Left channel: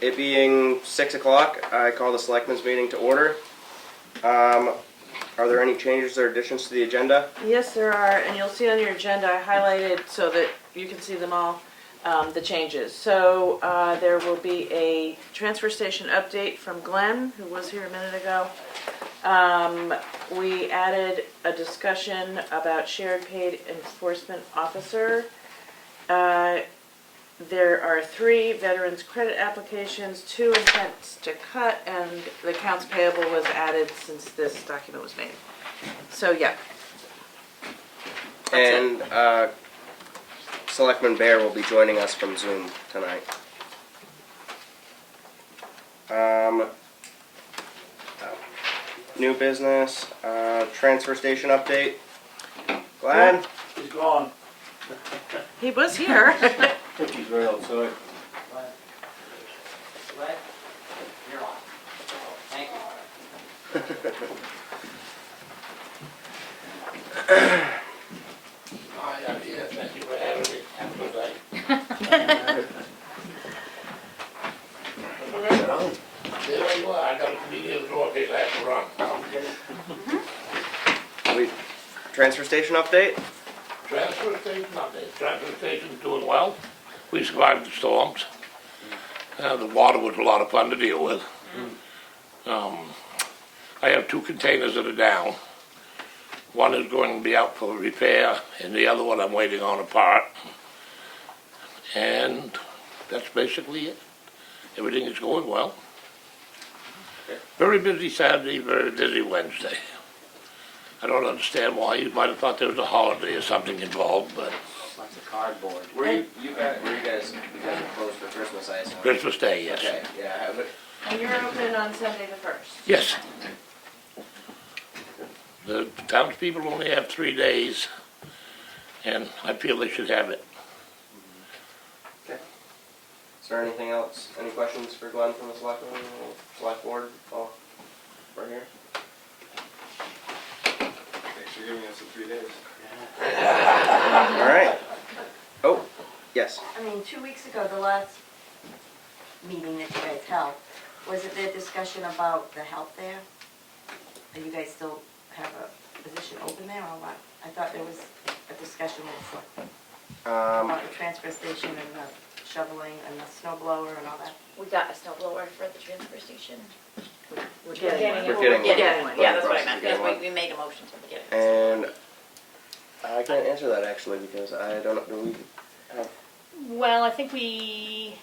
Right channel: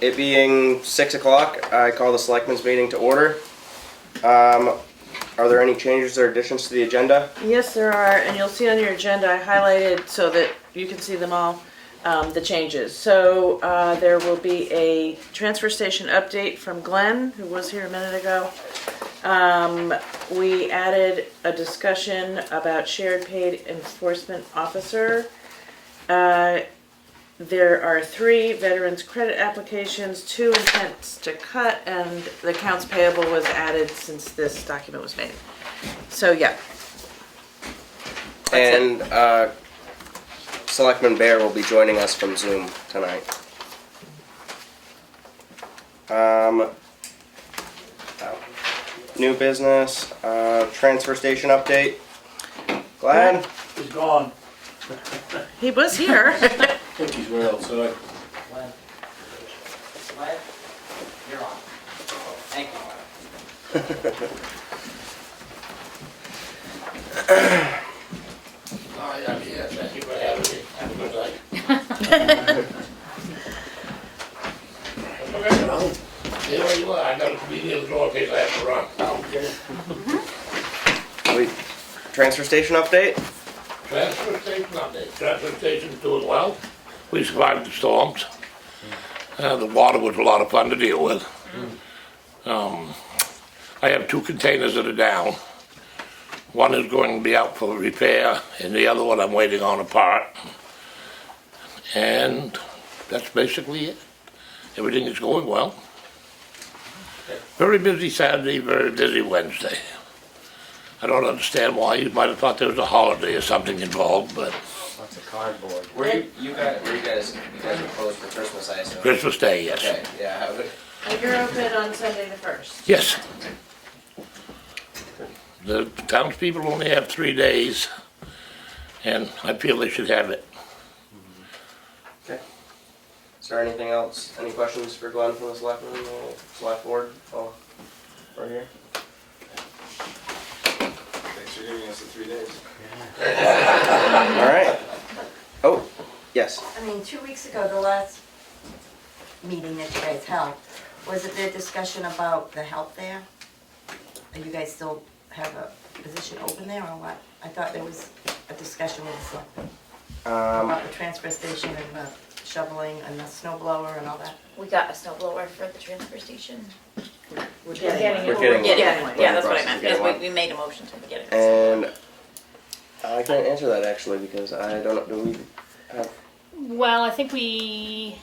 It being 6 o'clock, I call the Selectmen's meeting to order. Are there any changes or additions to the agenda? Yes, there are, and you'll see on your agenda, I highlighted so that you can see them all, the changes. So there will be a transfer station update from Glenn, who was here a minute ago. We added a discussion about shared paid enforcement officer. There are 3 veterans credit applications, 2 intents to cut, and the accounts payable was added since this document was made. So, yeah. And Selectman Bear will be joining us from Zoom tonight. New business, transfer station update. Glad? He's gone. He was here. He's right outside. What? You're on. Thank you. Oh, yeah, thank you for having me. Have a good night. Stay where you are. I gotta be near the door in case I have to run. Transfer station update? Transfer station update. Transfer station's doing well. We survived the storms. The water was a lot of fun to deal with. I have 2 containers that are down. One is going to be out for repair, and the other one I'm waiting on a part. And that's basically it. Everything is going well. Very busy Saturday, very busy Wednesday. I don't understand why. You might have thought there was a holiday or something involved, but Lots of cardboard. You guys are closed for Christmas, I assume? Christmas Day, yes. Okay, yeah. And you're open on Sunday the 1st. Yes. The townspeople only have 3 days, and I feel they should have it. Okay. Is there anything else? Any questions for Glenn from the select board while we're here? Thanks for giving us the 3 days. All right. Oh, yes. I mean, 2 weeks ago, the last meeting that you guys held, was it their discussion about the help there? Do you guys still have a position open there or what? I thought there was a discussion also about the transfer station and the shoveling and the snow blower and all that. We got a snow blower for the transfer station. We're getting We're it. getting Yeah, one. yeah, that's what I We're meant. getting Yes, one. we made a motion to get it. And I can't answer that actually because I don't know. Do we have? Well, I think we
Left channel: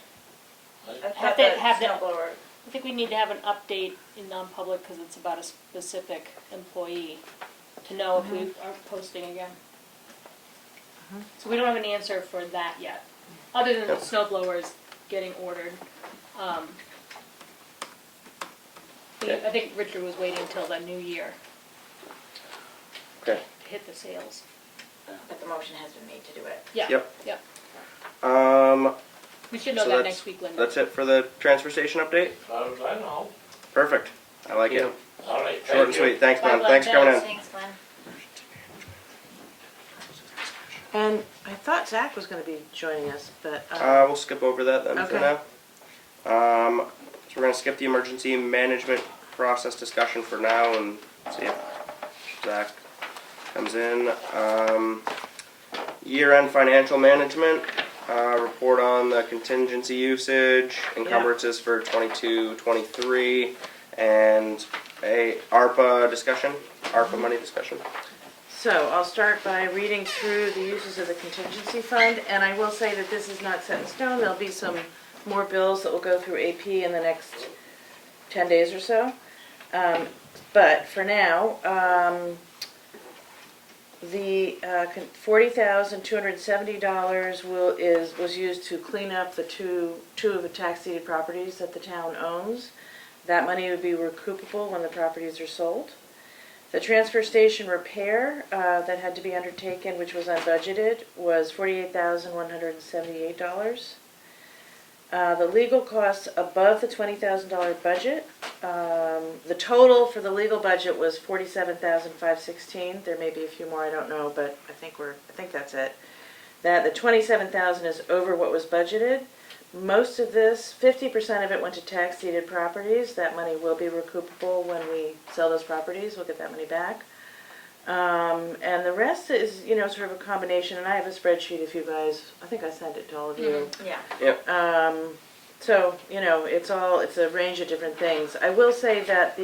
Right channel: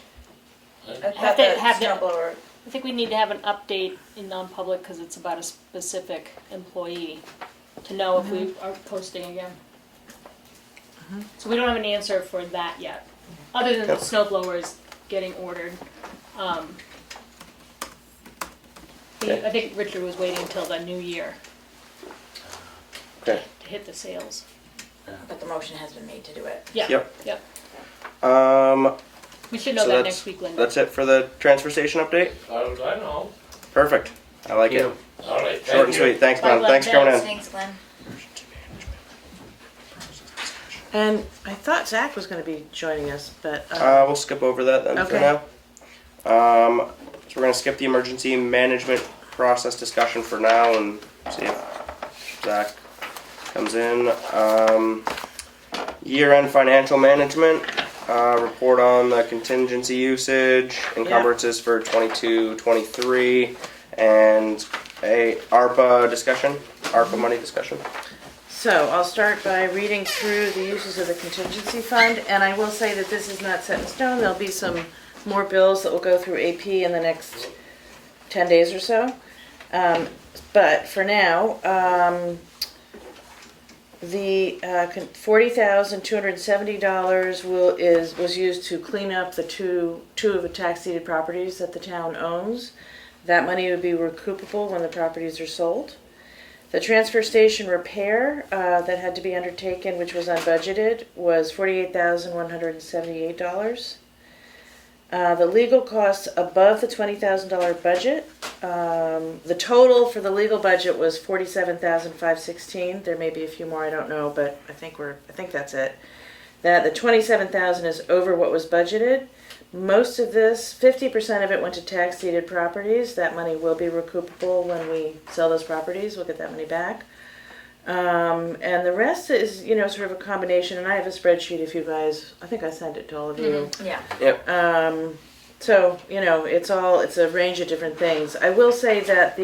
I have thought to the have snow the, blower. I think we need to have an update in non-public because it's about a specific employee to know if we are posting again. So we don't have an answer for that yet, other than the snow blowers getting ordered. Okay. I think Richard was waiting until the new year Okay. to hit the sales. But the motion has been made to do it. Yeah. Yep. Yeah. We should know So that that's next week, Linda. that's it for the transfer station update. As far as I know. Perfect. I like it. All right, Short thank and you. sweet. Thanks, Bye, man. Thanks for coming in. Thanks, Glenn. And I thought Zach was going to be joining us, but We'll skip over that then for Okay. now. So we're gonna skip the emergency management process discussion for now and see if Zach comes in. Year-end financial management, report on the contingency usage, encumbrances for 22-23, and a ARPA discussion, ARPA money discussion. so I'll start by reading through the uses of the contingency fund, and I will say that this is not set in stone. There'll be some more bills that will go through AP in the next 10 days or so. But for now, the $40,270 was used to clean up the two of the tax deeded properties that the town owns. That money would be recoupable when the properties are sold. The transfer station repair that had to be undertaken, which was unbudgeted, was $48,178. The legal costs above the $20,000 budget. The total for the legal budget was $47,516. There may be a few more, I don't know, but I think that's it. That the $27,000 is over what was budgeted, most of this, 50% of it went to tax deeded properties. That money will be recoupable when we sell those properties. We'll get that money back. And the rest is, you know, sort of a combination. And I have a spreadsheet if you guys, I think I sent it to all of you. Yeah. So, you know, it's a range of different things. I will say that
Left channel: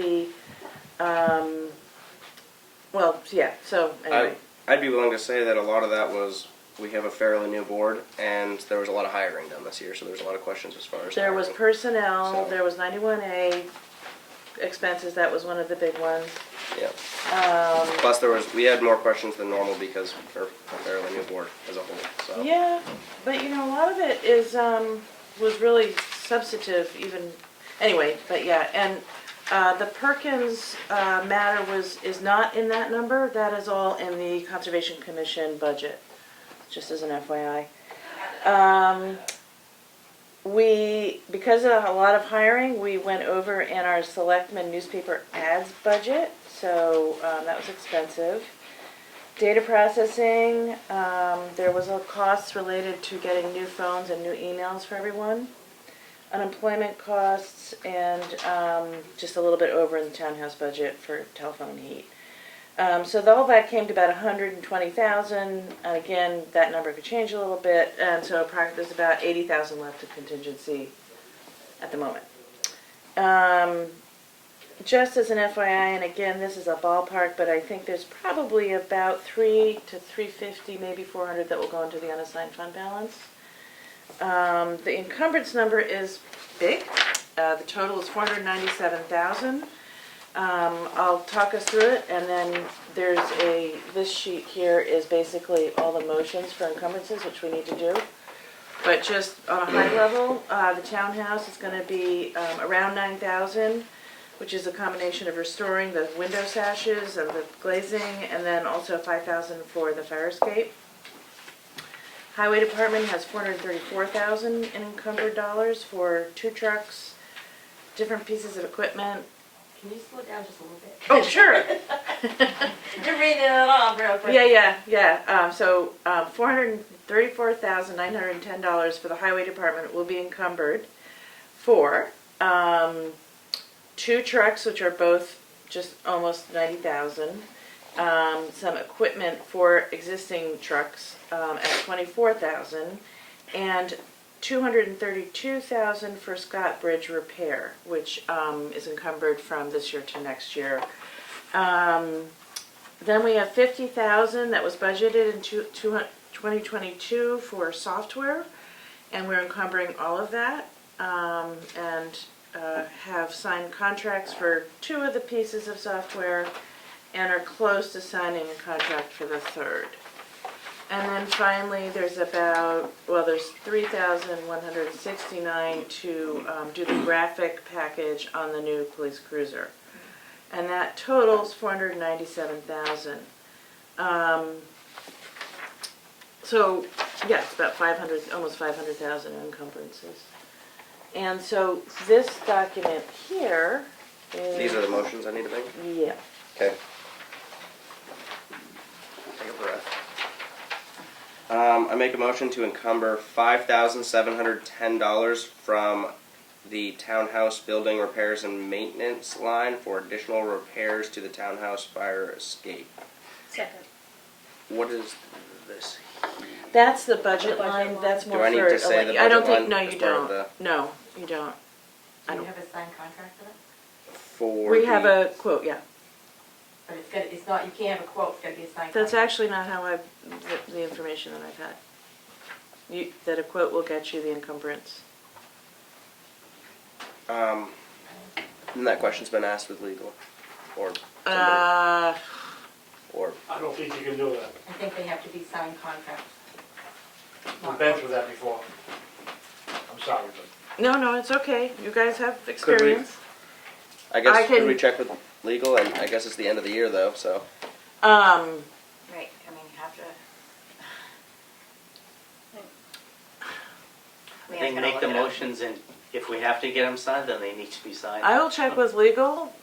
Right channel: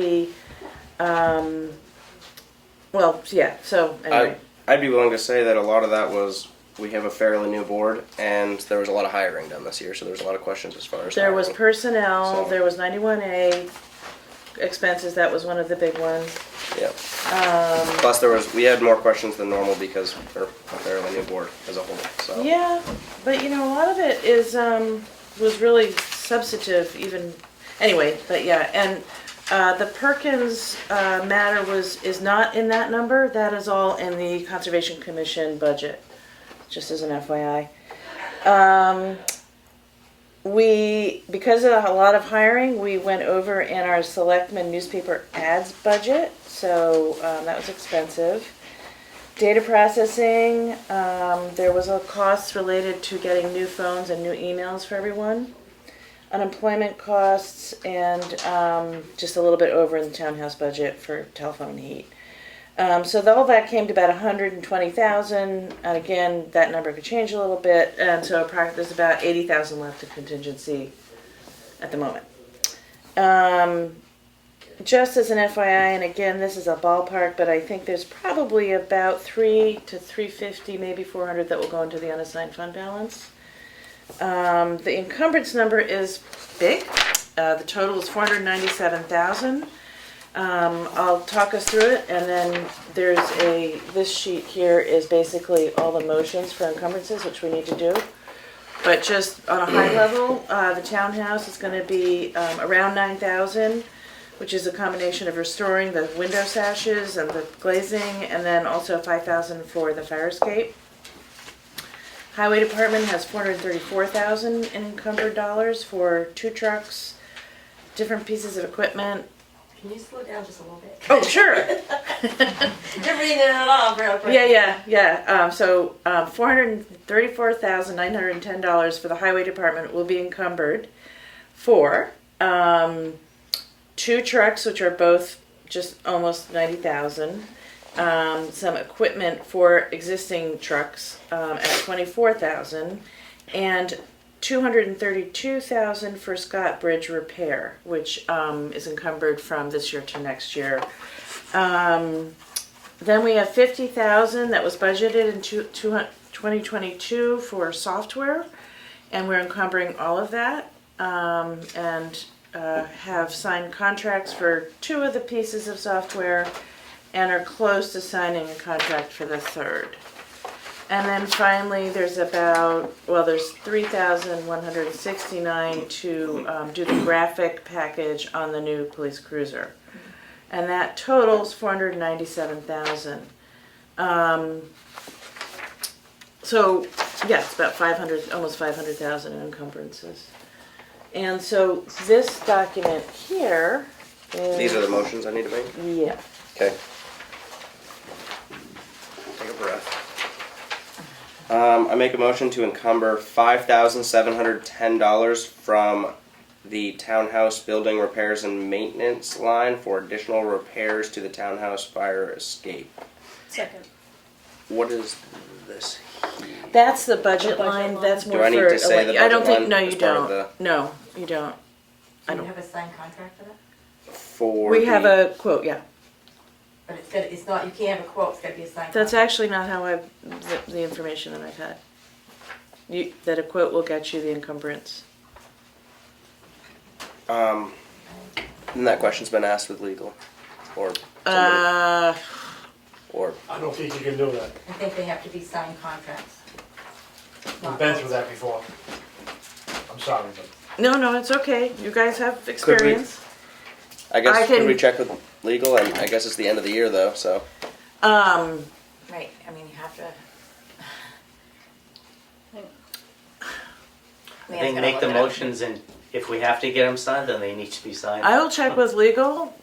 so anyway. I'd be willing to say that a lot of that was, we have a fairly new board, and there was a lot of hiring done this year, so there's a lot of questions as far as There was hiring. personnel, So- there was 91A expenses, that was one of the big ones. Yeah. Plus, we had more questions than normal because we're a fairly new board as a whole. So Yeah, but you know, a lot of it was really substantive even, anyway, but yeah, and the Perkins matter is not in that number. That is all in the Conservation Commission budget, just as an FYI. Because of a lot of hiring, we went over in our Selectmen newspaper ads budget, so that was expensive. Data processing, there was a cost related to getting new phones and new emails for everyone. Unemployment costs, and just a little bit over in the townhouse budget for telephone and heat. So all that came to about $120,000, and again, that number could change a little bit, and so there's about $80,000 left in contingency at the moment. Just as an FYI, and again, this is a ballpark, but I think there's probably about $300 to $350, maybe $400 that will go into the unassigned fund balance. The encumbrance number is big. The total is $497,000. I'll talk us through it, and then this sheet here is basically all the motions for encumbrances, which we need to do. But just on a high level, the townhouse is going to be around $9,000, which is a combination of restoring the window sashes and the glazing, and then also $5,000 for the fire escape. Highway Department has $434,000 in encumbered dollars for 2 trucks, different pieces of equipment. Can you slow down just a little bit? Oh, sure. You're reading it off real quick. Yeah. So $434,910 for the Highway Department will be encumbered for 2 trucks, which are both just almost $90,000. Some equipment for existing trucks at $24,000, and $232,000 for Scott Bridge repair, which is encumbered from this year to next year. Then we have $50,000 that was budgeted in 2022 for software, and we're encumbering all of that, and have signed contracts for 2 of the pieces of software, and are close to signing a contract for the 3rd. And then finally, there's $3,169 to do the graphic package on the new police cruiser. And that totals $497,000. So, yeah, it's about almost $500,000 in encumbrances. And so this document here is... these are the motions I need to make. Yeah. Okay. Take a breath. I make a motion to encumber $5,710 from the townhouse building repairs and maintenance line for additional repairs to the townhouse fire escape. Second. What is this? That's the budget Budget line. line. That's more Do I need for. to say the I don't budget think. line No, you as part of don't. No, you don't. Do you have a signed contract for that? For We have a quote. Yeah. But it's not, you can't have a quote, it's gotta be a signed That's contract. actually not how the information that I've had. That a quote will get you the encumbrance. and that question's been asked with legal, or or I don't think you can do that. I think they have to be signed contracts. I've been through that before. I'm sorry, but No, it's okay. You guys have experience. I guess I can- could we check with legal? And I guess it's the end of the year though, so Right, I mean, you have to. I think make the motions, and if we have to get them signed, then they need to be signed. I will check with legal,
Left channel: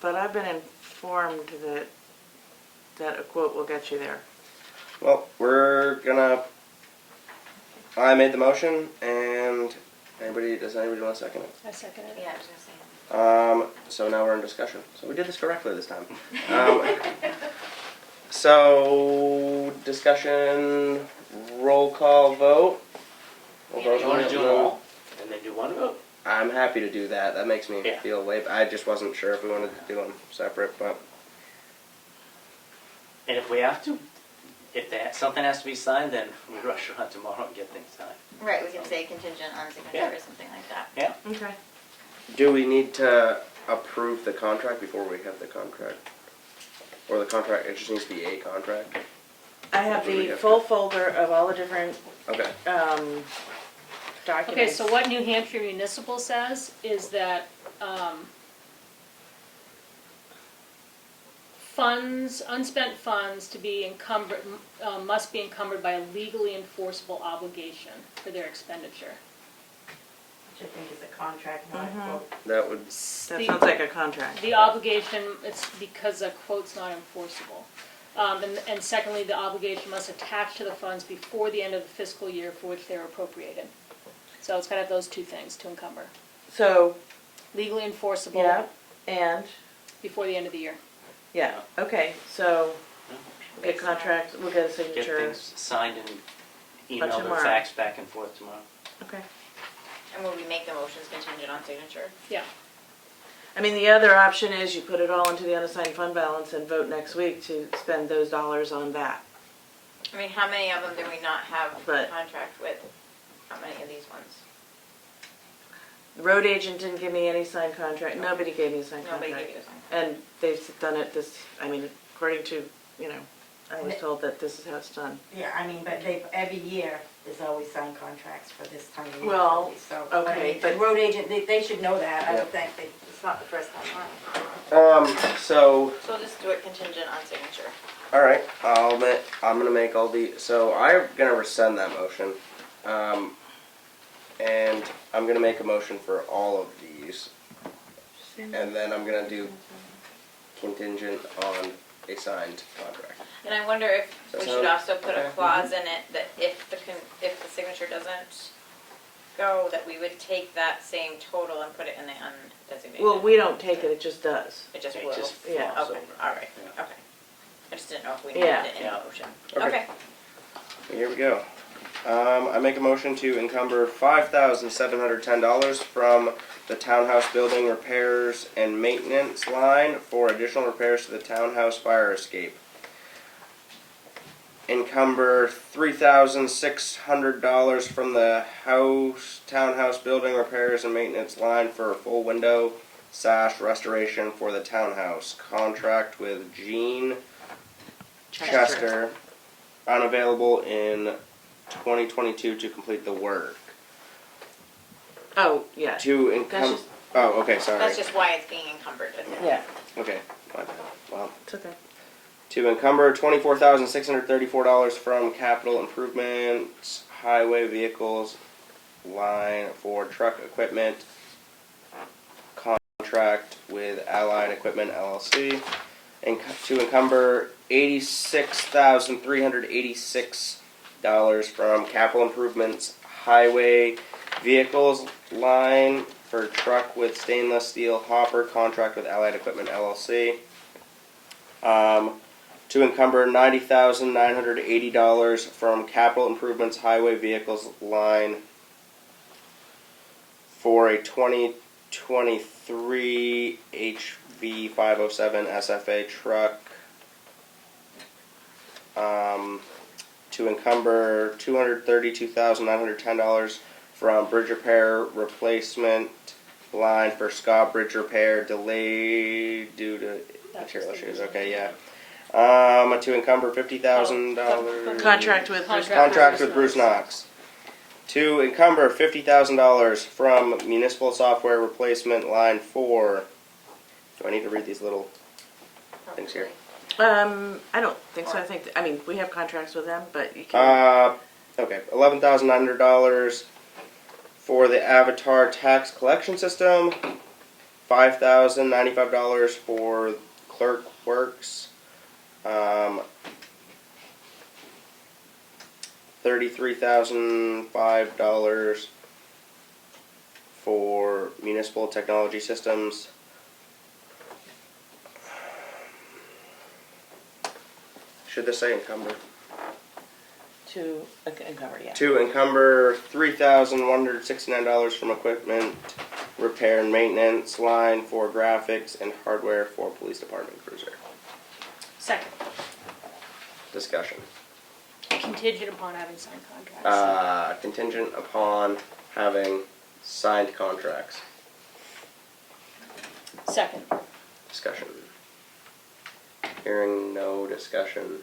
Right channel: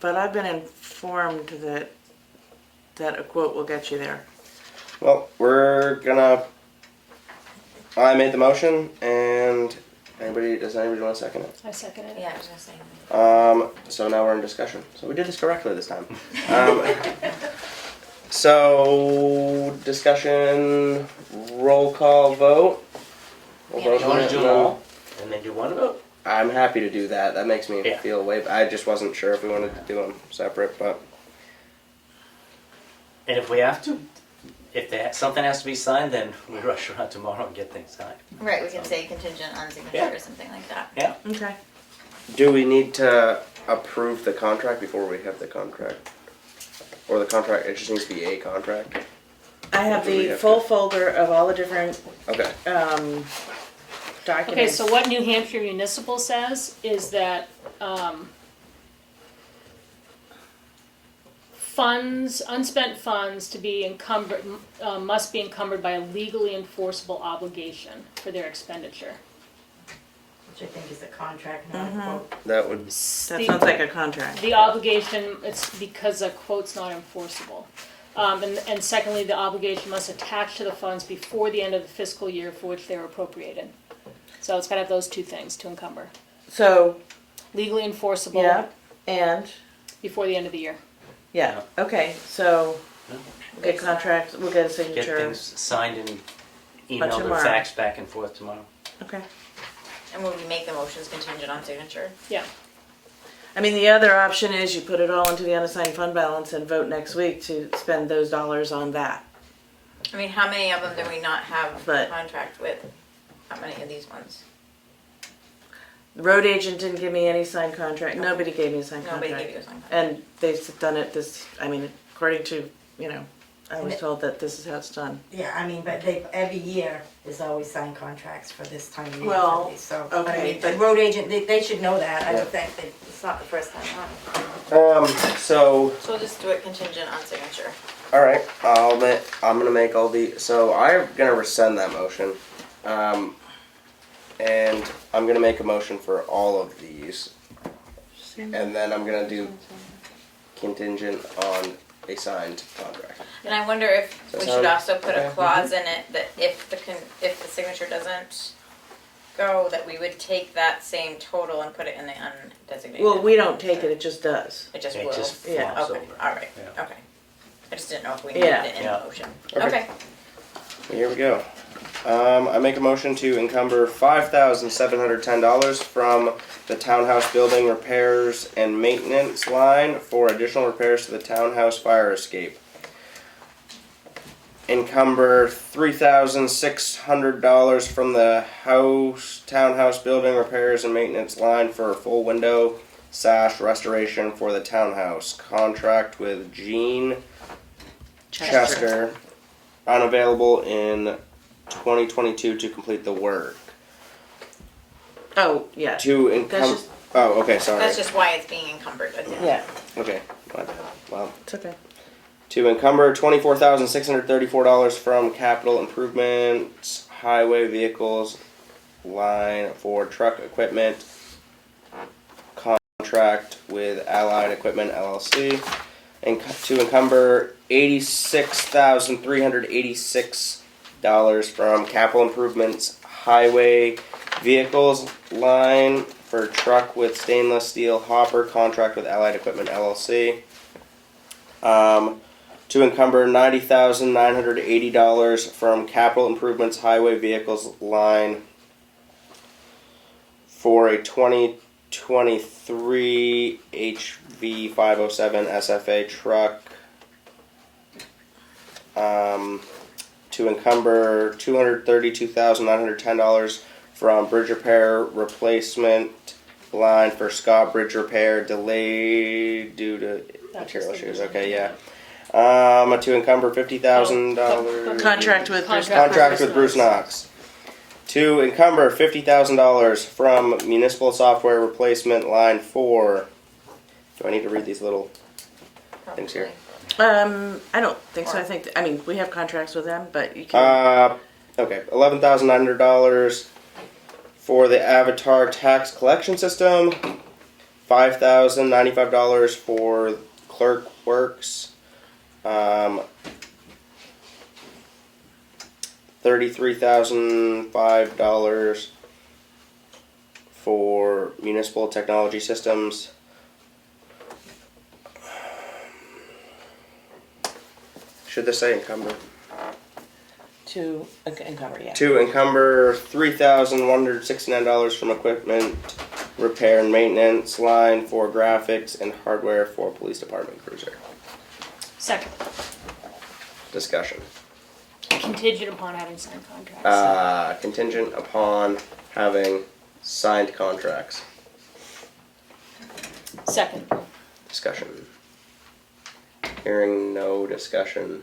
but I've been informed that a quote will get you there. well, we're gonna I made the motion, and does anybody want to second it? I second it. Yeah, I was gonna say. So now we're in discussion. So we did this correctly this time. So discussion, roll call vote. We'll Yeah, vote You on wanna it, do and them then- all, and then do one vote? I'm happy to do that. That makes me Yeah. feel way. I just wasn't sure if we wanted to do them separate, but And if we have to, if something has to be signed, then we rush around tomorrow and get things signed. Right, we can say contingent on signature Yeah. or something like that. Yeah, Okay. do we need to approve the contract before we have the contract, or the contract? It just needs to be a contract. I have Do we the have full to- folder of all the different Okay. Okay, documents. so what New Hampshire Municipal says is that, funds, unspent funds to be encumbered, must be encumbered by a legally enforceable obligation for their expenditure. Which I think is a contract, not a Mhm. quote. That would. That sounds like a contract. The obligation, it's because a quote's not enforceable. And secondly, the obligation must attach to the funds before the end of the fiscal year for which they were appropriated. So it's gotta have those two things to encumber. So, Legally enforceable yeah, and, before the end of the year. yeah, okay, so Yeah. we'll get contracts, we'll get a get signature. things signed and emailed or tomorrow. faxed back and forth tomorrow. Okay. And will we make the motions contingent on signature? Yeah. I mean, the other option is you put it all into the unassigned fund balance and vote next week to spend those dollars on that. I mean, how many of them do we not have a But- contract with? How many of these ones? The road agent didn't give me any signed contract, nobody gave me a signed Nobody contract. gave you a sign. And they've done it according to, I was And told that this is how it's done. Yeah, I mean, but every year, there's always signed contracts for this time of year. Well, So, okay, I mean, but- the road agent, they should know that. I Yeah. don't think It's not the first time on. So, So we'll just do it contingent on signature. all right, I'm gonna make all the, so I'm gonna rescind that motion. And I'm gonna make a motion for all of these. And then I'm gonna do contingent on a signed contract. And I wonder if Does we that should sound also put okay? a clause in it that if the signature doesn't go, that we would take that same total and put it in the undesignated. Well, we don't take it, it just does. It just It will. just Yeah. flops Okay, over. all right, Yeah. okay. I just didn't know if we Yeah. needed it in Yeah. the motion. Okay. Okay. Here we go. I make a motion to encumber $5,710 from the townhouse building repairs and maintenance line for additional repairs to the townhouse fire escape. Encumber $3,600 from the townhouse building repairs and maintenance line for a full window sash restoration for the townhouse. Contract with Gene Chester, unavailable in 2022 to complete the work. Oh, yeah. To That's encumber. just, Oh, okay, sorry. That's just why it's being encumbered with it. yeah, Okay, my bad. Wow. it's okay. To encumber $24,634 from capital improvements highway vehicles line for truck equipment. Contract with Allied Equipment LLC. And to encumber $86,386 from capital improvements highway vehicles line for truck with stainless steel hopper. Contract with Allied Equipment LLC. To encumber $90,980 from capital improvements highway vehicles line for a 2023 HV507 SFA truck. To encumber $232,910 from bridge repair replacement line for Scott Bridge repair delayed due to material issues. Okay, yeah. To encumber $50,000. Contract with Bruce. Contract with Bruce Knox. To encumber $50,000 from municipal software replacement line 4. Do I need to read these little things here? I don't think so. I think, we have contracts with them, but you can, Okay, $11,900 for the Avatar tax collection system. $5,095 for clerk works. $33,005 for municipal technology systems. Should this say encumber? To encumber, yeah. To encumber $3,169 from equipment repair and maintenance line for graphics and hardware for police department cruiser. Second, Discussion. contingent upon having signed contracts. Contingent upon having signed contracts. Second, Discussion. Hearing no discussion.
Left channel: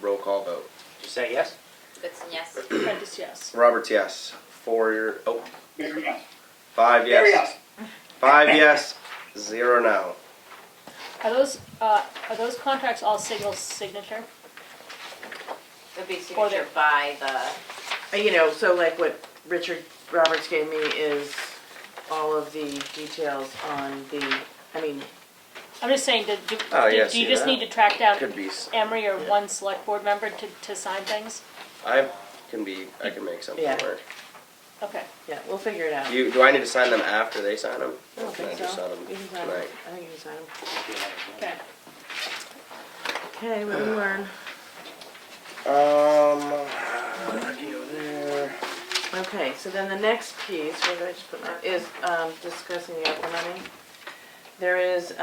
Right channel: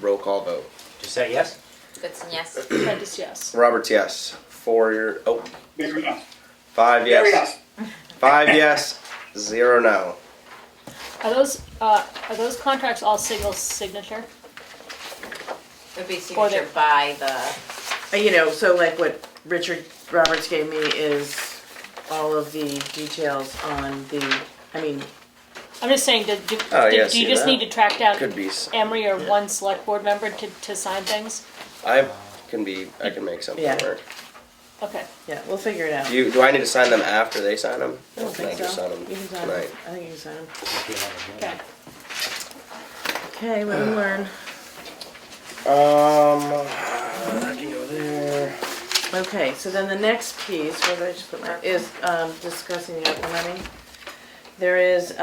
Roll call vote. Did you say yes? Goodson, yes. Prentice, yes. Roberts, yes. 5 yes. 5 yes. 0 no. Are those contracts all single signature? Would be Or signature the- by the, So like what Richard Roberts gave me is all of the details on the, I'm just saying, do Oh, yeah, you see just that? need to track down Could be. Emery or one select board member to sign things? I can make something Yeah. work. Okay. yeah, we'll figure it out. Do I need to sign them after they sign them? I don't Or can I think just so. sign them You can sign them. tonight? I think you can sign them. If you have it, yeah. Okay. Okay, live and learn. I can go there. Okay, so then the next piece, where did I just put my, is discussing the ARPA money. There is,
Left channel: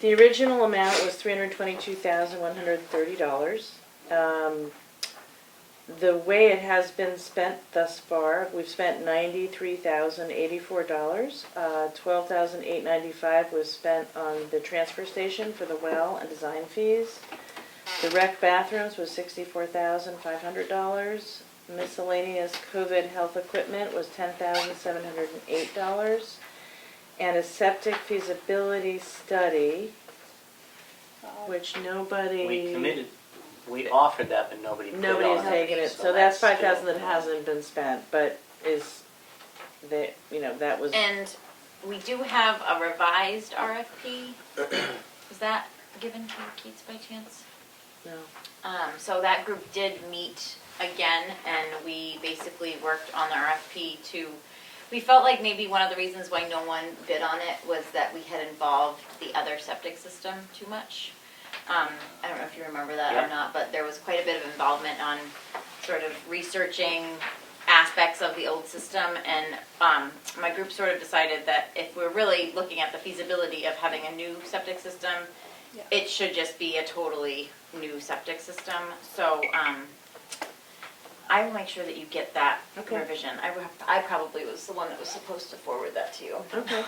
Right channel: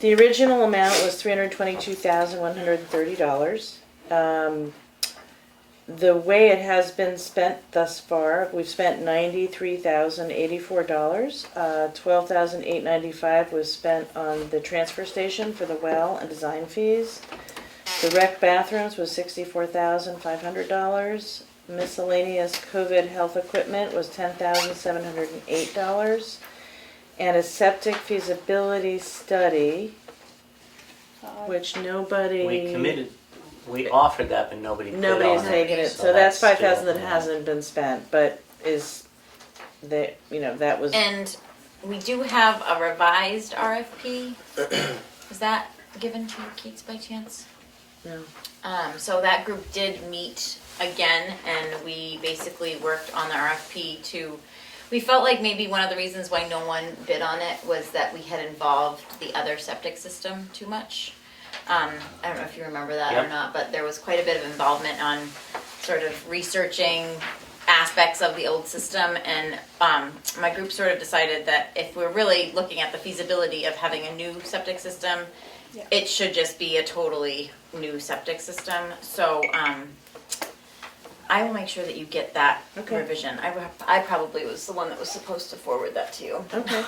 the original amount was $322,130. The way it has been spent thus far, we've spent $93,084. $12,895 was spent on the transfer station for the well and design fees. The rec bathrooms was $64,500. Miscellaneous COVID health equipment was $10,708. And a septic feasibility study, which We offered that, but nobody bid nobody has on taken it, so that's $5,000 that hasn't been spent, but is, that was, and we do have a revised RFP. Is that given to you, Keats, by chance? no. So that group did meet again, and we basically worked on the RFP we felt like maybe one of the reasons why no one bid on it was that we had involved the other septic system too much. I don't know if you remember that Yeah. or not, but there was quite a bit of involvement on sort of researching aspects of the old system, and my group sort of decided that if we're really looking at the feasibility of having a new septic system, Yeah. it should just be a totally new septic system. So I will make sure that you get that Okay. revision. I probably was the one that was supposed to forward that to you. Okay,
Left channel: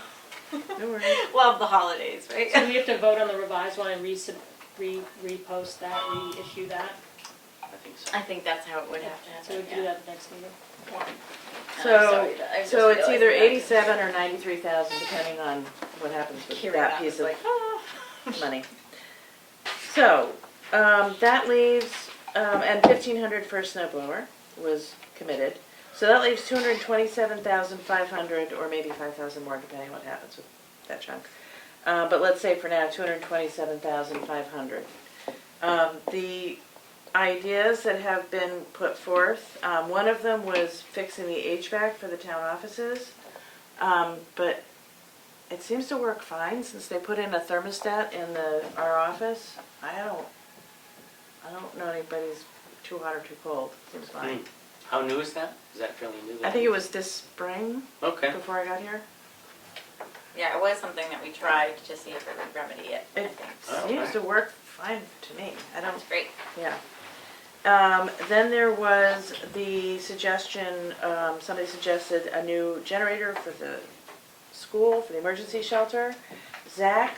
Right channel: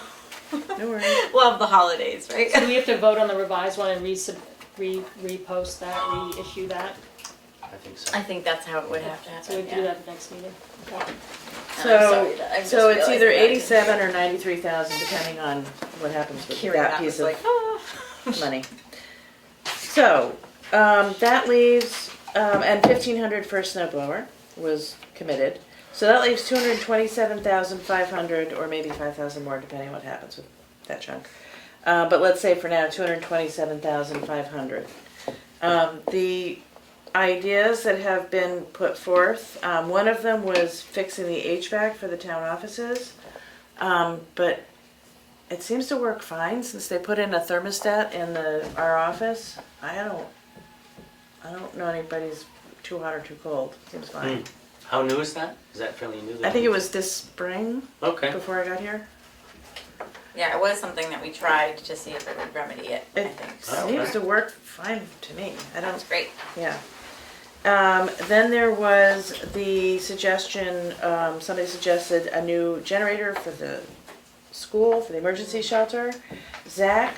no worries. Love the holidays, right? So we have to vote on the revised one and repost that, reissue that? I think so. I think that's how it would have to So we happen, have to do yeah. that at the next meeting? Okay. So it's either 87 or 93,000, depending on what happens with that piece of money. So, that leaves, and 1,500 for a snow blower was committed. So that leaves 227,500, or maybe 5,000 more, depending on what happens with that chunk. But let's say for now, 227,500. The ideas that have been put forth, one of them was fixing the HVAC for the town offices. But it seems to work fine since they put in a thermostat in our office. I don't know anybody's too hot or too cold. Seems fine. How new is that? Is that fairly new? I think it was this spring Okay. before I got here. Yeah, it was something that we tried to see if it would remedy it, I It think. seems to work fine to me. I don't. That's great. Yeah. Then there was the suggestion. Somebody suggested a new generator for the school, for the emergency shelter. Zach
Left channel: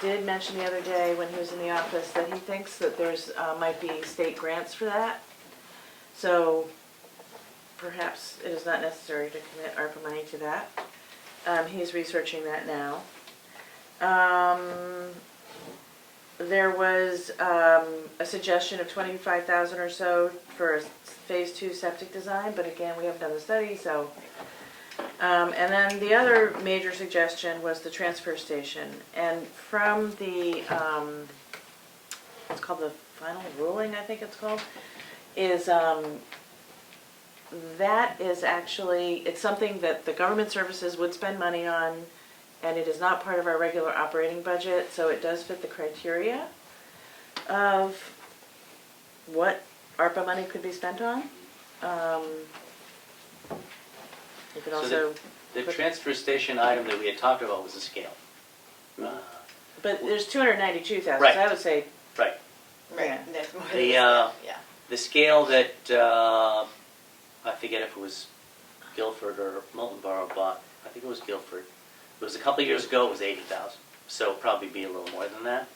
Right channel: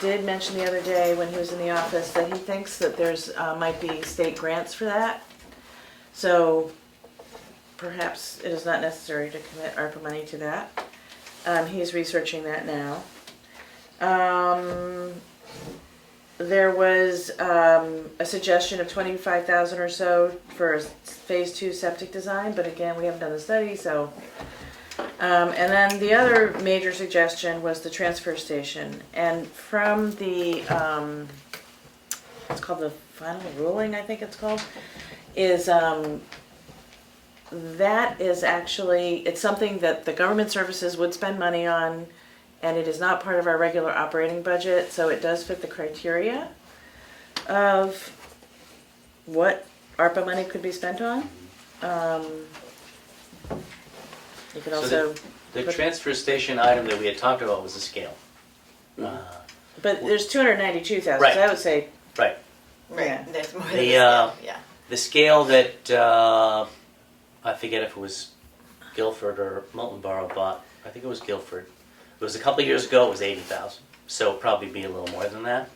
did mention the other day when he was in the office that he thinks that there's might be state grants for that. So perhaps it is not necessary to commit ARPA money to that. He's researching that now. There was a suggestion of 25,000 or so for a phase 2 septic design, but again, we haven't done the study, so. And then the other major suggestion was the transfer station. And from the, it's called the final ruling, I think it's called. is, that is actually, it's something that the government services would spend money on, and it is not part of our regular operating budget, so it does fit the criteria of what ARPA money could be spent on. You could So also, The transfer station item that we had talked about was a scale. but there's 292,000, Right. so I would say, Right. yeah. There's more than The, yeah. The scale that, I forget if it was Guilford or Molten Borough bought, I think it was Guilford. It was a couple of years ago, it was 80,000, so it'll probably be a little more than that.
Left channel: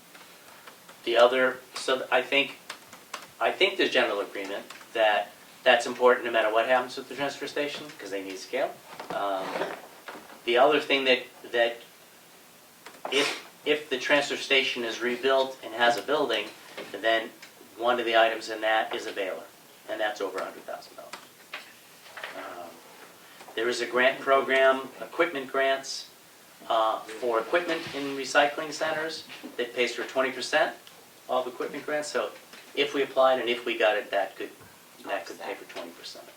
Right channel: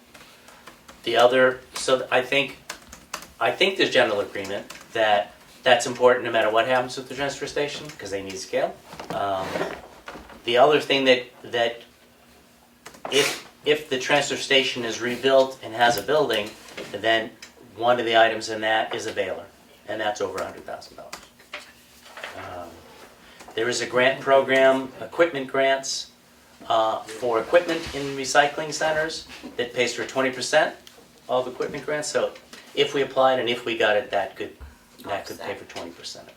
The other, so I think there's general agreement that that's important no matter what happens with the transfer station, because they need a scale. The other thing that if the transfer station is rebuilt and has a building, then one of the items in that is a baler, and that's over $100,000. There is a grant program, equipment grants, for equipment in recycling centers that pays for 20% of equipment grants. So if we applied and if we got it, that could pay for 20% of it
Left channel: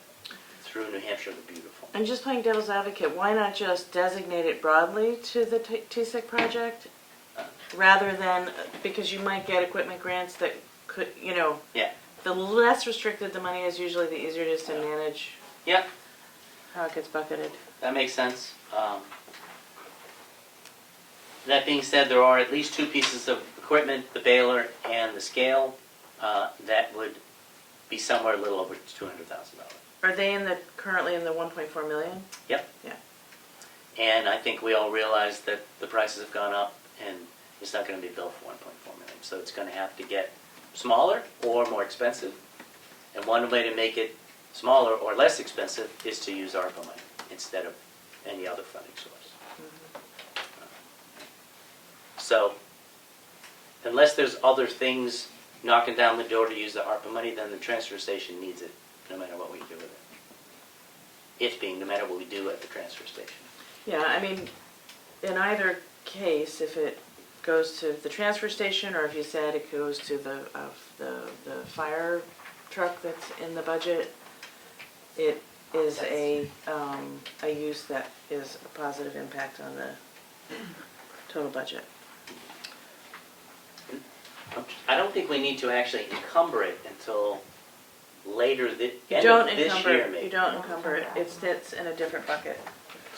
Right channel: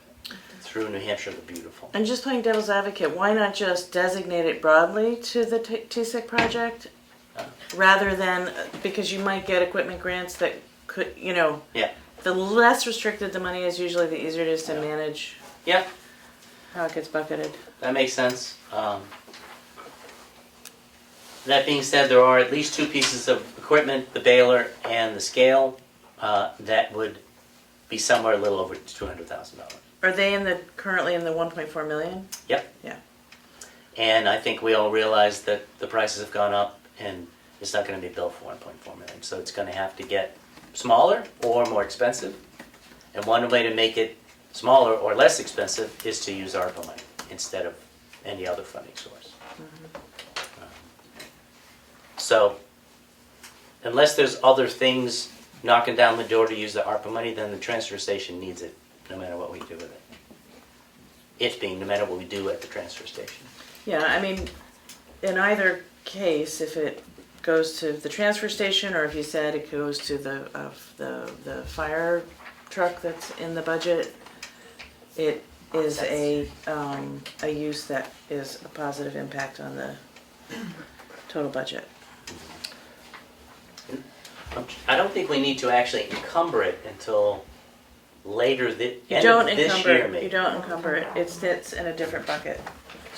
through New Hampshire the Beautiful. And just playing devil's advocate, why not just designate it broadly to the TSIC project? Rather than, because you might get equipment grants that could, Yeah. the less restricted the money is, usually the easier it is to manage Yeah, how it gets bucketed. that makes sense. That being said, there are at least two pieces of equipment, the baler and the scale, that would be somewhere a little over $200,000. Are they currently in the 1.4 million? Yep. Yeah. And I think we all realize that the prices have gone up and it's not going to be built for 1.4 million. So it's going to have to get smaller or more expensive. And one way to make it smaller or less expensive is to use ARPA money instead of any other funding source. So unless there's other things knocking down the door to use the ARPA money, then the transfer station needs it, no matter what we do with it. It being no matter what we do at the transfer station. Yeah, I mean, in either case, if it goes to the transfer station, or if you said it goes to the fire truck that's in the budget, it is a use that is a positive impact on the total budget. I don't think we need to actually encumber it until later, the You end don't of this encumber year it. maybe. You don't encumber it. It sits in a different bucket.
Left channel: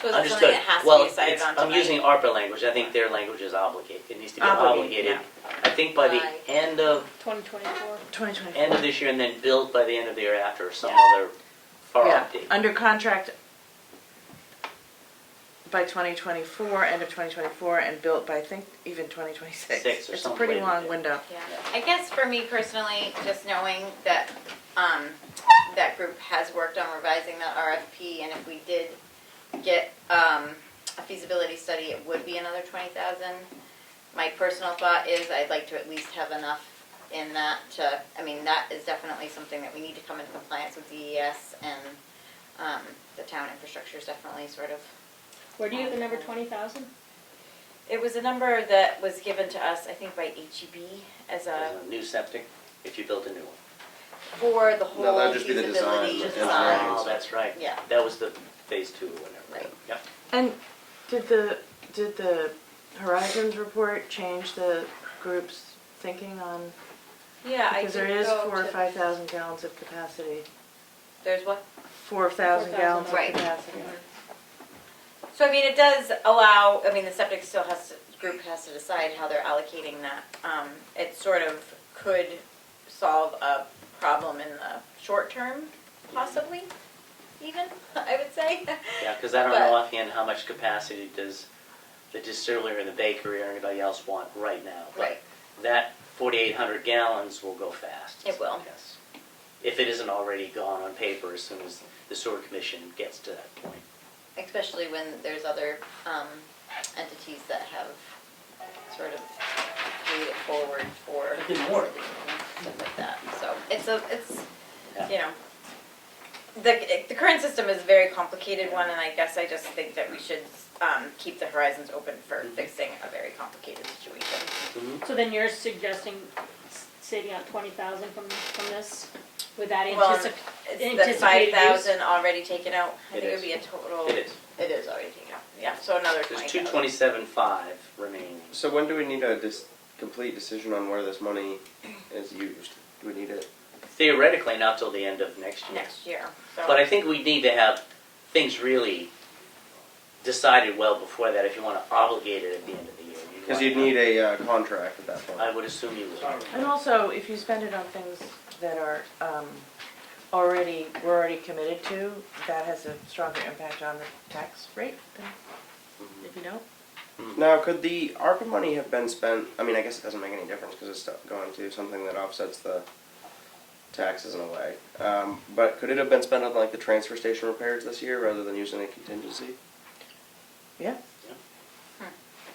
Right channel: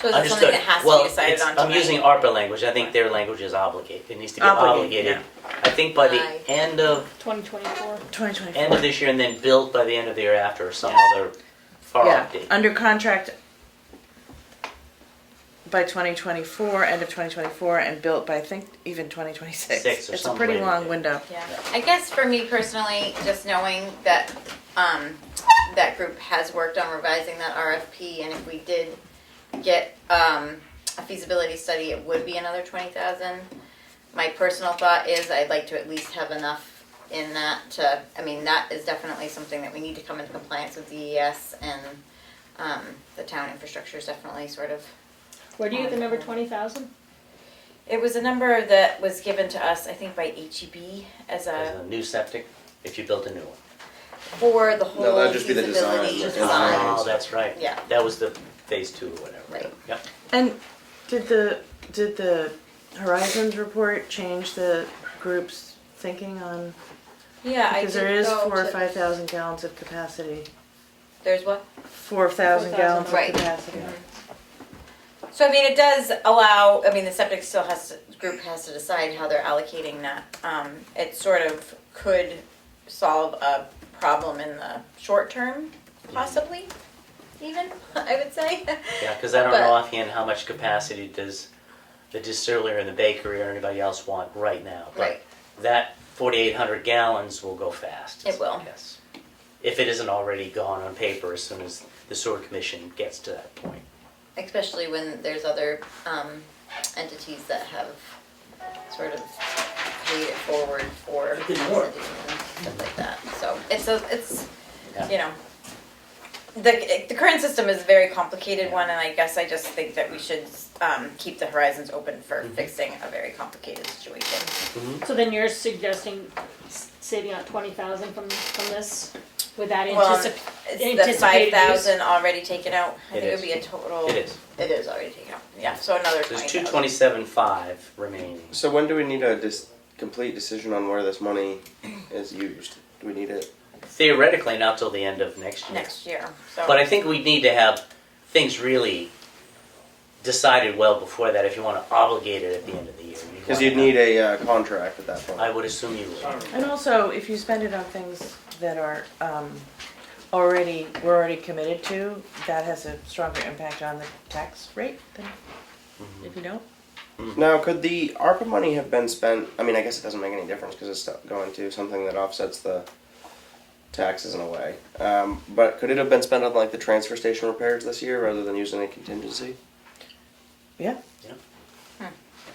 So is it something that has to be decided on tonight? I'm using ARPA language. I think their language is obligated. It needs to be Obligated, obligated. I think by the Right. end of 2024. 2024. this year, and then built by the end of the year after, or some other far Yeah, date. under contract by 2024, end of 2024, and built by, I think, even 2026. Six or It's a something pretty later, long yeah. window. Yeah, I guess for me personally, just knowing that that group has worked on revising that RFP, and if we did get a feasibility study, it would be another 20,000. My personal thought is I'd like to at least have enough in that to, I mean, that is definitely something that we need to come into compliance with DES, and the town infrastructure is definitely sort of. Where do you get the number 20,000? It was a number that was given to us, I think, by HEB as As a new septic, if you built a new one. for the whole No, that'd just be the feasibility design, the design. engineering. Oh, that's right. Yeah. That was the phase 2 or whatever. Right. Yeah. And did the Horizons report change the group's thinking on, Yeah, I because there did is go 4,000 or to- 5,000 gallons of capacity. There's what? 4,000 gallons of Right. capacity. So I mean, it does allow, I mean, the septic still group has to decide how they're allocating that. It sort of could solve a problem in the short term, possibly, even, I would say. Yeah, because I don't But- know offhand how much capacity does the distiller and the bakery or anybody else want right now. But Right. that 4,800 gallons will go fast. It will. Yes. If it isn't already gone on paper as soon as the sewer commission gets to that point. Especially when there's other entities that have sort of paid it forward for stuff like that. So it's Yeah. you know, the current system is a very complicated one, and I guess I just think that we should keep the horizons open for fixing a very complicated situation. So then you're suggesting saving out 20,000 from this? With that Well, anticipated it's the 5,000 use. already taken out? I It think it is. would be a total. It is. It is already taken out, yeah, so another There's 20,000. 227.5 remaining. So when do we need a complete decision on where this money is used? Do we need it? Theoretically, not till the end of next year. Next year, so. But I think we need to have things really decided well before that if you want to obligate it at the end of the year. Because you'd need a contract at that I point. would assume you would. And also, if you spend it on things that are we're already committed to, that has a stronger impact on the tax rate than if you don't. Now, could the ARPA money have been spent? I mean, I guess it doesn't make any difference because it's going to something that offsets the taxes in a way. But could it have been spent on like the transfer station repairs this year rather than using a contingency? Yeah.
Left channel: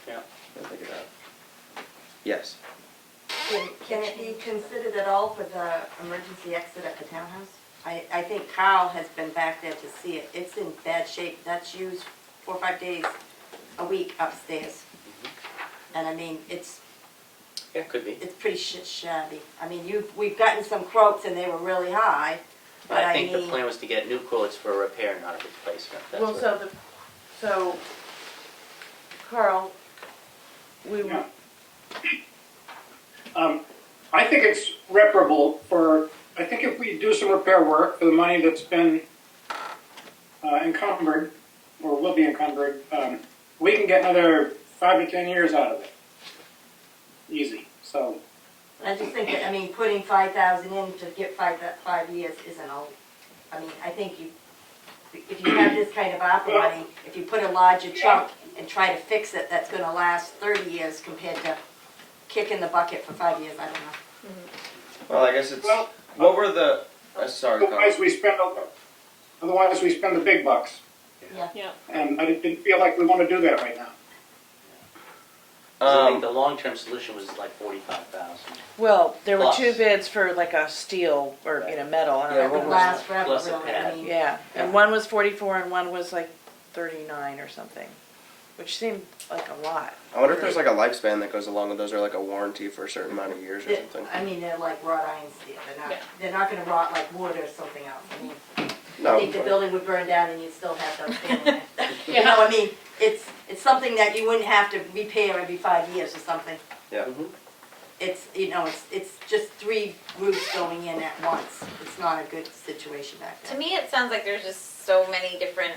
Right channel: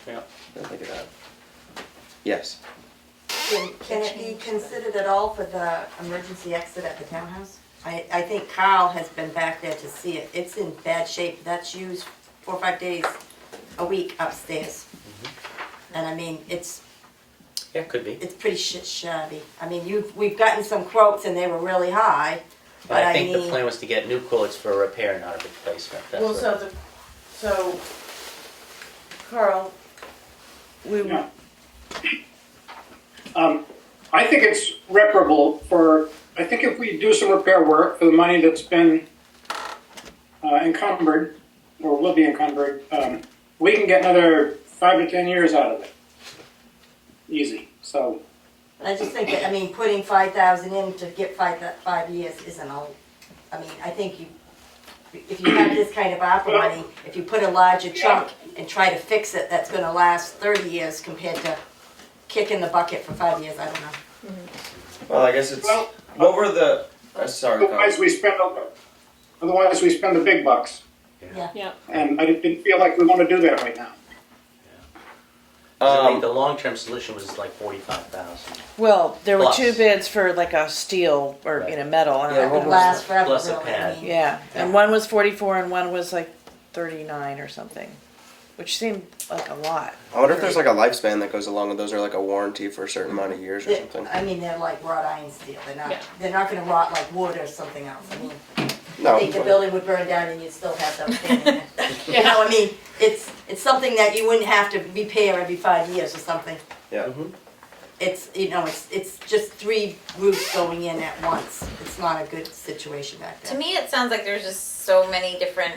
Yeah. I'll think of that. Yes. Can it be considered at all for the emergency exit at the townhouse? I think Carl has been back there to see it. It's in bad shape. That's used 4 or 5 days a week upstairs. And I mean, it's Yeah, could be. pretty shabby. I mean, we've gotten some quotes and they were really high. And But I think the mean, plan was to get new quotes for a repair, not a replacement. That's Well, what- so Carl, we Yeah. I think it's reparable I think if we do some repair work for the money that's been encumbered, or will be encumbered, we can get another 5 to 10 years out of it. Easy, so. I just think that, I mean, putting 5,000 in to get 5 years isn't all, I mean, I think if you have this kind of ARPA money, if you put a larger chunk and try to fix it, that's gonna last 30 years compared to kicking the bucket for 5 years, I don't know. Well, I guess it's. Well, What were the? Sorry. Otherwise we spend the big bucks, Yeah. and I didn't feel like we want to do that right now. I think the long-term solution was like 45,000. well, there were Plus. 2 bids for like a steel or metal. I don't Yeah, know. That what would was last it. forever, Plus a really, I pad. mean. Yeah, and one was 44 and one was like 39 or something, which seemed like a lot. I wonder if there's like a lifespan that goes along with those, or like a warranty for a certain amount of years or something. I mean, they're like wrought iron steel, Yeah. they're not gonna rot like wood or something else, I mean, I No. think the building would burn down and you'd still have those standing there. You Yeah. know, I mean, it's something that you wouldn't have to repair every 5 years or something. Yeah. It's, you know, it's just 3 roofs going in at once, it's not a good situation back To there. me, it sounds like there's just so many different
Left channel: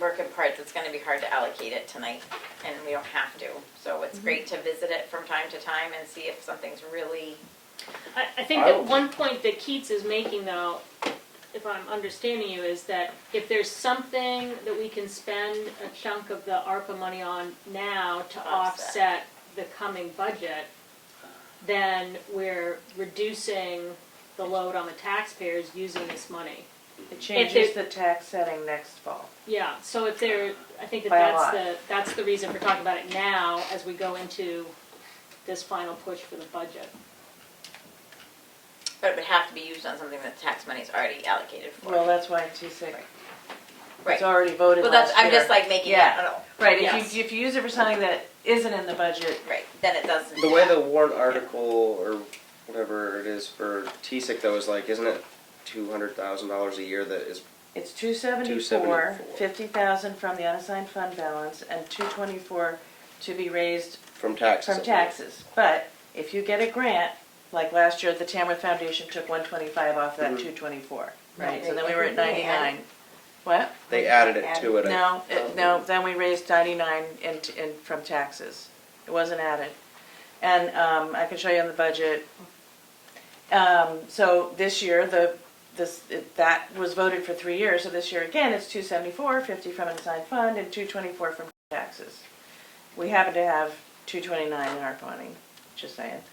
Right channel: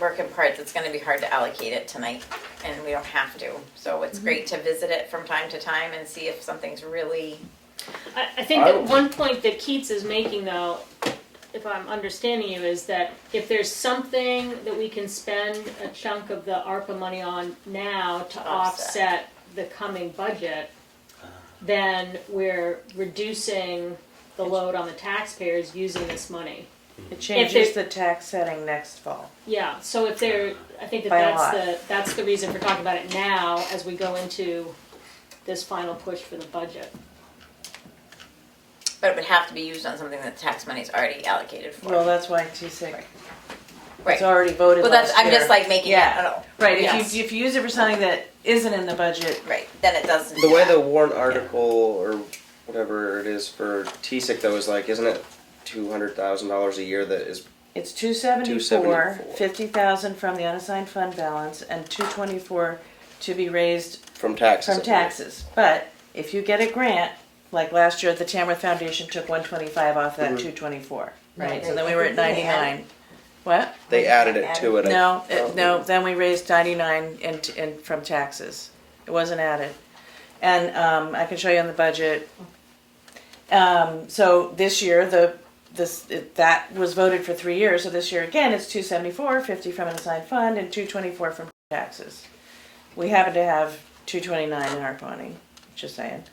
working parts, it's gonna be hard to allocate it tonight, and we don't have to. So it's great to visit it from time to time and see if something's really, I think that one point that Keats is making, though, if I'm understanding you, is that if there's something that we can spend a chunk of the ARPA money on now to offset the coming budget, then we're reducing the load on the taxpayers using this money. It changes the tax setting next fall. Yeah, so if there, I think that By a that's the reason for talking about it now as we go into this final push for the budget. but it would have to be used on something that tax money's already allocated for. Well, that's why TSIC, Right. it's already voted Well, last that's, I'm year. just like making Yeah. it, I don't know, Right, Yes. if you use it for something that isn't in the budget, right, then it doesn't. The way the warrant article or whatever it is for TSIC though is like, isn't it $200,000 a year that is? it's 274, 50,000 from the unassigned fund balance, and 224 to be raised From taxes. from taxes. But if you get a grant, like last year, the Tamworth Foundation took 125 off that 224, right? No, So then they- we were at I think they 99. What? They added it to it. No, then we raised 99 in from taxes. It wasn't added. And I can show you on the budget. So this year, that was voted for 3 years, so this year again, it's 274, 50 from an assigned fund, and 224 from taxes. We happen to have 229 in our money, just saying.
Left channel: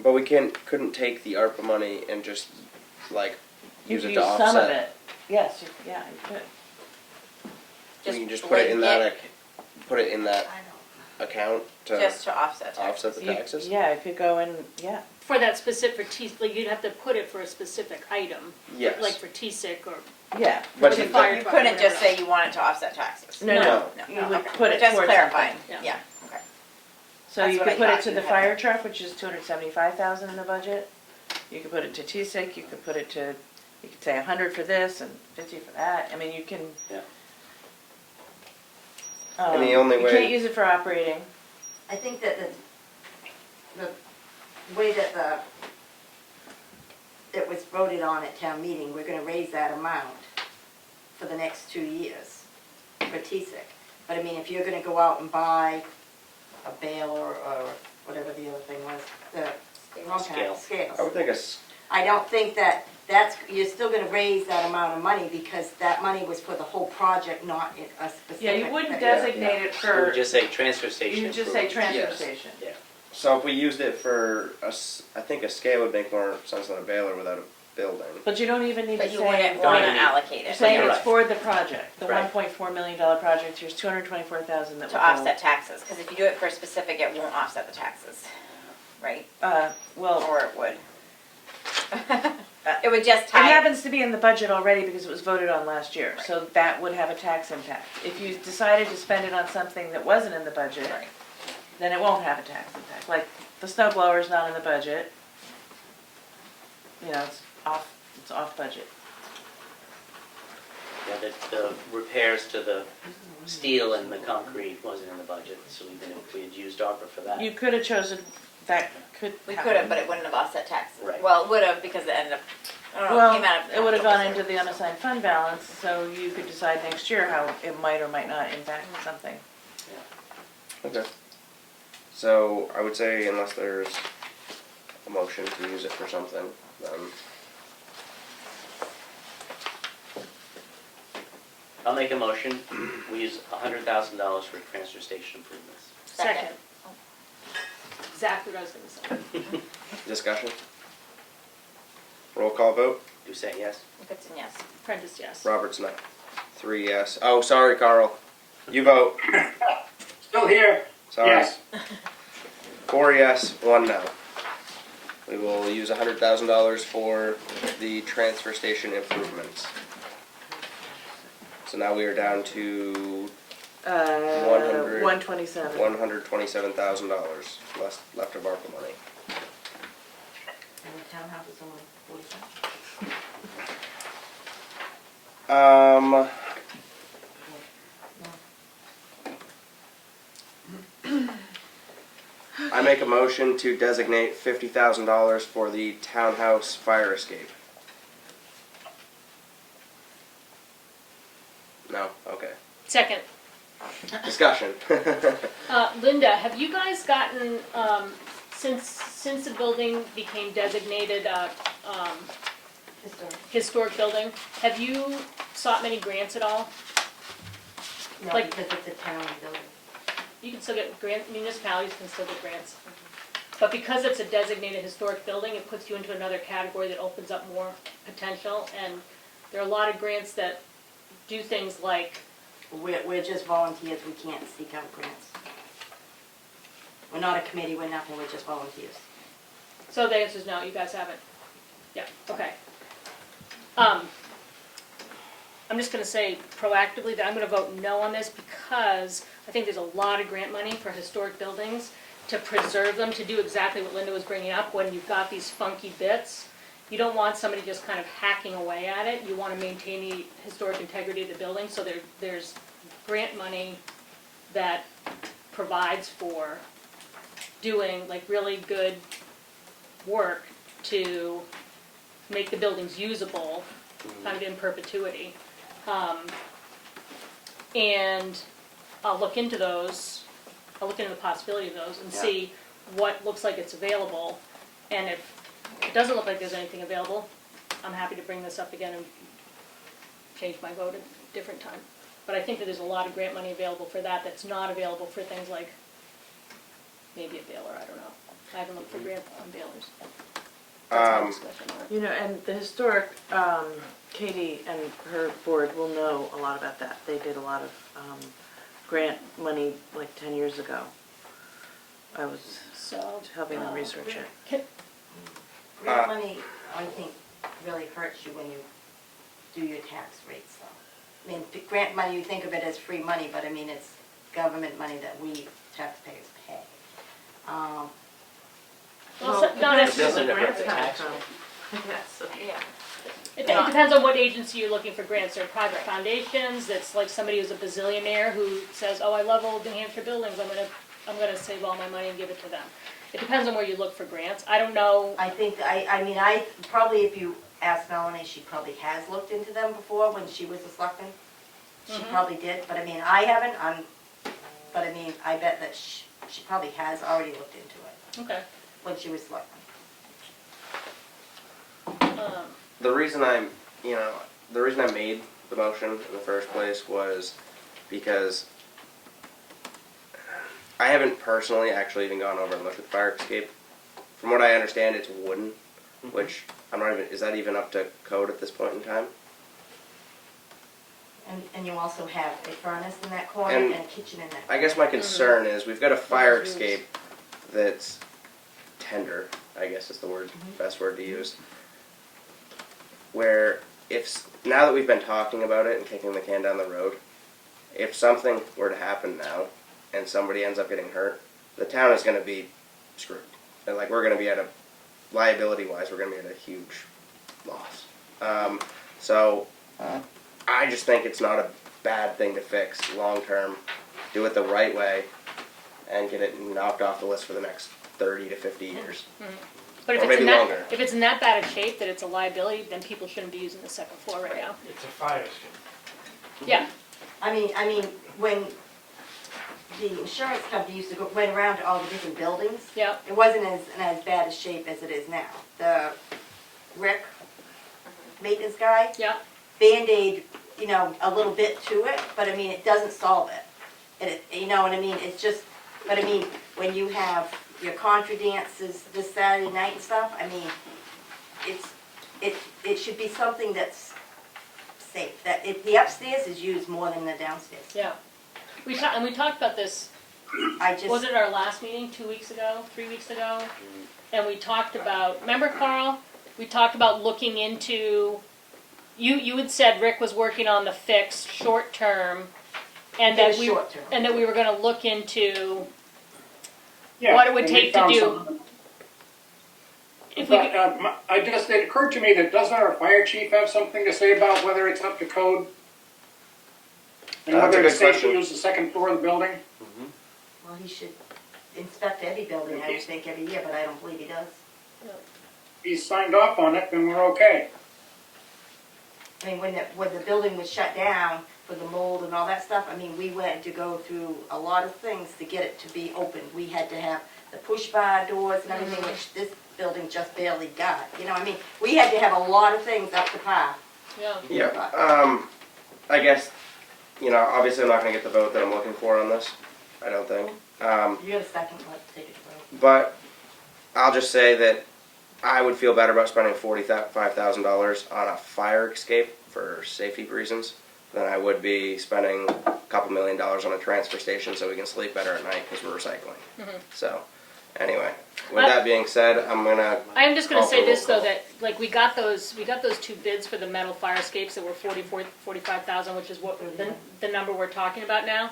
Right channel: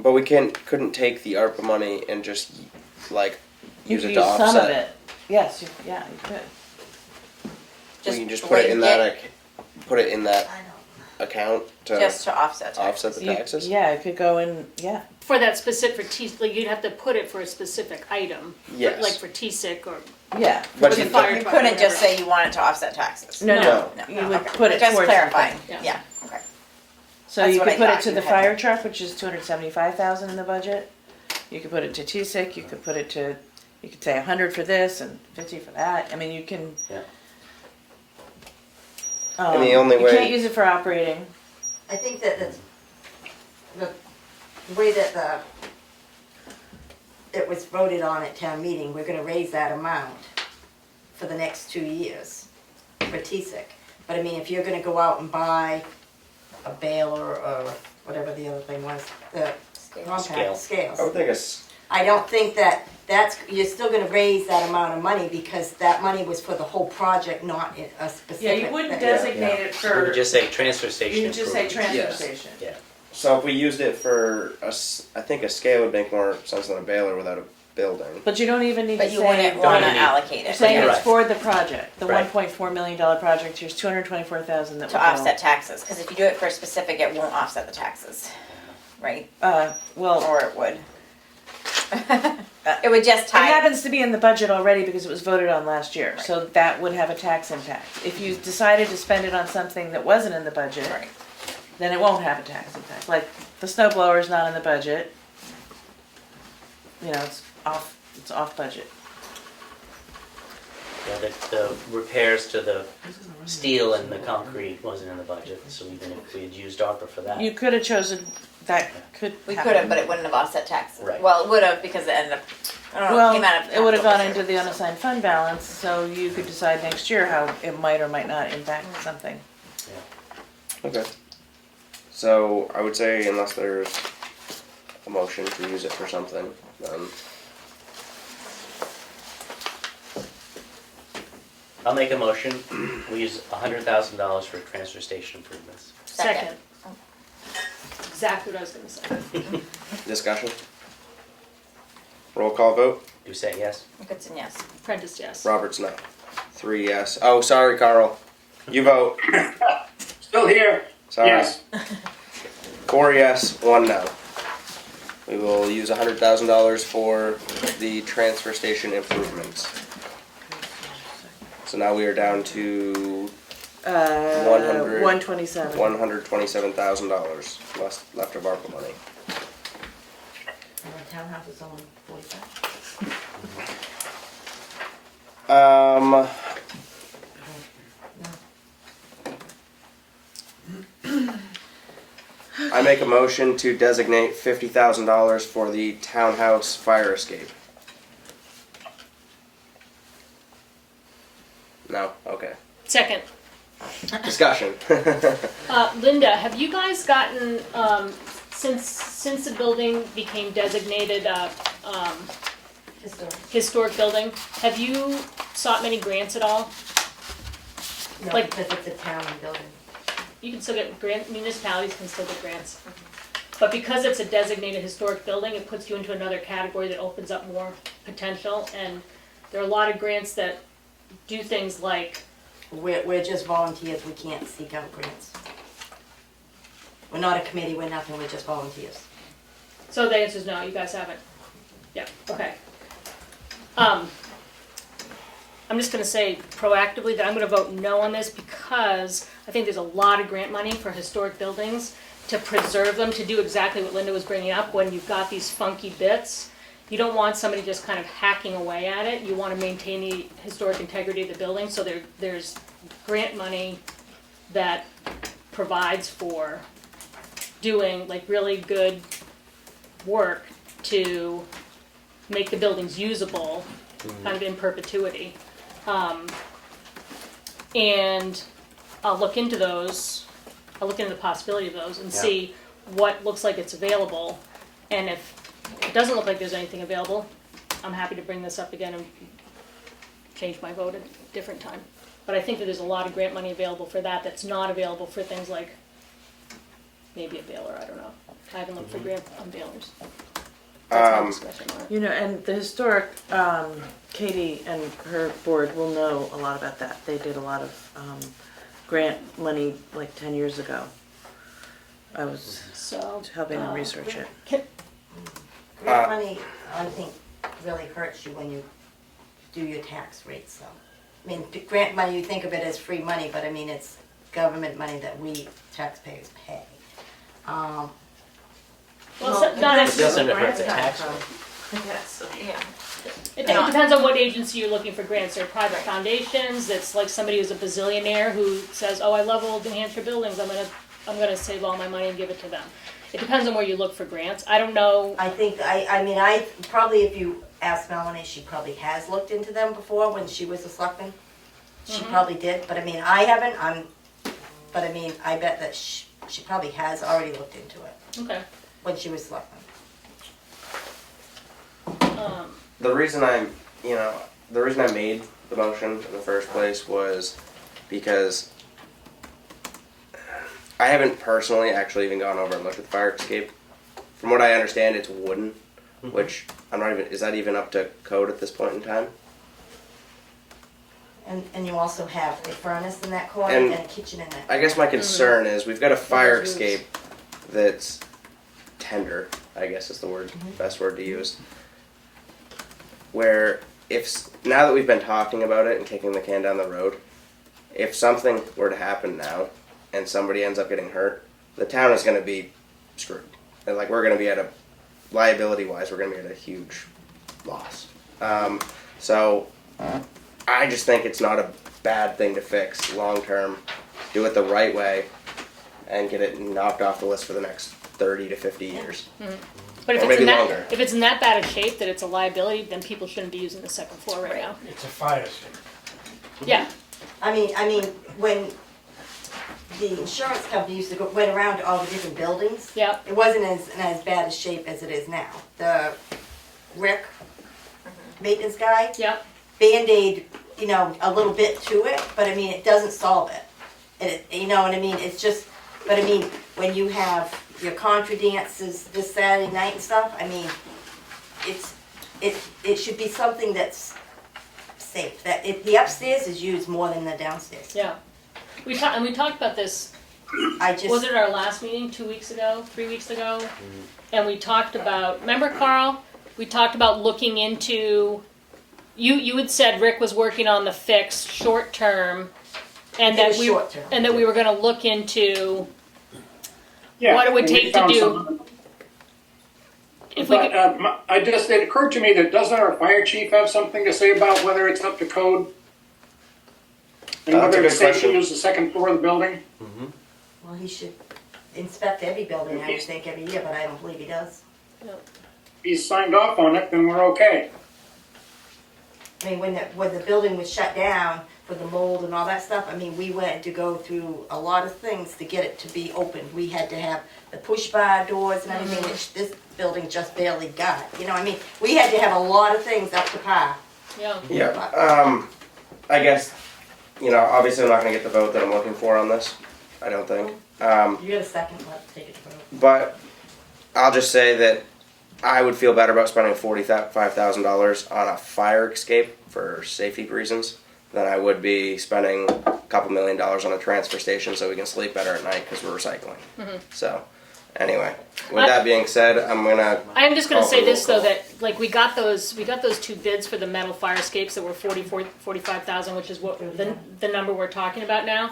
But we couldn't take the ARPA money and just like You use could it use to offset. some of it. Yes, you could. We can just put it in that put it in that I account to Just to offset taxes. offset the taxes. Yeah, it could go in, yeah. For that specific like you'd have to put it for a specific item. Yes. Like for TSIC or. Yeah. But for you- the fire You department, couldn't just whatever. say you want it to offset taxes. No, No. you would Okay. put it Just towards clarifying, something. Yeah. yeah, okay. So That's you what could I put it thought to you the had. fire truck, which is 275,000 in the budget. You could put it to TSIC, you could put it to, you could say 100 for this and 50 for that. I mean, you can. Yeah. And the only You way- can't use it for operating. I think that the way that it was voted on at town meeting, we're gonna raise that amount for the next 2 years for TSIC. But I mean, if you're gonna go out and buy a baler or whatever the other thing was, the compact scales. I would think it's, I don't think you're still gonna raise that amount of money because that money was for the whole project, not in a specific. Yeah, you wouldn't Yeah. designate it We would for, just say transfer station you would just say improvements. transfer Yes. station. Yeah. so if we used it for I think a scale would make more sense than a baler without a building. But you don't even need to But you say. wouldn't wanna even need- allocate You're it saying Right. it's for the project, the Right. $1.4 million project, here's $224,000 that to will go. offset taxes, cause if you do it for specific, it won't offset the taxes, right? Well, Or it would. It would just it tie, happens to be in the budget already because it was voted on last year, so that would have a tax impact. If you decided to spend it on something that wasn't in the budget, right, then it won't have a tax impact. Like, the snow blower is not in the budget. You know, it's off budget. Yeah, the repairs to the steel and the concrete wasn't in the budget, so even if we had used ARPA for that. You could have chosen, that could we happen. could have, but it wouldn't have offset taxes. Right. Well, it would have, because it ended up, I don't know, it Well, came out of. it would have gone capital into the unassigned fund balance, so you could decide next year how it might or might not impact something. Okay. So I would say unless there's a motion to use it for something, then I'll make a motion, we use $100,000 for transfer station improvements. Second. Exactly what I was gonna say. discussion. Roll call vote. Do you say yes? Goodson, yes. Prentice, yes. Roberts, no. 3 yes. Oh, sorry, Carl. You vote. Still here. Sorry. Yes. 4 yes, 1 no. We will use $100,000 for the transfer station improvements. So now we are down to 100. 127. $127,000 left of ARPA money. And the townhouse is only 45. I make a motion to designate $50,000 for the townhouse fire escape. No? Okay. Second, Discussion. Linda, have you guys gotten, since the building became designated historic building, have you sought many grants at all? No, Like- because it's a town building. You can still get municipalities can still get grants. But because it's a designated historic building, it puts you into another category that opens up more potential. And there are a lot of grants that do things like, We're just volunteers, we can't seek out grants. We're not a committee, we're nothing, we're just volunteers. so the answer is no, you guys haven't. Yeah, okay. I'm just gonna say proactively that I'm gonna vote no on this because I think there's a lot of grant money for historic buildings to preserve them, to do exactly what Linda was bringing up, when you've got these funky bits. You don't want somebody just kind of hacking away at it. You want to maintain the historic integrity of the building, so there's grant money that provides for doing like really good work to make the buildings usable, kind of in perpetuity. And I'll look into those, I'll look into the possibility of those and Yeah. see what looks like it's available. And if it doesn't look like there's anything available, I'm happy to bring this up again and change my vote at a different time. But I think that there's a lot of grant money available for that that's not available for things like maybe a baler, I don't know. I haven't looked for grant on balers. That's my discussion on it. You know, and the historic, Katie and her board will know a lot about that. They did a lot of grant money like 10 years ago. I was So, helping them research it. Grant money, I think, really hurts you when you do your tax rates, so. I mean, grant money, you think of it as free money, but I mean, it's government money that we taxpayers pay. Well, not depends necessarily. Doesn't where hurt the grants tax come rate. from. That's, Yeah. It Not- depends on what agency you're looking for grants. There are private foundations. It's like somebody who's a bazillionaire who says, "Oh, I love old New Hampshire buildings. I'm gonna save all my money and give it to them." It depends on where you look for grants. I don't know. I think, I probably if you ask Melanie, she probably has looked into them before when she was a selectman. She probably did, but I mean, I haven't, but I mean, I bet that she probably has already looked into it Okay. when she was selectman. The reason I made the motion in the first place was because I haven't personally actually even gone over and looked at the fire escape. From what I understand, it's wooden, which I'm not even. Is that even up to code at this point in time? And you also have a furnace in that corner And and a kitchen in that. I guess my concern is we've got a fire escape that's tender, I guess is the word, best word to use. Where now that we've been talking about it and kicking the can down the road, if something were to happen now and somebody ends up getting hurt, the town is going to be screwed. And like we're going to be at a liability-wise, we're going to be at a huge loss. So I just think it's not a bad thing to fix long term. Do it the right way and get it knocked off the list for the next 30 to 50 years. But if Or it's maybe in that longer. if it's in that bad a shape that it's a liability, then people shouldn't be using the second floor right now. It's a fire escape. Yeah. I mean, when the insurance company used to went around to all the different buildings, Yeah. it wasn't as bad a shape as it is now. The Rick, maintenance guy, Yeah. Band-Aid, a little bit to it, but I mean, it doesn't solve it. You know what I mean? It's just, but I mean, when you have your contra dances this Saturday night and stuff, I mean, it should be something that's safe. That the upstairs is used more than the downstairs. Yeah. We talked about this. I just. Was it our last meeting 2 weeks ago, 3 weeks ago? And we talked about. Remember, Carl? We talked about looking into. You had said Rick was working on the fix short term, and It was that short term. and that we were going to look into Yeah, what it would and we take to found do. something. If we But could, it occurred to me that doesn't our fire chief have something to say about whether it's up to code? And That's a whether good it's safe to question. use the second floor of the building? Well, he should inspect every building, I would think, every year, but I don't believe he does. If he's signed off on it, then we're okay. I mean, when the building was shut down for the mold and all that stuff, I mean, we went to go through a lot of things to get it to be open. We had to have the push bar doors and everything, which this building just barely got. I mean, we had to have a lot of things up to par. yeah. Yeah. I guess, obviously I'm not going to get the vote that I'm looking for on this. I don't think. You got a second, let's take it to vote. But I'll just say that I would feel better about spending $45,000 on a fire escape for safety reasons than I would be spending a couple $1 million on a transfer station so we can sleep better at night because we're recycling. So, anyway, with that being said, I'm just going to call say for this roll though, call. that like we got those two bids for the metal fire escapes that were 45,000, which is what the number we're talking about now.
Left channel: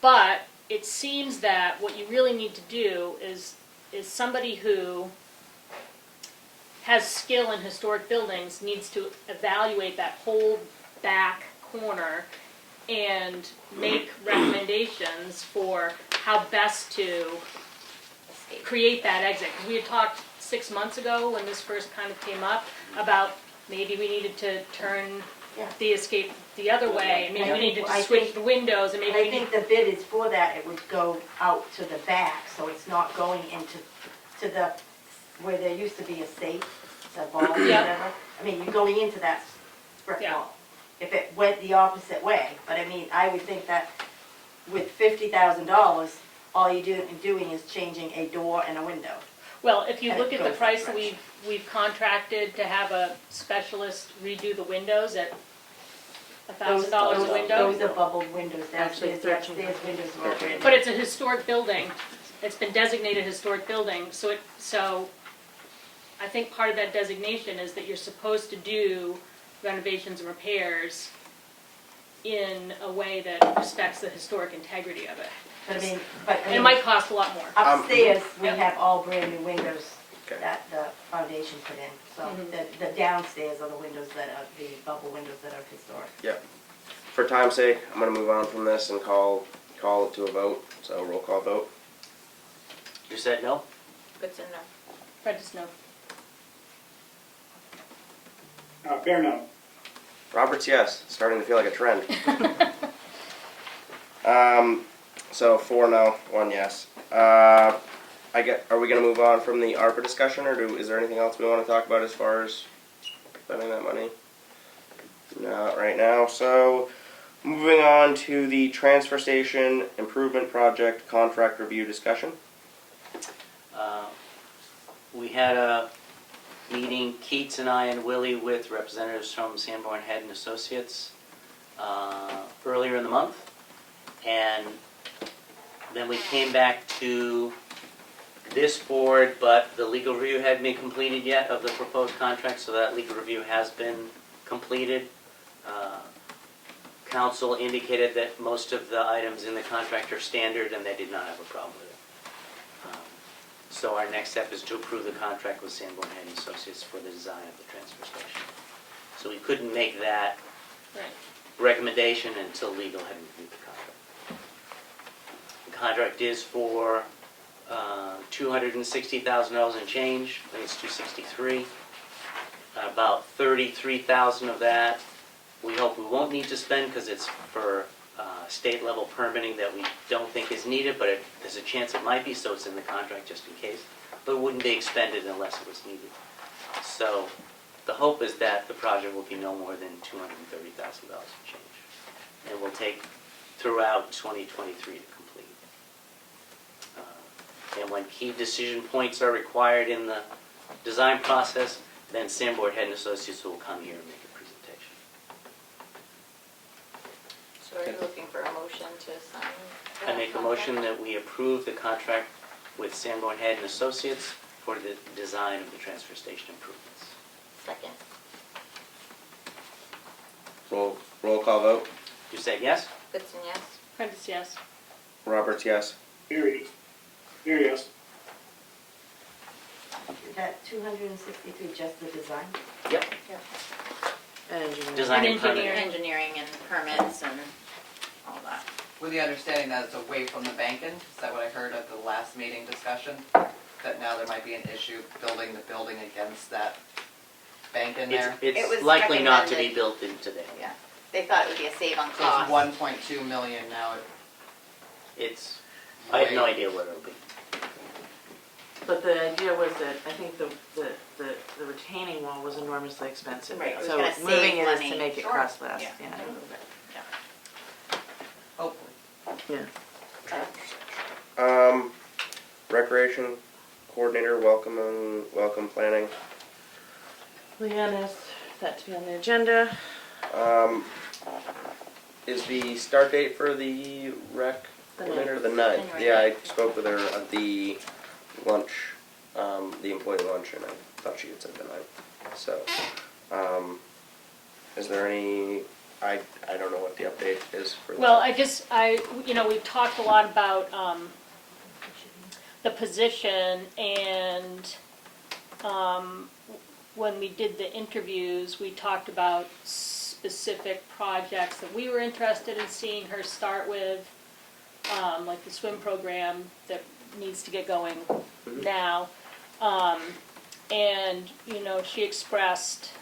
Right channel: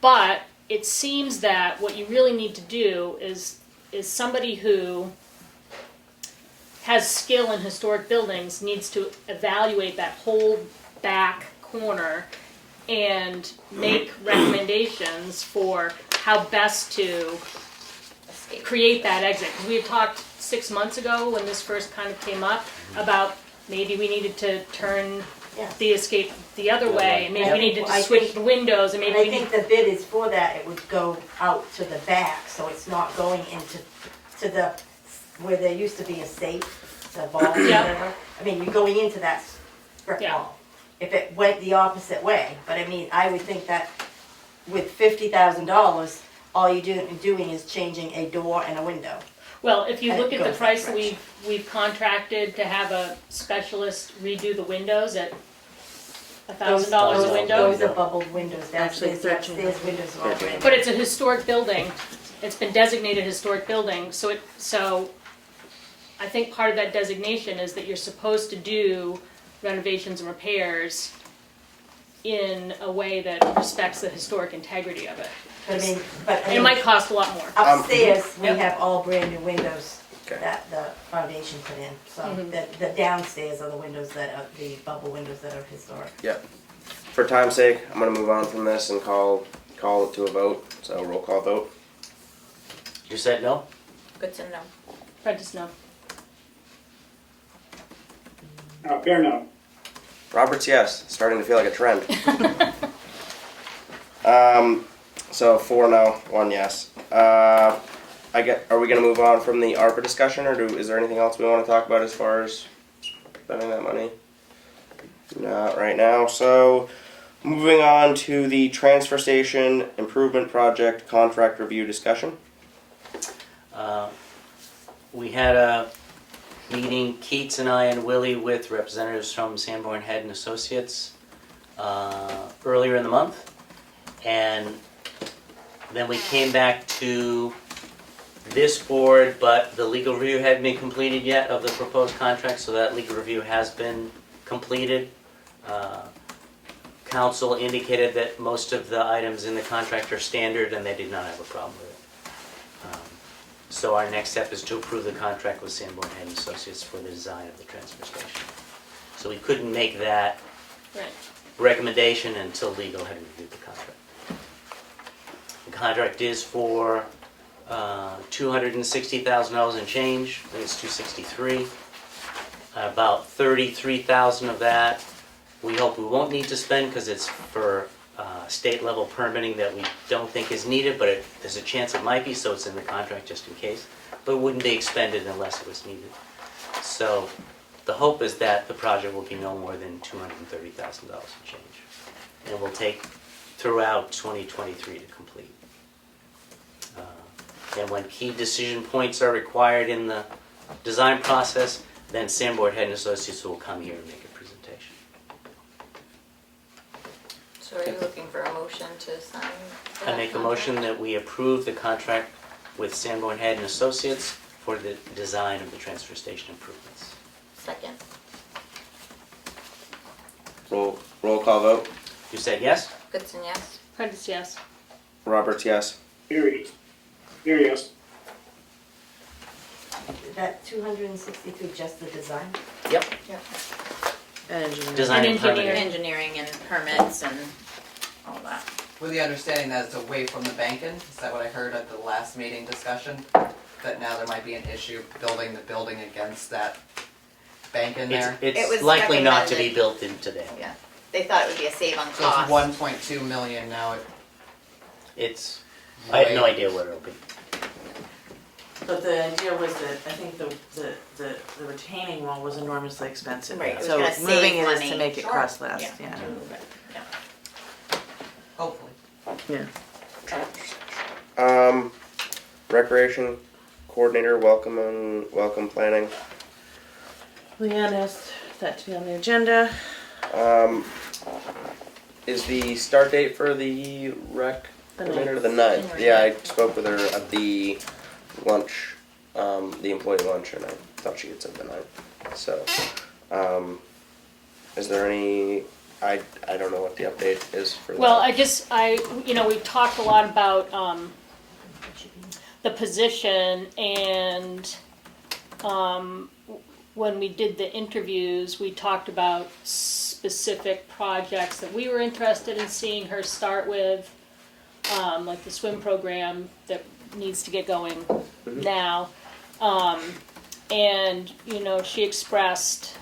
But it seems that what you really need to do is somebody who has skill in historic buildings needs to evaluate that whole back corner and make recommendations for how best to create that exit. 'Cause we had talked 6 months ago when this first kind of came up about maybe we needed to turn Yeah. the escape the other way, and maybe we needed to I switch think- the windows, and maybe But I we need. think the bid is for that, it would go out to the back, so it's not going to the, where there used to be a safe, the vault or Yeah. whatever. I mean, you're going into that brick Yeah. wall. If it went the opposite way, but I mean, I would think that with $50,000, all you're doing is changing a door and a window. Well, if you That look at the goes price that that we've contracted to have a specialist redo the windows at $1,000 a window. Those are bubbled windows, Actually, downstairs, 13. upstairs windows are all brand new. But it's a historic building. It's been designated historic building, so I think part of that designation is that you're supposed to do renovations and repairs in a way that respects the historic integrity of it. But I mean, And it might cost a lot more. upstairs, we have all brand new windows Okay. that the foundation put in. So Mhm. the downstairs are the windows that are, the bubble windows that are historic. For time's sake, I'm gonna move on from this and call it to a vote. So roll call vote. You said no? Goodson, no. Prentice, no. Fair no. Roberts, yes. Starting to feel like a trend. So 4 no, 1 yes. Are we gonna move on from the ARPA discussion, or is there anything else we want to talk about as far as spending that money? Not right now. So moving on to the transfer station improvement project contract review discussion. We had a meeting, Keats and I and Willie, with representatives from Sanborn Head and Associates earlier in the month. And then we came back to this board, but the legal review hadn't been completed yet of the proposed contract, so that legal review has been completed. Council indicated that most of the items in the contract are standard and they did not have a problem with it. So our next step is to approve the contract with Sanborn Head and Associates for the design of the transfer station. So we couldn't make that Right. recommendation until legal had reviewed the contract. The contract is for $260,000 and change. I think it's $263,000. About $33,000 of that we hope we won't need to spend because it's for state level permitting that we don't think is needed, but there's a chance it might be, so it's in the contract just in case. But it wouldn't be expended unless it was needed. So the hope is that the project will be no more than $230,000 in change. And will take throughout 2023 to complete. And when key decision points are required in the design process, then Sanborn Head and Associates will come here and make a presentation. So are you looking for a motion to sign? I make a motion that we approve the contract with Sanborn Head and Associates for the design of the transfer station improvements. Second. Roll call vote. You said yes? Goodson, yes. Prentice, yes. Roberts, yes. Very yes. Is that 263 just the design? Yep. And engineering. Design and And permitting. Engineering and permits and all that. With the understanding that it's away from the banking, is that what I heard at the last meeting discussion? That now there might be an issue building the building against that bank in there? It It's was likely not to be recommended. built into there. Yeah. They thought it would be a save on So cost. it's 1.2 million now. It's, I have no idea what it'll be. But the idea was that I think the retaining wall was enormously expensive. Right, it was So gonna save moving it is to money. make it Sure. cost less, Yeah. yeah. Hopefully. Yeah. Recreation coordinator, welcome planning. Leanne asked that to be on the agenda. Is the start date for the rec The coordinator 9th. the 9th? January Yeah, I 9th. spoke with her at the lunch, the employee lunch, and I thought she had said the 9th. So, is there any? I don't know what the update is for Well, that. we've talked a lot about the position, and when we did the interviews, we talked about specific projects that we were interested in seeing her start with, like the swim program that needs to get going now. And, she expressed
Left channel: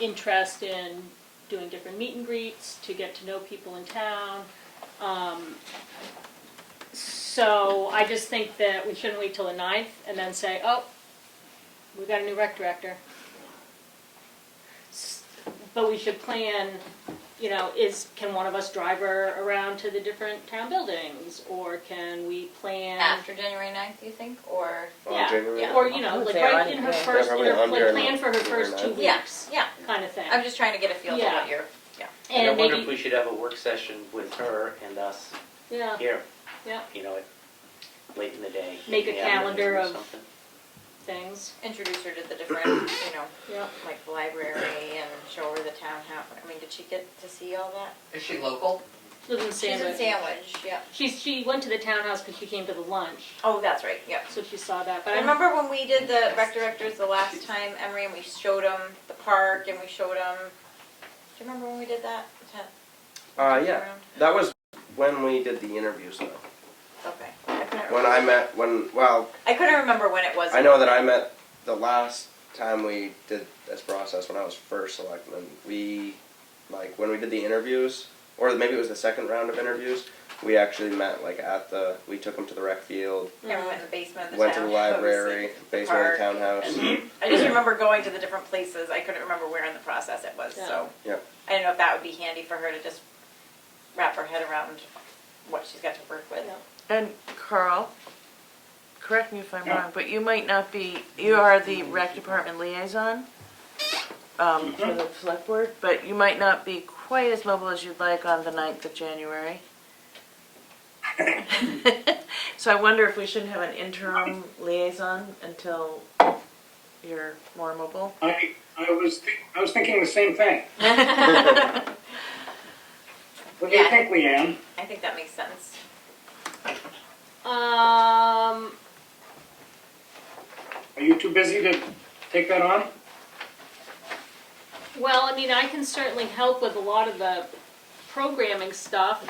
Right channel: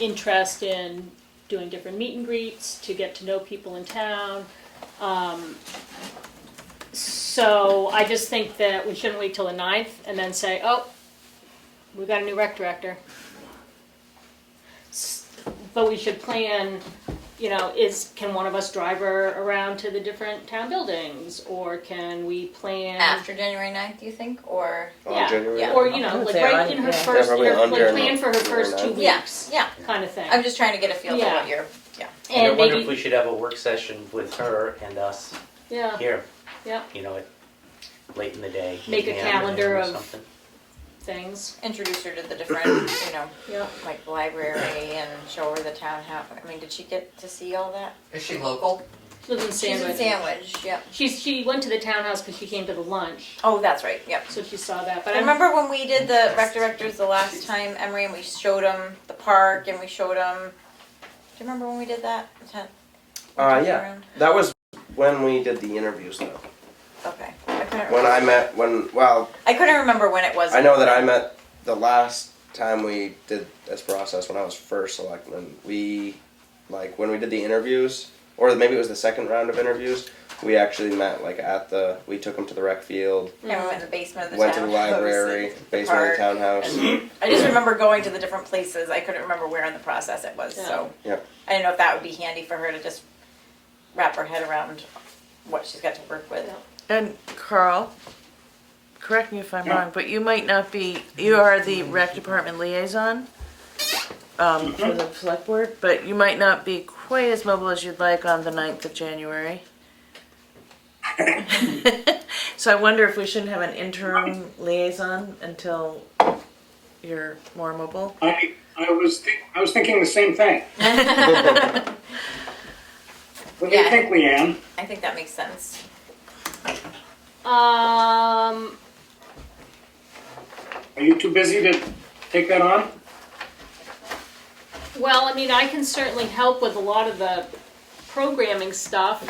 interest in doing different meet and greets to get to know people in town. So I just think that we shouldn't wait till the 9th and then say, oh, we've got a new rec director. But we should plan, can one of us drive her around to the different town buildings? Or can we plan? After January 9th, you think? Or? Yeah, January yeah. or, I would like say right on- in her yeah. first, Yeah, probably on like January plan for her first 2 9th. weeks, Yeah. kind of thing. I'm just trying to get a feel Yeah. for what you're, yeah. And I And wonder if maybe, we should have a work session with her and us yeah, here. Yeah. Late in the day. Make a in the afternoon calendar or of- something. Things. Introduce her to the different, yeah. like library and show her the town how, did she get to see all that? Is she local? She lives in She's in Sandwich. Sandwich, yep. She went to the townhouse because she came to the lunch, Oh, that's right, yep. so she saw that. But I remember when we did the rec directors the last time, Emery, and we showed them the park and we showed them. Do you remember when we did that? Was that Yeah. around? That was when we did the interviews, though. Okay. I couldn't When I remember. met, I couldn't remember when it was. I know that I met the last time we did this process when I was first selectman. When we did the interviews, or maybe it was the second round of interviews, we actually met we took them to the rec field, And we went in the basement of the went to the townhouse, library, like, basement of the park. townhouse. I just remember going to the different places. I couldn't remember where in the process it was, so. Yep. I didn't know if that would be handy for her to just wrap her head around what she's got to work with. And Carl, correct me if I'm wrong, but you might not be, you are the rec department liaison for the select board, but you might not be quite as mobile as you'd like on the 9th of January. So I wonder if we shouldn't have an interim liaison until you're more mobile. I was thinking the same thing. What do you Yeah. think, Leanne? I think that makes sense. Are you too busy to take that on? well, I mean, I can certainly help with a lot of the programming stuff.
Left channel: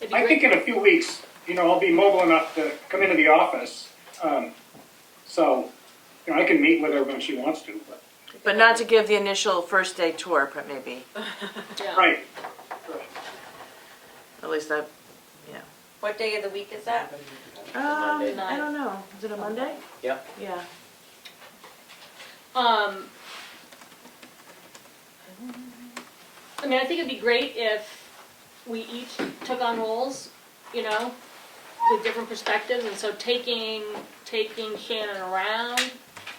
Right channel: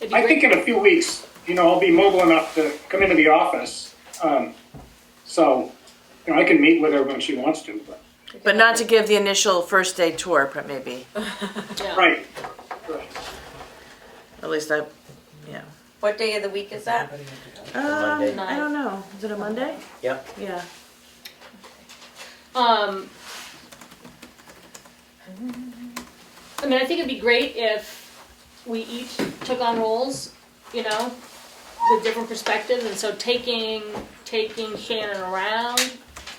It'd be I great- think in a few weeks, I'll be mobile enough to come into the office. So, I can meet with her when she wants to, But not to give the initial first day tour, but maybe. yeah. right. At least I, yeah. What day of the week is that? Monday. I don't know. Is it a Monday? Yep. Yeah. I mean, I think it'd be great if we each took on roles, with different perspectives, and so taking Shannon around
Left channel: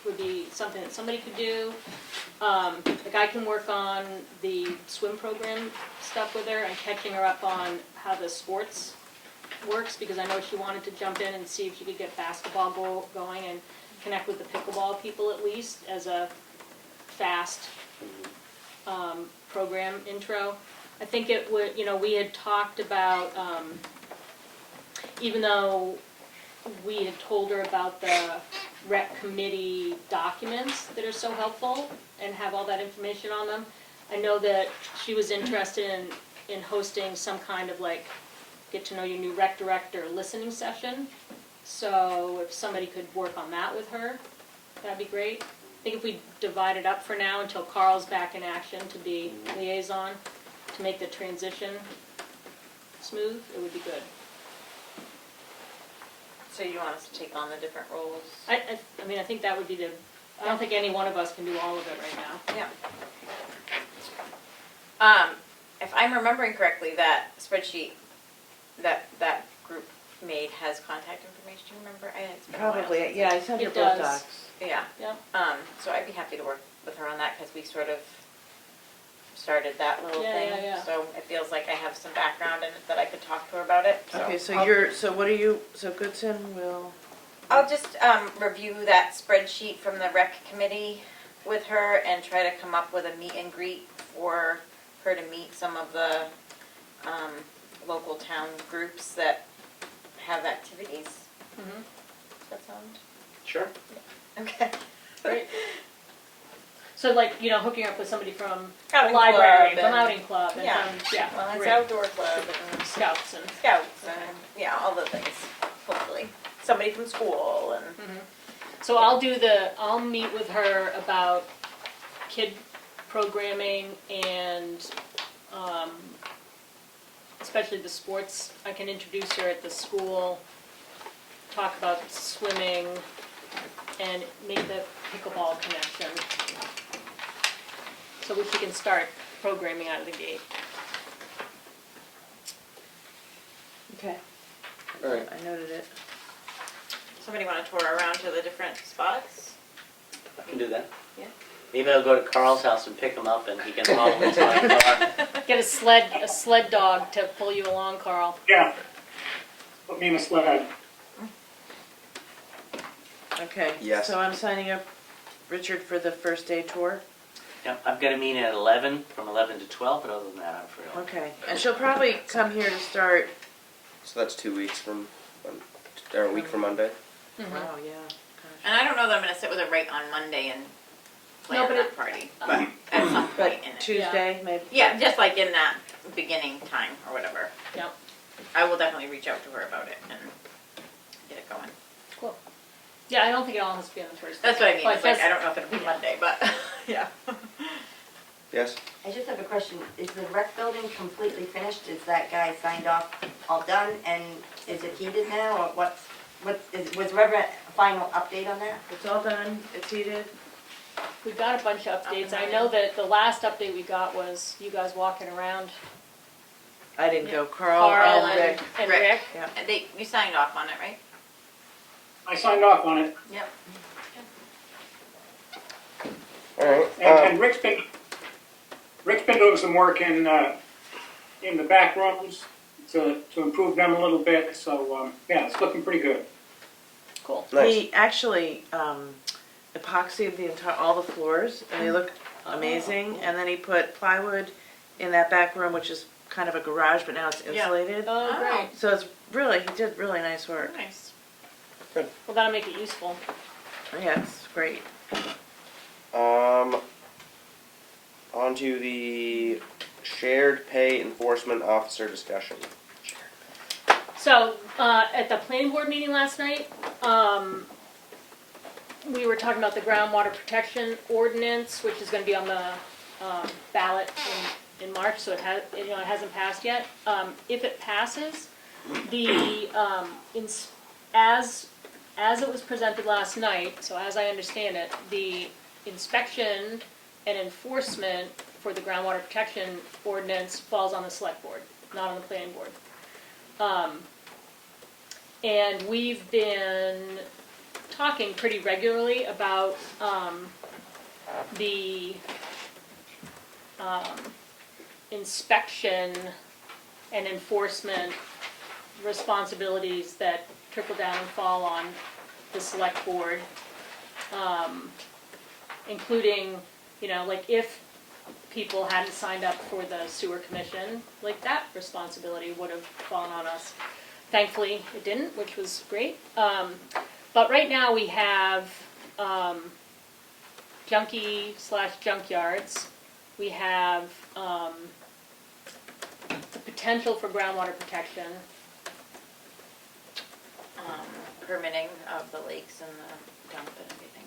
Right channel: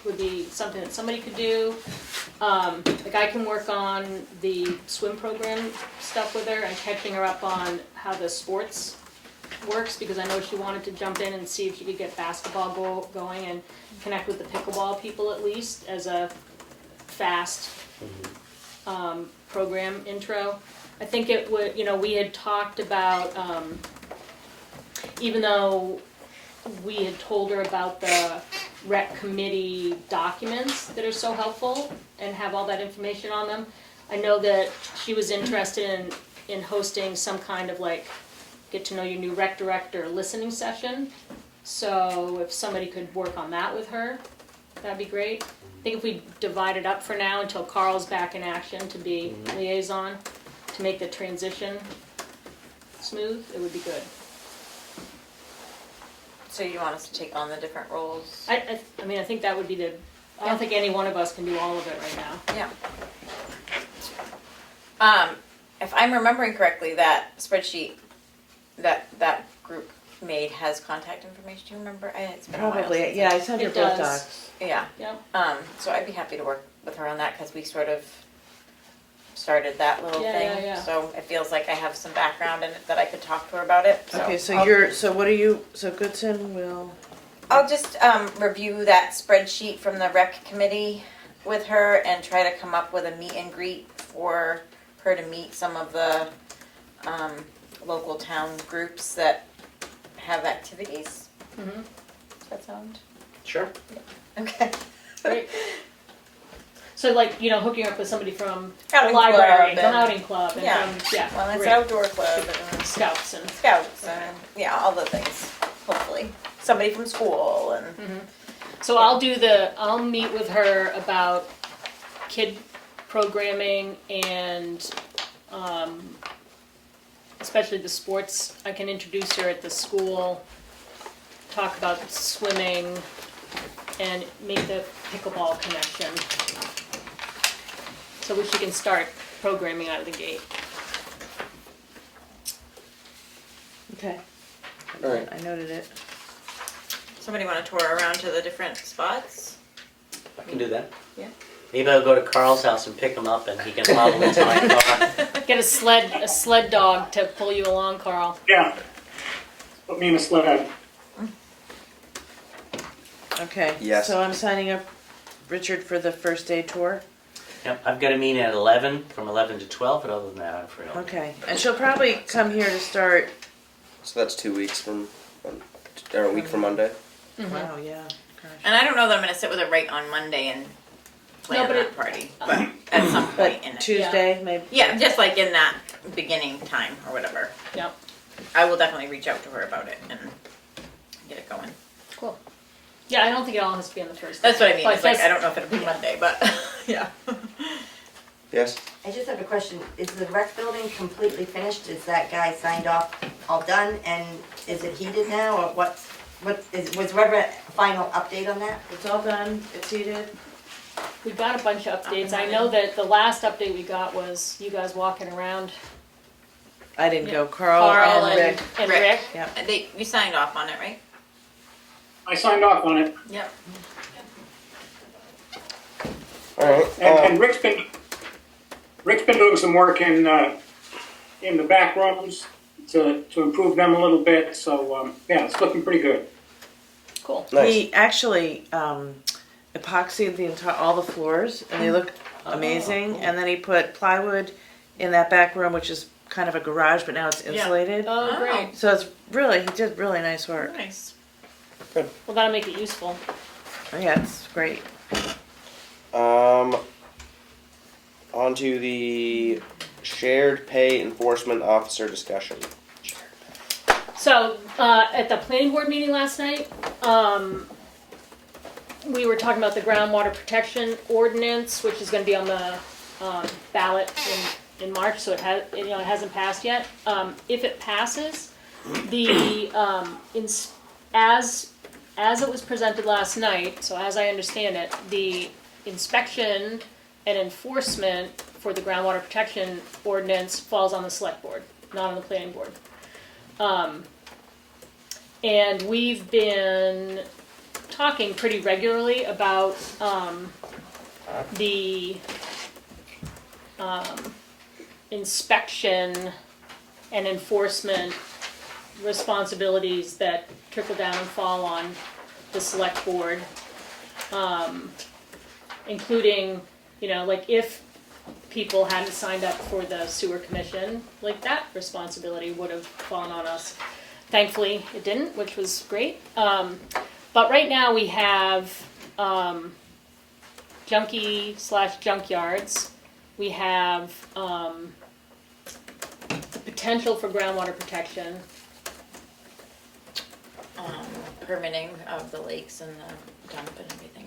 would be something that somebody could do. Like I can work on the swim program stuff with her and catching her up on how the sports works, because I know she wanted to jump in and see if she could get basketball going and connect with the pickleball people at least as a fast program intro. I think it would, we had talked about, even though we had told her about the rec committee documents that are so helpful and have all that information on them, I know that she was interested in hosting some kind of get to know your new rec director listening session. So if somebody could work on that with her, that'd be great. I think if we divide it up for now until Carl's back in action to be liaison, to make the transition smooth, it would be good. So you want us to take on the different roles? I mean, I think that would be I don't think any one of us can do all of it right now. Yeah. If I'm remembering correctly, that spreadsheet that group made has contact information. Do you remember? It's been a while Probably. since Yeah, I sent her It both does. docs. Yeah. Yep. So I'd be happy to work with her on that because we sort of started that little Yeah, thing. yeah, yeah. So it feels like I have some background in it that I could talk to her about it. So Okay, so I'll- what are you, so Goodson will, I'll just review that spreadsheet from the rec committee with her and try to come up with a meet and greet for her to meet some of the local town groups that have activities. Mhm. Does that sound? Sure. Okay. Great. So hooking up with somebody from the Outing library, club from and- outing club, and Yeah. from, Well, it's great. outdoor club and Scouts and, scouts and, yeah, all the things, hopefully. Somebody from school and, so I'll meet with her about kid programming and, especially the sports. I can introduce her at the school, talk about swimming, and make the pickleball connection. So she can start programming out of the gate. okay. All right. I noted it. somebody want to tour around to the different spots? I can do that. Yeah. Maybe I'll go to Carl's house and pick him up and he can hobble into my car. Get a sled dog to pull you along, Carl. Yeah. Put me in a sled. Okay. Yes. So I'm signing up Richard for the first day tour. Yep, I've got a meeting at 11, from 11 to 12, but other than that, I'm free. all day. Okay, and she'll probably come here to start, So that's 2 weeks from, or a week from Monday. wow, yeah, gosh. And I don't know that I'm gonna sit with her right on Monday and plan No, but that party, but at some But point in it. Tuesday, maybe? Yeah, just like in that beginning time or whatever. Yep, I will definitely reach out to her about it and get it going. cool. Yeah, I don't think it all has to be on the first. That's what I mean, But it's like, just- I don't know if it'll be Monday, but, yeah. Yes? I just have a question. Is the rec building completely finished? Is that guy signed off, all done? And is it heated now, or was Webber a final update on that? It's all done, it's heated. We got a bunch of updates. I running. know that the last update we got was you guys walking around. I didn't go, Carl Carl and Rick. And Rick. Rick. Yep. And you signed off on it, right? I signed off on it, Yep. Alright, and Rick's been doing some work in the back rooms to improve them a little bit, so, yeah, it's looking pretty good. Cool. nice. He actually epoxied the entire, all the floors, and they look amazing. And then he put plywood in that back room, which is kind of a garage, but now it's insulated. Oh, Oh. great. So it's really, he did really nice work. Nice. Well, that'll make it useful. Yeah, it's great. On to the shared pay enforcement officer discussion. So, at the planning board meeting last night, we were talking about the groundwater protection ordinance, which is gonna be on the, ballot in March, so it hasn't passed yet. If it passes, the, as it was presented last night, so as I understand it, the inspection and enforcement for the groundwater protection ordinance falls on the select board, not on the planning board. And we've been talking pretty regularly about the inspection and enforcement responsibilities that trickle down and fall on the select board, including, like if people hadn't signed up for the sewer commission, like that responsibility would have fallen on us. Thankfully, it didn't, which was great. But right now we have junkie/junkyards. We have the potential for groundwater protection. Permitting of the lakes and the dump and everything.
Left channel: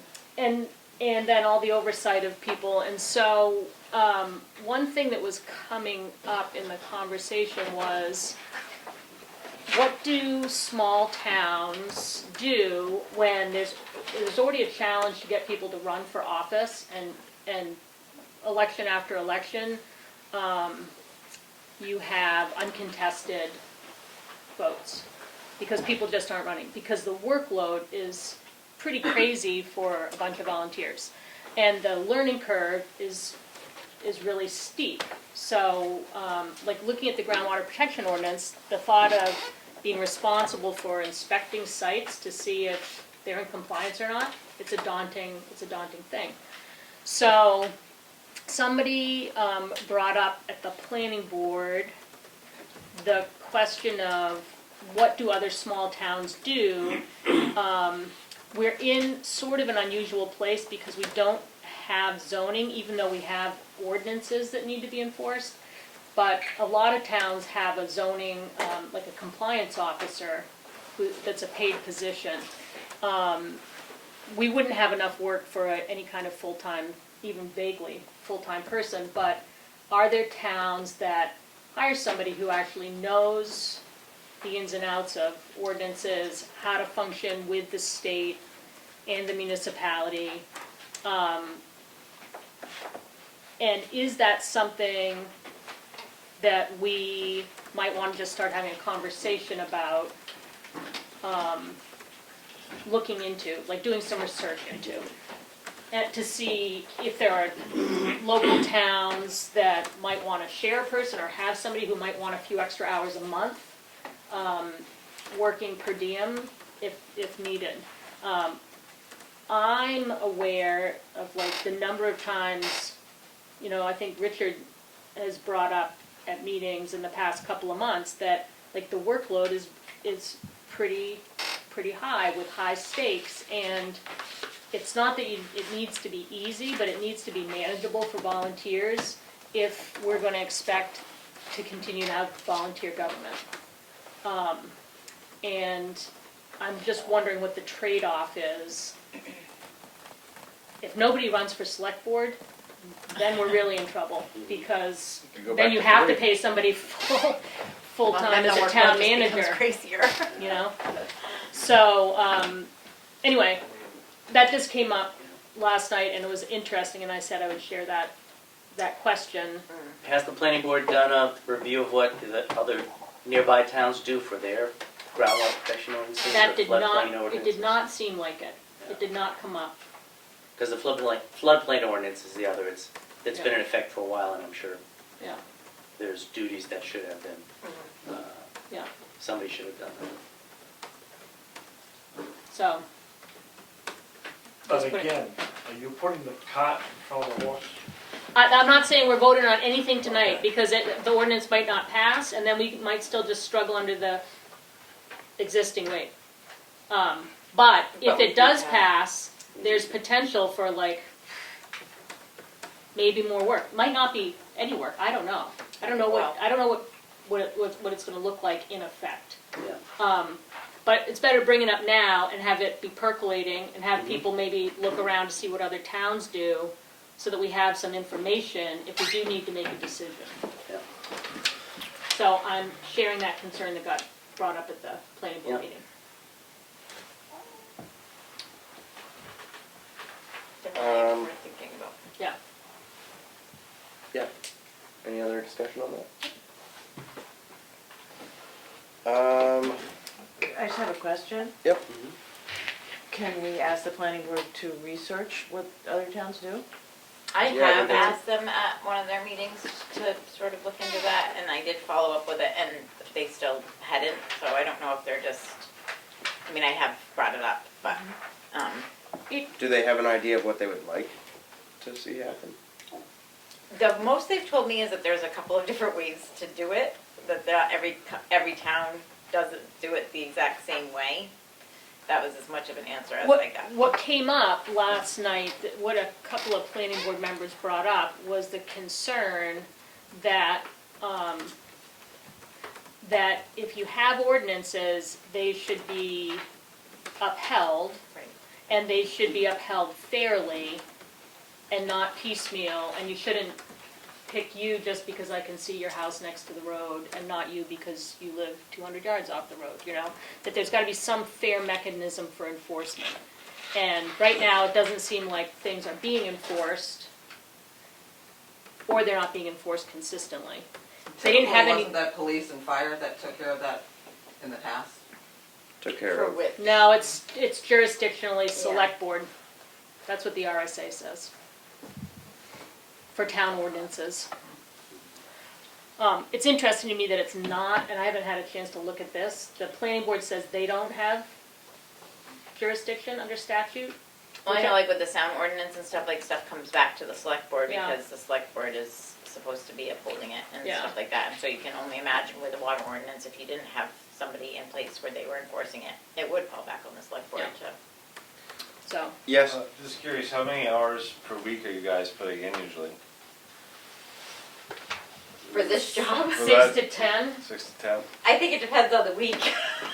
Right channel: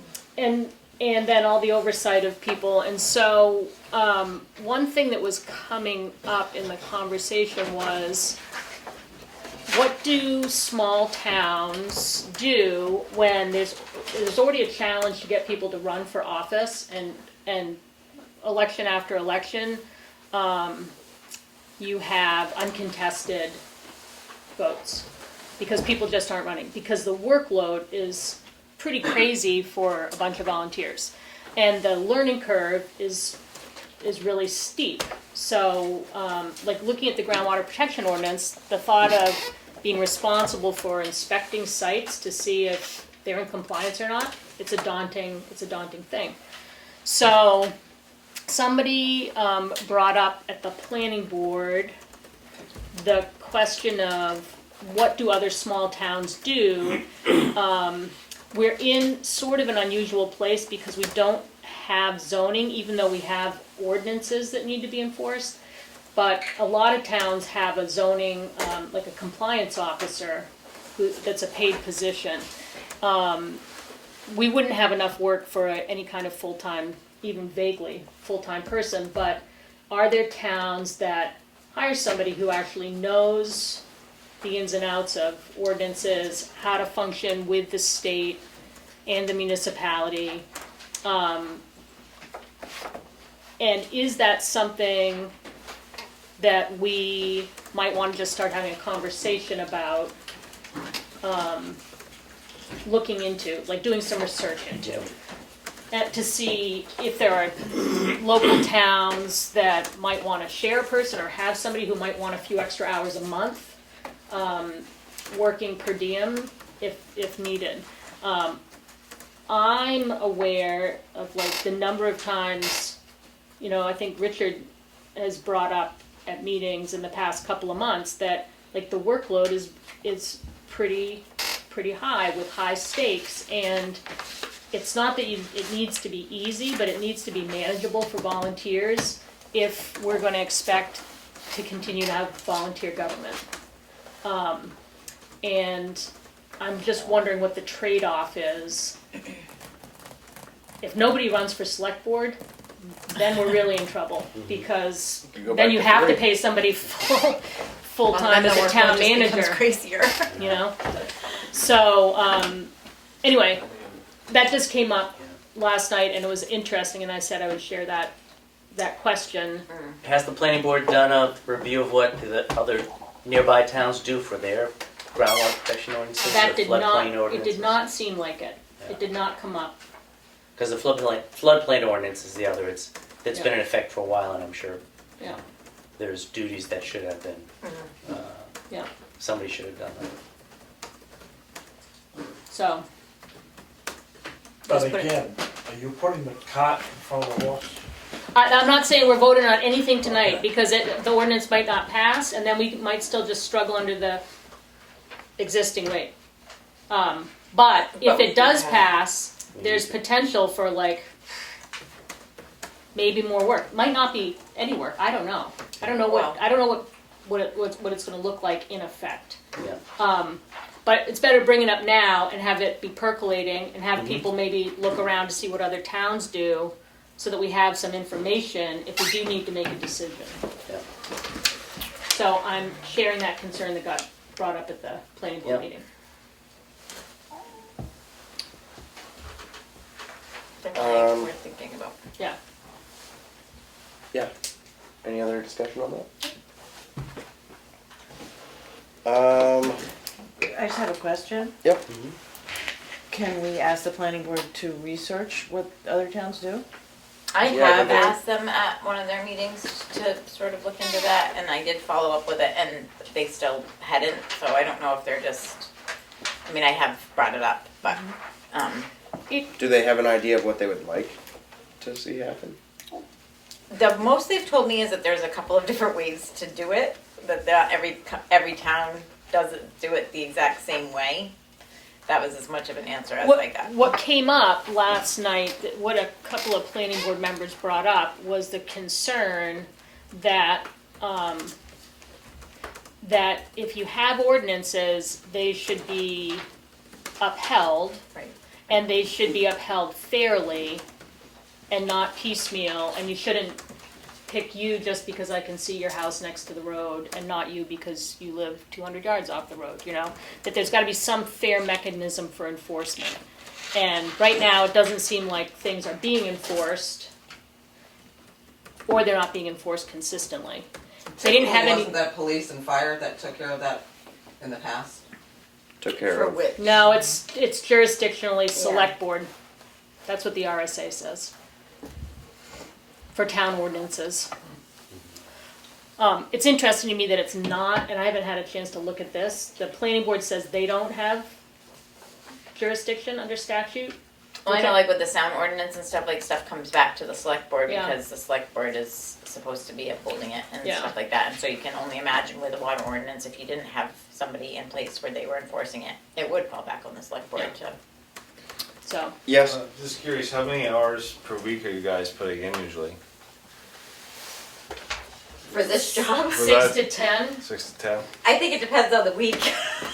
And then all the oversight of people. And so one thing that was coming up in the conversation was, what do small towns do when there's already a challenge to get people to run for office, and election after election, you have uncontested votes because people just aren't running, because the workload is pretty crazy for a bunch of volunteers, and the learning curve is really steep. So, like looking at the groundwater protection ordinance, the thought of being responsible for inspecting sites to see if they're in compliance or not, it's a daunting thing. So, somebody brought up at the planning board the question of, what do other small towns do? We're in sort of an unusual place because we don't have zoning, even though we have ordinances that need to be enforced. But a lot of towns have a zoning, like a compliance officer, that's a paid position. We wouldn't have enough work for any kind of full-time, even vaguely full-time person, but are there towns that hire somebody who actually knows the ins and outs of ordinances, how to function with the state and the municipality? And is that something that we might want to just start having a conversation about, looking into, like doing some research into, and to see if there are local towns that might want to share a person or have somebody who might want a few extra hours a month working per diem if needed. I'm aware of like the number of times I think Richard has brought up at meetings in the past couple of months that, like, the workload is pretty high with high stakes, and it's not that it needs to be easy, but it needs to be manageable for volunteers if we're going to expect to continue to have volunteer government. And I'm just wondering what the trade-off is. If nobody runs for select board, then we're really in trouble, because go then back you to have to 3. pay somebody full-time Well, as then a the town workload just becomes manager, crazier. you know? So, anyway, that just came up last night, and it was interesting, and I said I would share that question. Has the planning board done a review of what the other nearby towns do for their groundwater protection ordinances That or did floodplain not, it ordinances? did not seem like it. Yeah. It did not come up. Because the floodplain ordinance is the other, it's been Yeah. in effect for a while, and I'm sure Yeah, there's duties that should have been, yeah. somebody should have done that. So, But Just put it- again, are you putting the cart in front of the horse? I'm not saying we're voting on anything tonight, because the ordinance might not pass, and then we might still just struggle under the existing rate. But if we it does can pass, there's potential for, like, maybe more work. Might not be any work, I don't know. I don't know what it's gonna look like in effect. Yeah. But it's better bring it up now and have it be percolating, and have people maybe look around to see what other towns do, so that we have some information if we do need to make a decision. Yeah. So I'm sharing that concern that got brought up at the planning board Yep. meeting. Definitely worth thinking about. Yeah. Yeah. Any other discussion on that? I just have a question. Yep. Can we ask the planning board to research what other towns do? I Yeah, have but they- asked them at one of their meetings to sort of look into that, and I did follow up with it, and they still hadn't, so I don't know if they're just, I mean, I have brought it up, but, Do they have an idea of what they would like to see happen? the most they've told me is that there's a couple of different ways to do it, that every town doesn't do it the exact same way. That was as much of an answer as I got. What came up last night, what a couple of planning board members brought up, was the concern that, that if you have ordinances, they should be upheld, Right. and they should be upheld fairly and not piecemeal, and you shouldn't pick you just because I can see your house next to the road, and not you because you live 200 yards off the road, you know? That there's gotta be some fair mechanism for enforcement. And right now, it doesn't seem like things are being enforced, or they're not being enforced consistently. They didn't have any, Wasn't that police and fire that took care of that in the past? Took care For of. which? no, it's jurisdictionally select board. That's what the RSA says. For town ordinances. It's interesting to me that it's not, and I haven't had a chance to look at this, the planning board says they don't have jurisdiction under statute. Well, I know, like with the sound ordinance and stuff, like stuff comes back to the select board Yeah. because the select board is supposed to be upholding it and Yeah. stuff like that. And so you can only imagine with the water ordinance, if you didn't have somebody in place where they were enforcing it, it would fall back on the select board Yeah. to. So, Yes. Just curious, how many hours per week are you guys putting in usually? For this job, For 6 that- to 10. 6 to 10? I think it depends on the week.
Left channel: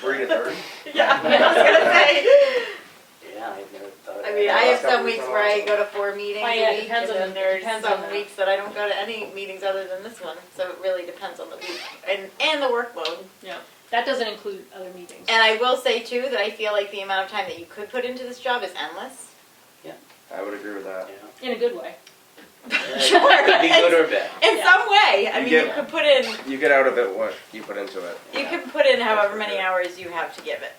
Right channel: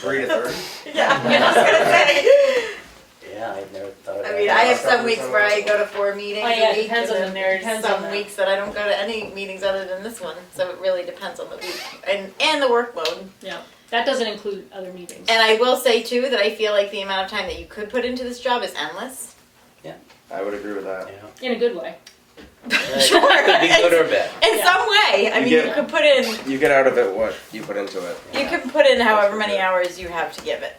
3 to 30. Yeah, I was gonna say. Yeah, I've never thought of that. I mean, I have some weeks where I go to 4 meetings Oh, yeah, a it week, depends and on then the- there's depends on some the- weeks that I don't go to any meetings other than this one. So it really depends on the week and the workload. Yeah, that doesn't include other meetings. And I will say too that I feel like the amount of time that you could put into this job is endless. I would agree with that. Yeah. In a good way. Sure. Could be good or bad. In Yeah. some way, I You mean, get- you could put in, You get out of it what you put into it. you can put in however many hours you have to give it.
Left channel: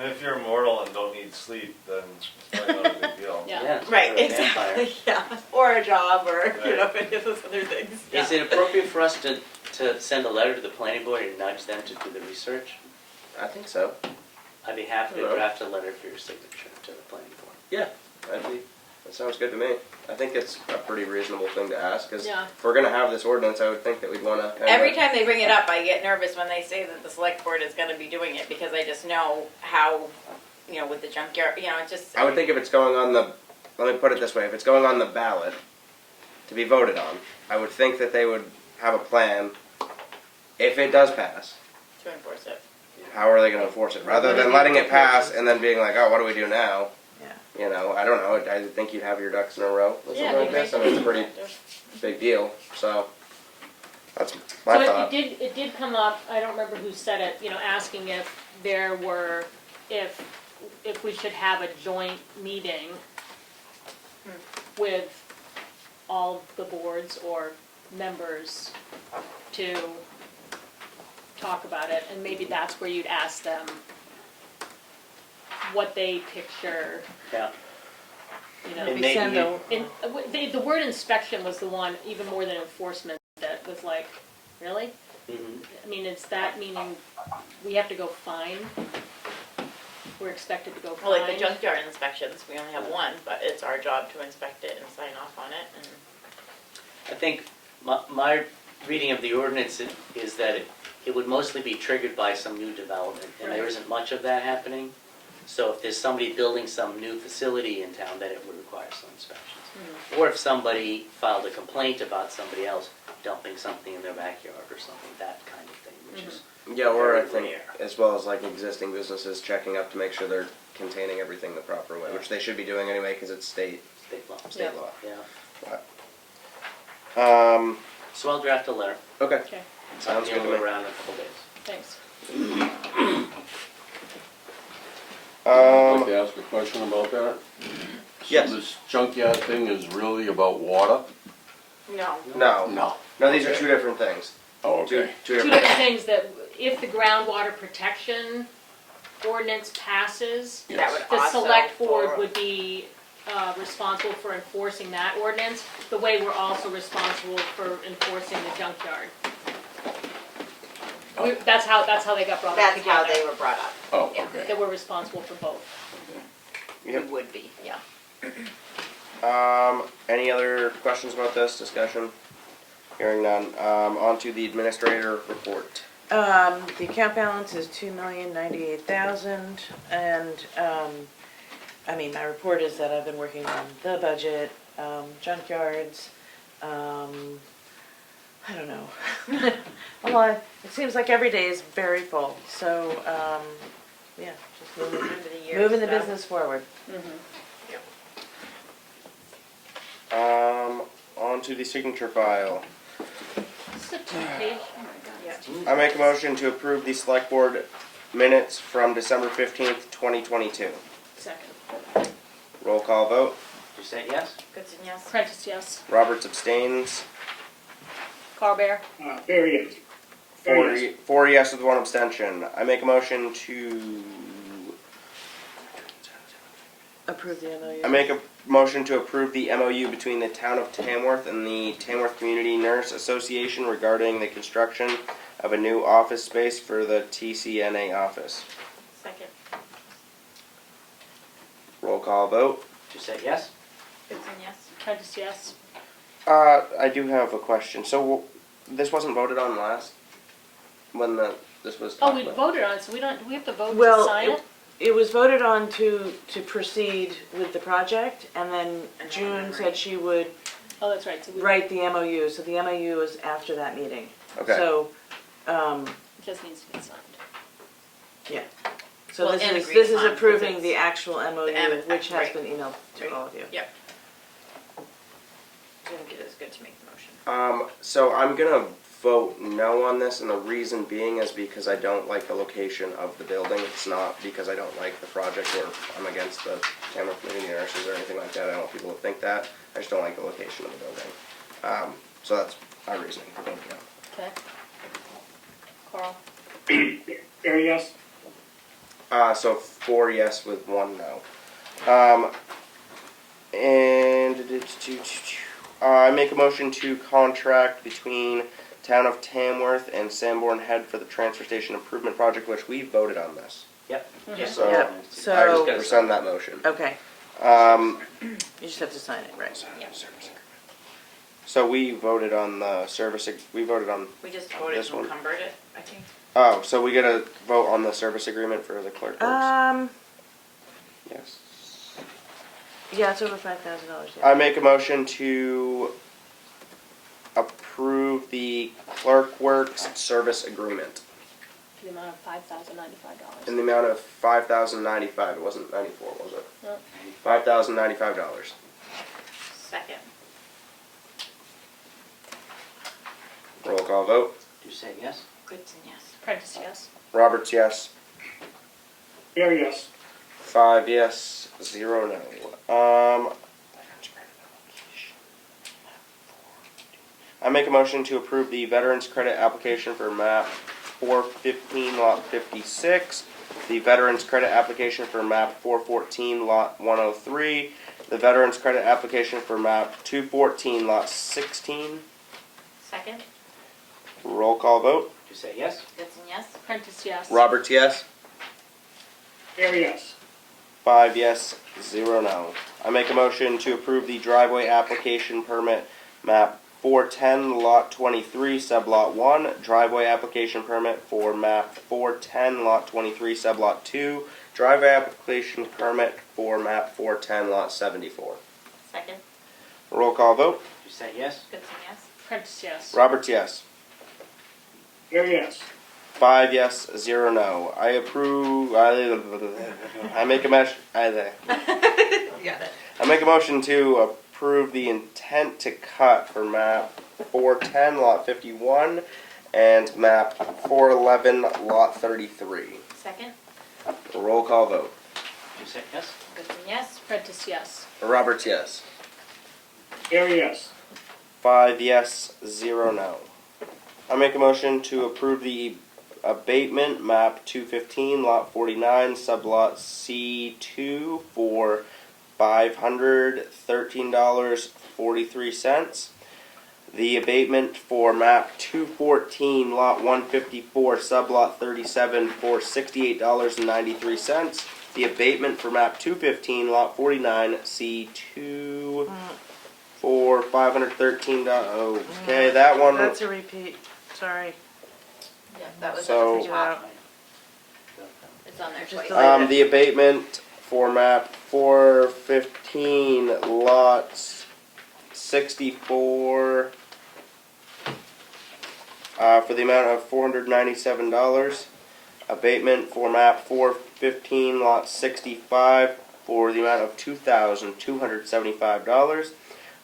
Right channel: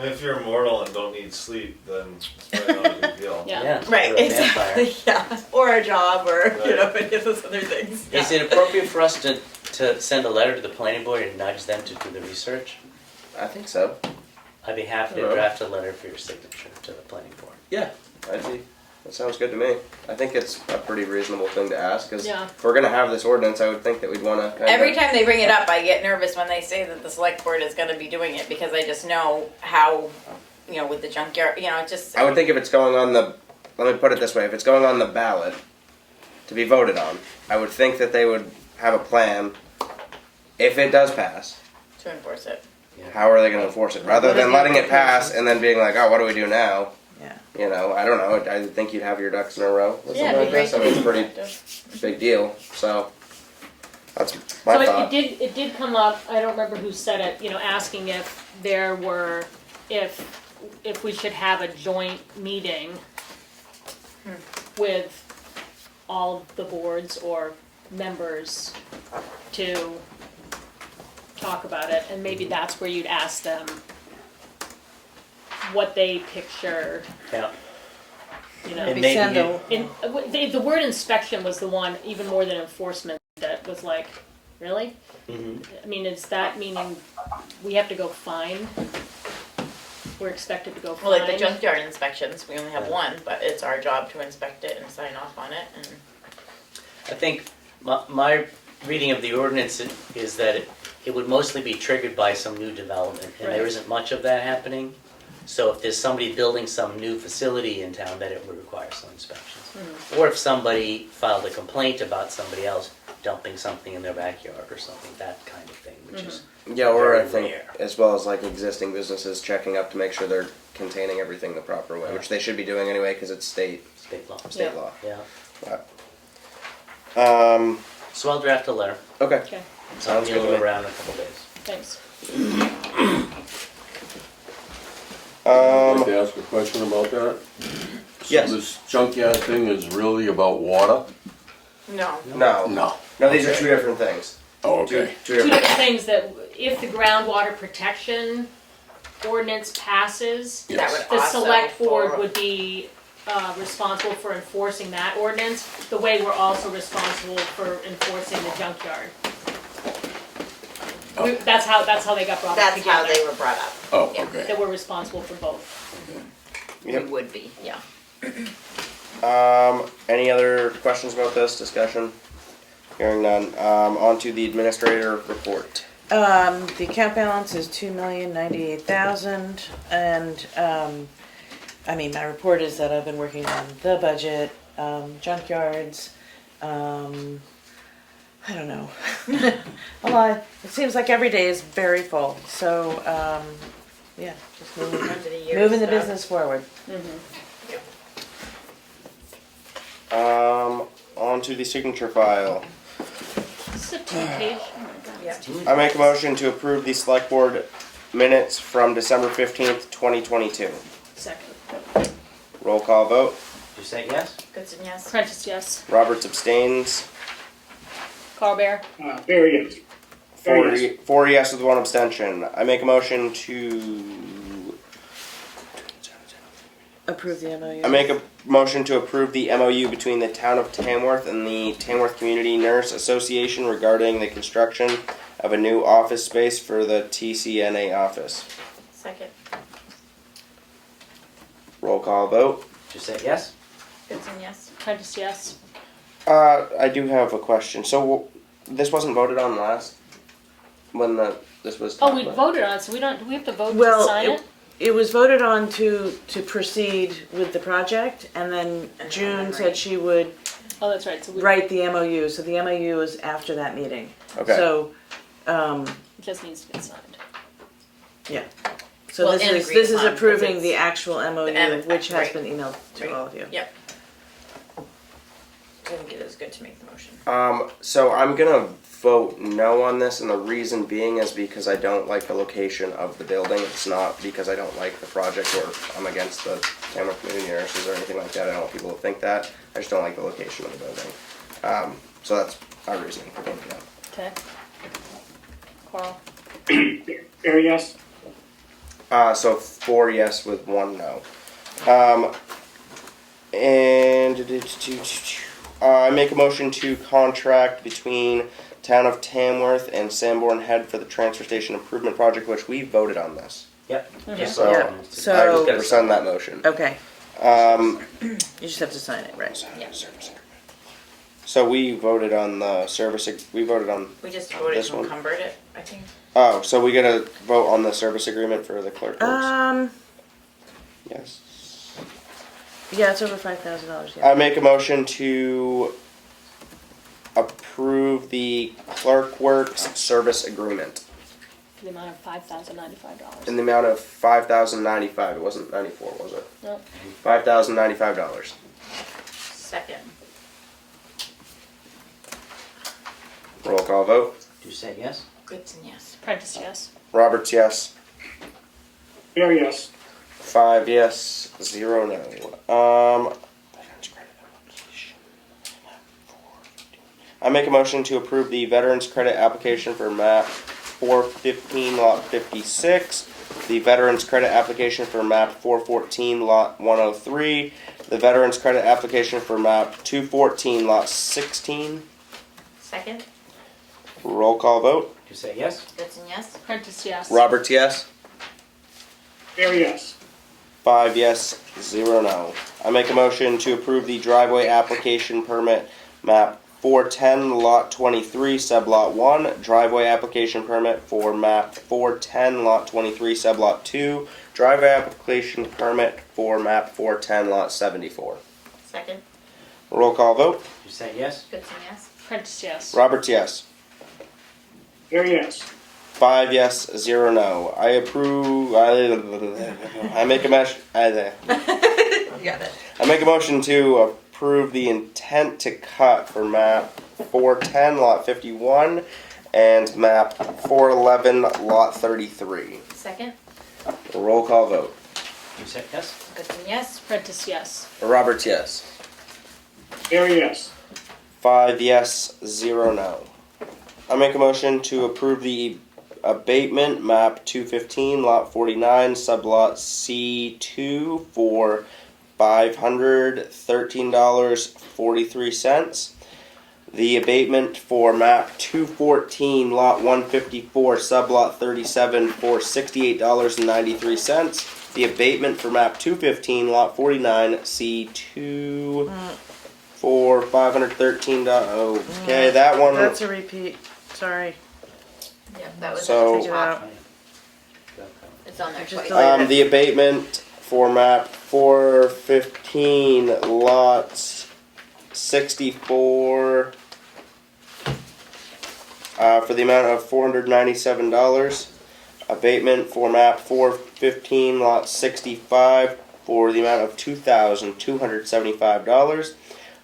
And if you're immortal and don't need sleep, then it's probably not a big deal. Yeah. Yeah. Right, Or a vampire. exactly. Yeah, or a job, or you Right. know, any of those other things. Is it appropriate for us to send a letter to the planning board and nudge them to do the research? I think so. I'd be happy to Hello. draft a letter for your signature to the planning board. Yeah. I'd be. That sounds good to me. I think it's a pretty reasonable thing to ask, because Yeah. if we're gonna have this ordinance, I would think that we'd wanna kinda. Every time they bring it up, I get nervous when they say that the select board is gonna be doing it, because I just know how, with the junkyard, it just. I would think if it's going on the, let me put it this way, if it's going on the ballot to be voted on, I would think that they would have a plan, if it does pass, To enforce it. how are they gonna enforce it? Rather than letting it pass and then being like, oh, what do we do now? Yeah. I don't know, I think you'd have your ducks in a row with Yeah, something like it'd this. be I mean, it's a great. pretty big deal, so that's my So thought. it did come up, I don't remember who said it, asking if there were, if we should have a joint meeting with all the boards or members to talk about it, and maybe that's where you'd ask them what they picture, Yeah. Maybe And maybe send you- the word inspection was the one, even more than enforcement, that was like, really? Mhm. I mean, is that meaning we have to go find? We're expected to go Well, like the find? junkyard inspections, we only have one, but it's our job to inspect it and sign off on it, and. I think my reading of the ordinance is that it would mostly be triggered by some new development, and there Right. isn't much of that happening. So if there's somebody building some new facility in town, then it would require some inspections. Or if somebody filed a complaint about somebody else dumping something in their backyard or something, that kind of thing, which is Yeah, or I very think, rare. as well as like existing businesses checking up to make sure they're containing everything the proper way, which they should be doing anyway, because it's state state law. law. Yeah. So So I'll draft a letter. okay, Okay, sounds good to We'll me. go around in a couple days. thanks. I'd like to ask a question about that. Yes. So this junkyard thing is really about water? No. No, No. these are two different things. Oh, Two okay. Two different. different things, that if the groundwater protection ordinance passes, That Yes. would the also. select board for- would be responsible for enforcing that ordinance, the way we're also responsible for enforcing the junkyard. That's how they got brought up That's how together, they were brought up. Oh, Yeah. okay. that we're responsible for both. Yep. It would be, yeah. Any other questions about this discussion? Hearing none. On to the administrator report. The account balance is $2,098,000, and, my report is that I've been working on the budget, junkyards, I don't know. A lot, it seems like every day is very full, so, yeah, just moving the business forward. On to the signature file. This is a two-page, oh my god. I make a motion to approve the select board minutes from December 15th, 2022. Second. Roll call vote. You say yes? Goodson, yes. Prentice, yes. Roberts abstains. Carl Bear, Very yes. Very yes. Four yes with one abstention. I make a motion to. Approve the MOU. I make a motion to approve the MOU between the town of Tamworth and the Tamworth Community Nurse Association regarding the construction of a new office space for the TCNA office. Second. Roll call vote. You say yes? Goodson, yes. Prentice, yes. I do have a question. So this wasn't voted on last when this was. Oh, talked we about? voted on it, so do we have to vote to Well, sign it? it was voted on to proceed with the project, and then June said she would Oh, that's right, so we write the MOU, so the MOU is after that meeting. Okay. So, it just needs to get signed. so Well, this and is agreed upon, approving because the actual MOU, M- which has right. been emailed to Right. all of you. Yep. I think it is good to make the motion. So I'm gonna vote no on this, and the reason being is because I don't like the location of the building. It's not because I don't like the project or I'm against the Tamworth Community Nurses or anything like that. I don't want people to think that. I just don't like the location of the building. So that's our reasoning for voting no. Okay. Carl, Very yes. So 4 yes with 1 no. I make a motion to contract between Town of Tamworth and Sanborn Head for the transfer station improvement project, which we voted on this. Yep. Mhm. Just So Yep. I just So- rescind that motion. Okay, You just have to sign it, right? So we voted on the we voted on, We just voted This to one. encumber it, I think. oh, so we gotta vote on the service agreement for the clerk works? Yes. Yeah, it's over $5,000, yeah. I make a motion to approve the clerk works service agreement The amount of $5,095. in the amount of $5,095. It wasn't 94, was it? No. $5,095. Second. Roll call vote. Doucette, yes? Goodson, yes. Prentice, yes. Roberts, yes. There, yes. 5 yes, 0 no. I make a motion to approve the Veterans Credit application for map 415 lot 56, the Veterans Credit application for map 414 lot 103, the Veterans Credit application for map 214 lot 16. Second. Roll call vote. Doucette, yes? Goodson, yes. Prentice, yes. Roberts, yes. There, yes. 5 yes, 0 no. I make a motion to approve the driveway application permit map 410 lot 23 sublot 1, driveway application permit for map 410 lot 23 sublot 2, driveway application permit for map 410 lot 74. Second. Roll call vote. Doucette, yes? Goodson, yes. Prentice, yes. Roberts, yes. There, yes. 5 yes, 0 no. I approve. I make a motion. Yeah. I make a motion to approve the intent to cut for map 410 lot 51 and map 411 lot 33. Second. Roll call vote. Doucette, yes? Goodson, yes. Prentice, yes. Roberts, yes. There, yes. 5 yes, 0 no. I make a motion to approve the abatement map 215 lot 49 sublot C2 for $513.43. The abatement for map 214 lot 154 sublot 37 for $68.93. The abatement for map 215 lot 49 C2 for $513. Okay, that one. That's a repeat, sorry. Yeah, that was. So- Take it out. It's on there Just twice. delete it. The abatement for map 415 lots 64 for the amount of $497. Abatement for map 415 lot 65 for the amount of $2,275.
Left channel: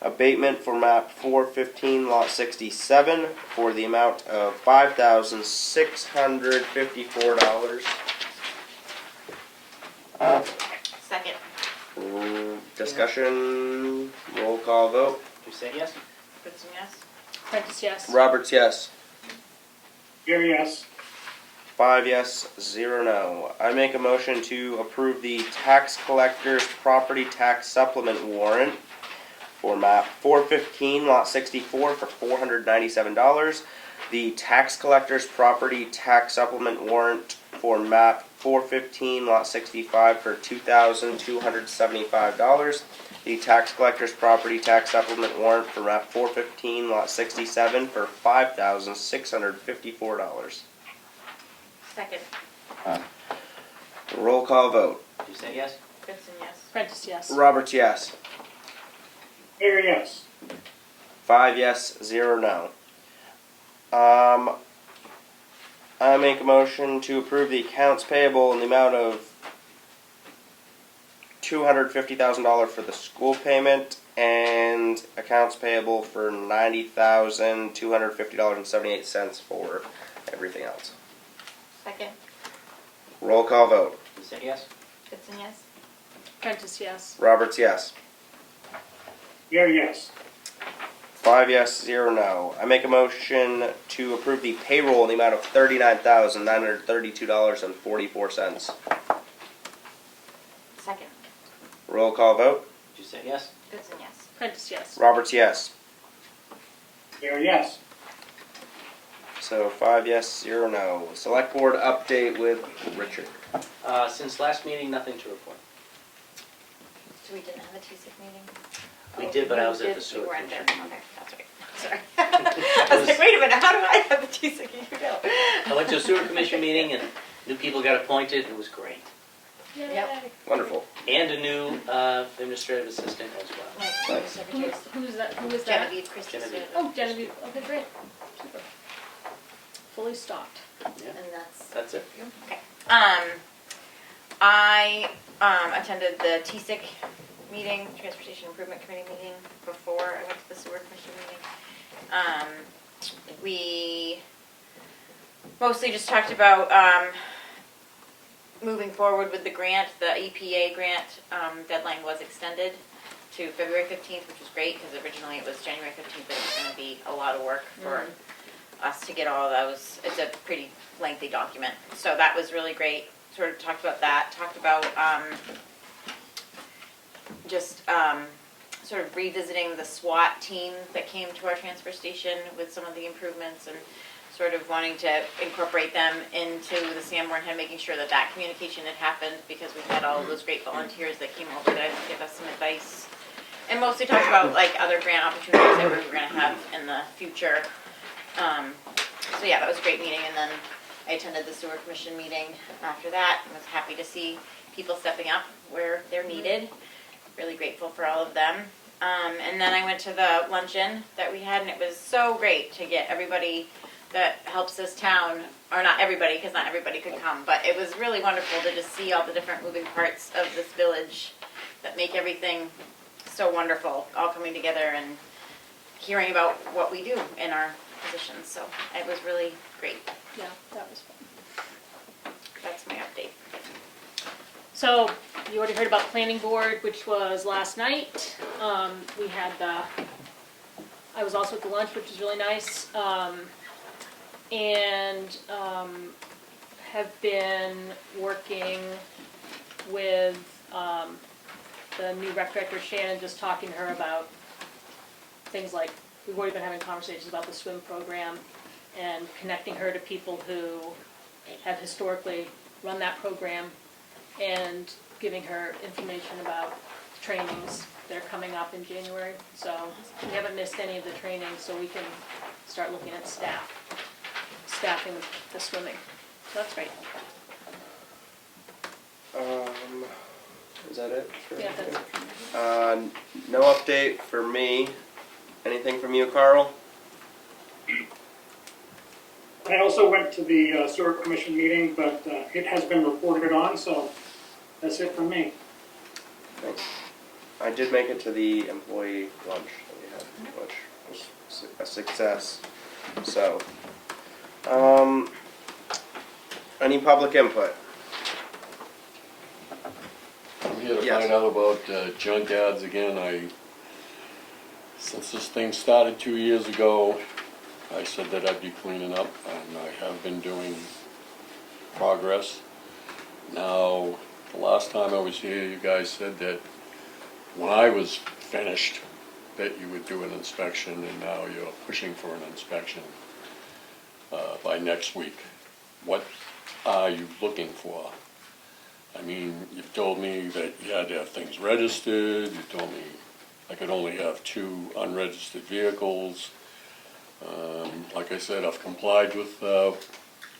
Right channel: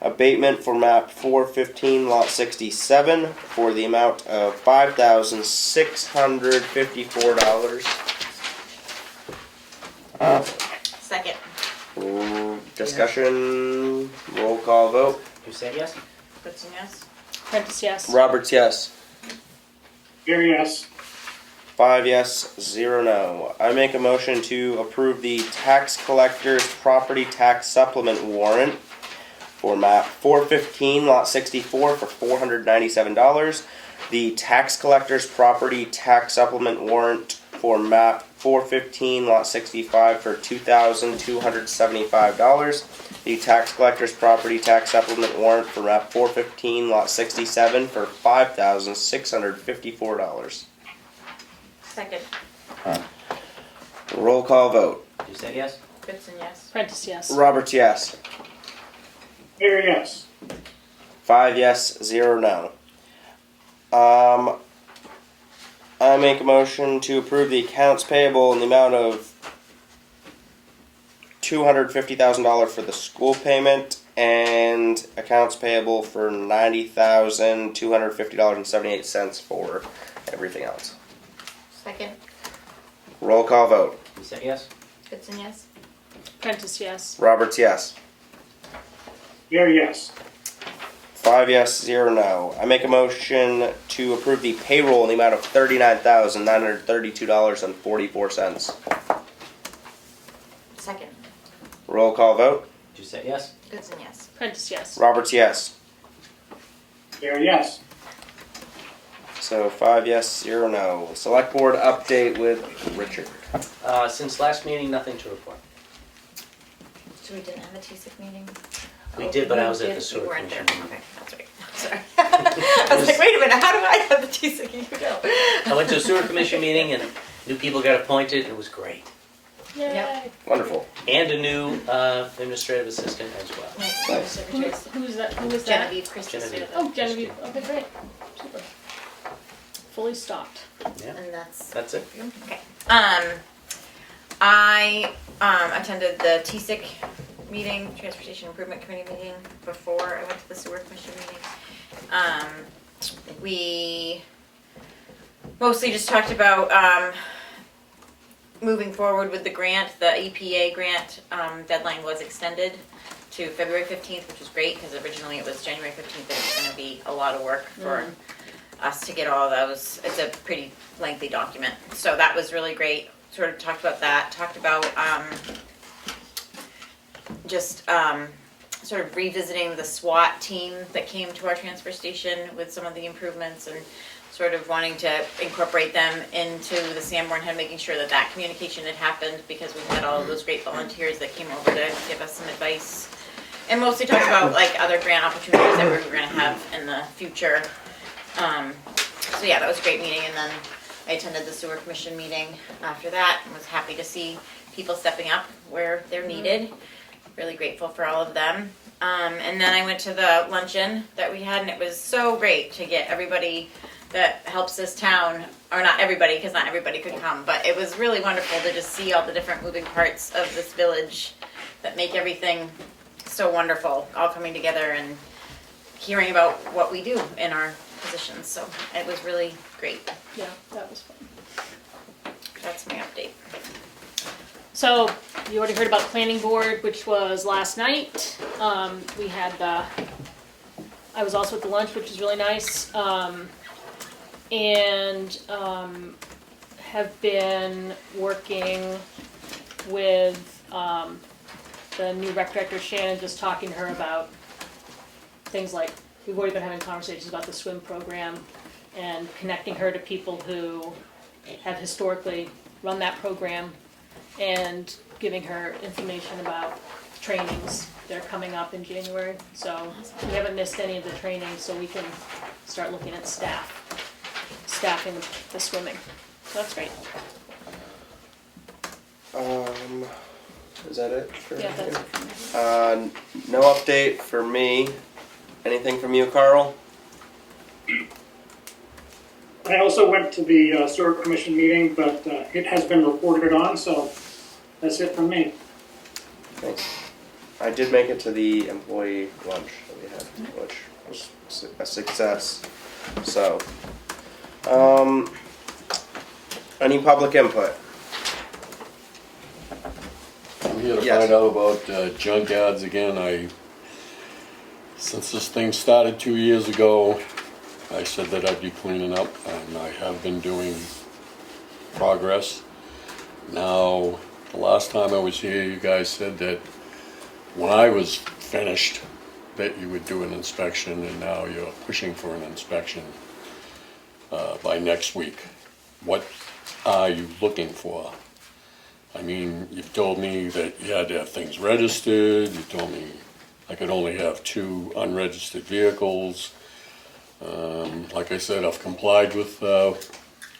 Abatement for map 415 lot 67 for the amount of $5,654. Second. Discussion, roll call vote. Doucette, yes? Goodson, yes. Prentice, yes. Roberts, yes. There, yes. 5 yes, 0 no. I make a motion to approve the tax collector's property tax supplement warrant for map 415 lot 64 for $497. The tax collector's property tax supplement warrant for map 415 lot 65 for $2,275. The tax collector's property tax supplement warrant for map 415 lot 67 for $5,654. Second. Roll call vote. Doucette, yes? Goodson, yes. Prentice, yes. Roberts, yes. There, yes. 5 yes, 0 no. I make a motion to approve the accounts payable in the amount of $250,000 for the school payment and accounts payable for $90,250.78 for everything else. Second. Roll call vote. Doucette, yes? Goodson, yes. Prentice, yes. Roberts, yes. There, yes. 5 yes, 0 no. I make a motion to approve the payroll in the amount of $39,932.44. Second. Roll call vote. Doucette, yes? Goodson, yes. Prentice, yes. Roberts, yes. There, yes. So 5 yes, 0 no. Select board update with Richard. Since last meeting, nothing to report. So we didn't have a TSIC meeting? We did, but I was at the We sewer weren't there, commission. okay, that's right, sorry. I was like, wait a minute, how do I have the TSIC and you don't? I went to a sewer commission meeting and new people got appointed, and it was great. Yay. Wonderful. And a new administrative assistant as well. Nice. Who is that? Who is that? Genevieve Christie. Genevieve. Oh, Genevieve. Okay, great. Super. Fully stocked. Yeah, And that's, that's it. okay. I attended the TSIC meeting, Transportation Improvement Committee meeting, before I went to the sewer commission meeting. We mostly just talked about moving forward with the grant. The EPA grant deadline was extended to February 15th, which was great because originally it was January 15th. It was going to be a lot of work for us to get all of those. It's a pretty lengthy document. So that was really great. Sort of talked about that. Talked about sort of revisiting the SWAT team that came to our transfer station with some of the improvements and sort of wanting to incorporate them into the Sanborn Head, making sure that that communication had happened because we had all of those great volunteers that came over to give us some advice. And mostly talked about like other grant opportunities that we were going to have in the future. So yeah, that was a great meeting. And then I attended the sewer commission meeting after that and was happy to see people stepping up where they're needed. Really grateful for all of them. And then I went to the luncheon that we had, and it was so great to get everybody that helps this town, or not everybody, because not everybody could come, but it was really wonderful to just see all the different moving parts of this village that make everything so wonderful, all coming together and hearing about what we do in our positions. So it was really great. Yeah, that was fun. That's my update. So, you already heard about planning board, which was last night. We had I was also at the lunch, which was really nice. And have been working with the new rec director, Shannon, just talking to her about things like, we've already been having conversations about the swim program and connecting her to people who have historically run that program and giving her information about trainings that are coming up in January. So we haven't missed any of the trainings, so we can start looking at staffing the swimming. So that's great. Is that it? For Yeah, that's you? No update for me. Anything from you, Carl? I also went to the sewer commission meeting, but it has been reported on, so that's it from me. Thanks. I did make it to the employee lunch that we had, which was a success. So, any public input? I'm here to Yes. find out about junk ads again. Since this thing started 2 years ago, I said that I'd be cleaning up, and I have been doing progress. Now, the last time I was here, you guys said that when I was finished, that you would do an inspection, and now you're pushing for an inspection by next week. What are you looking for? I mean, you've told me that you had to have things registered. You told me I could only have 2 unregistered vehicles. Like I said, I've complied with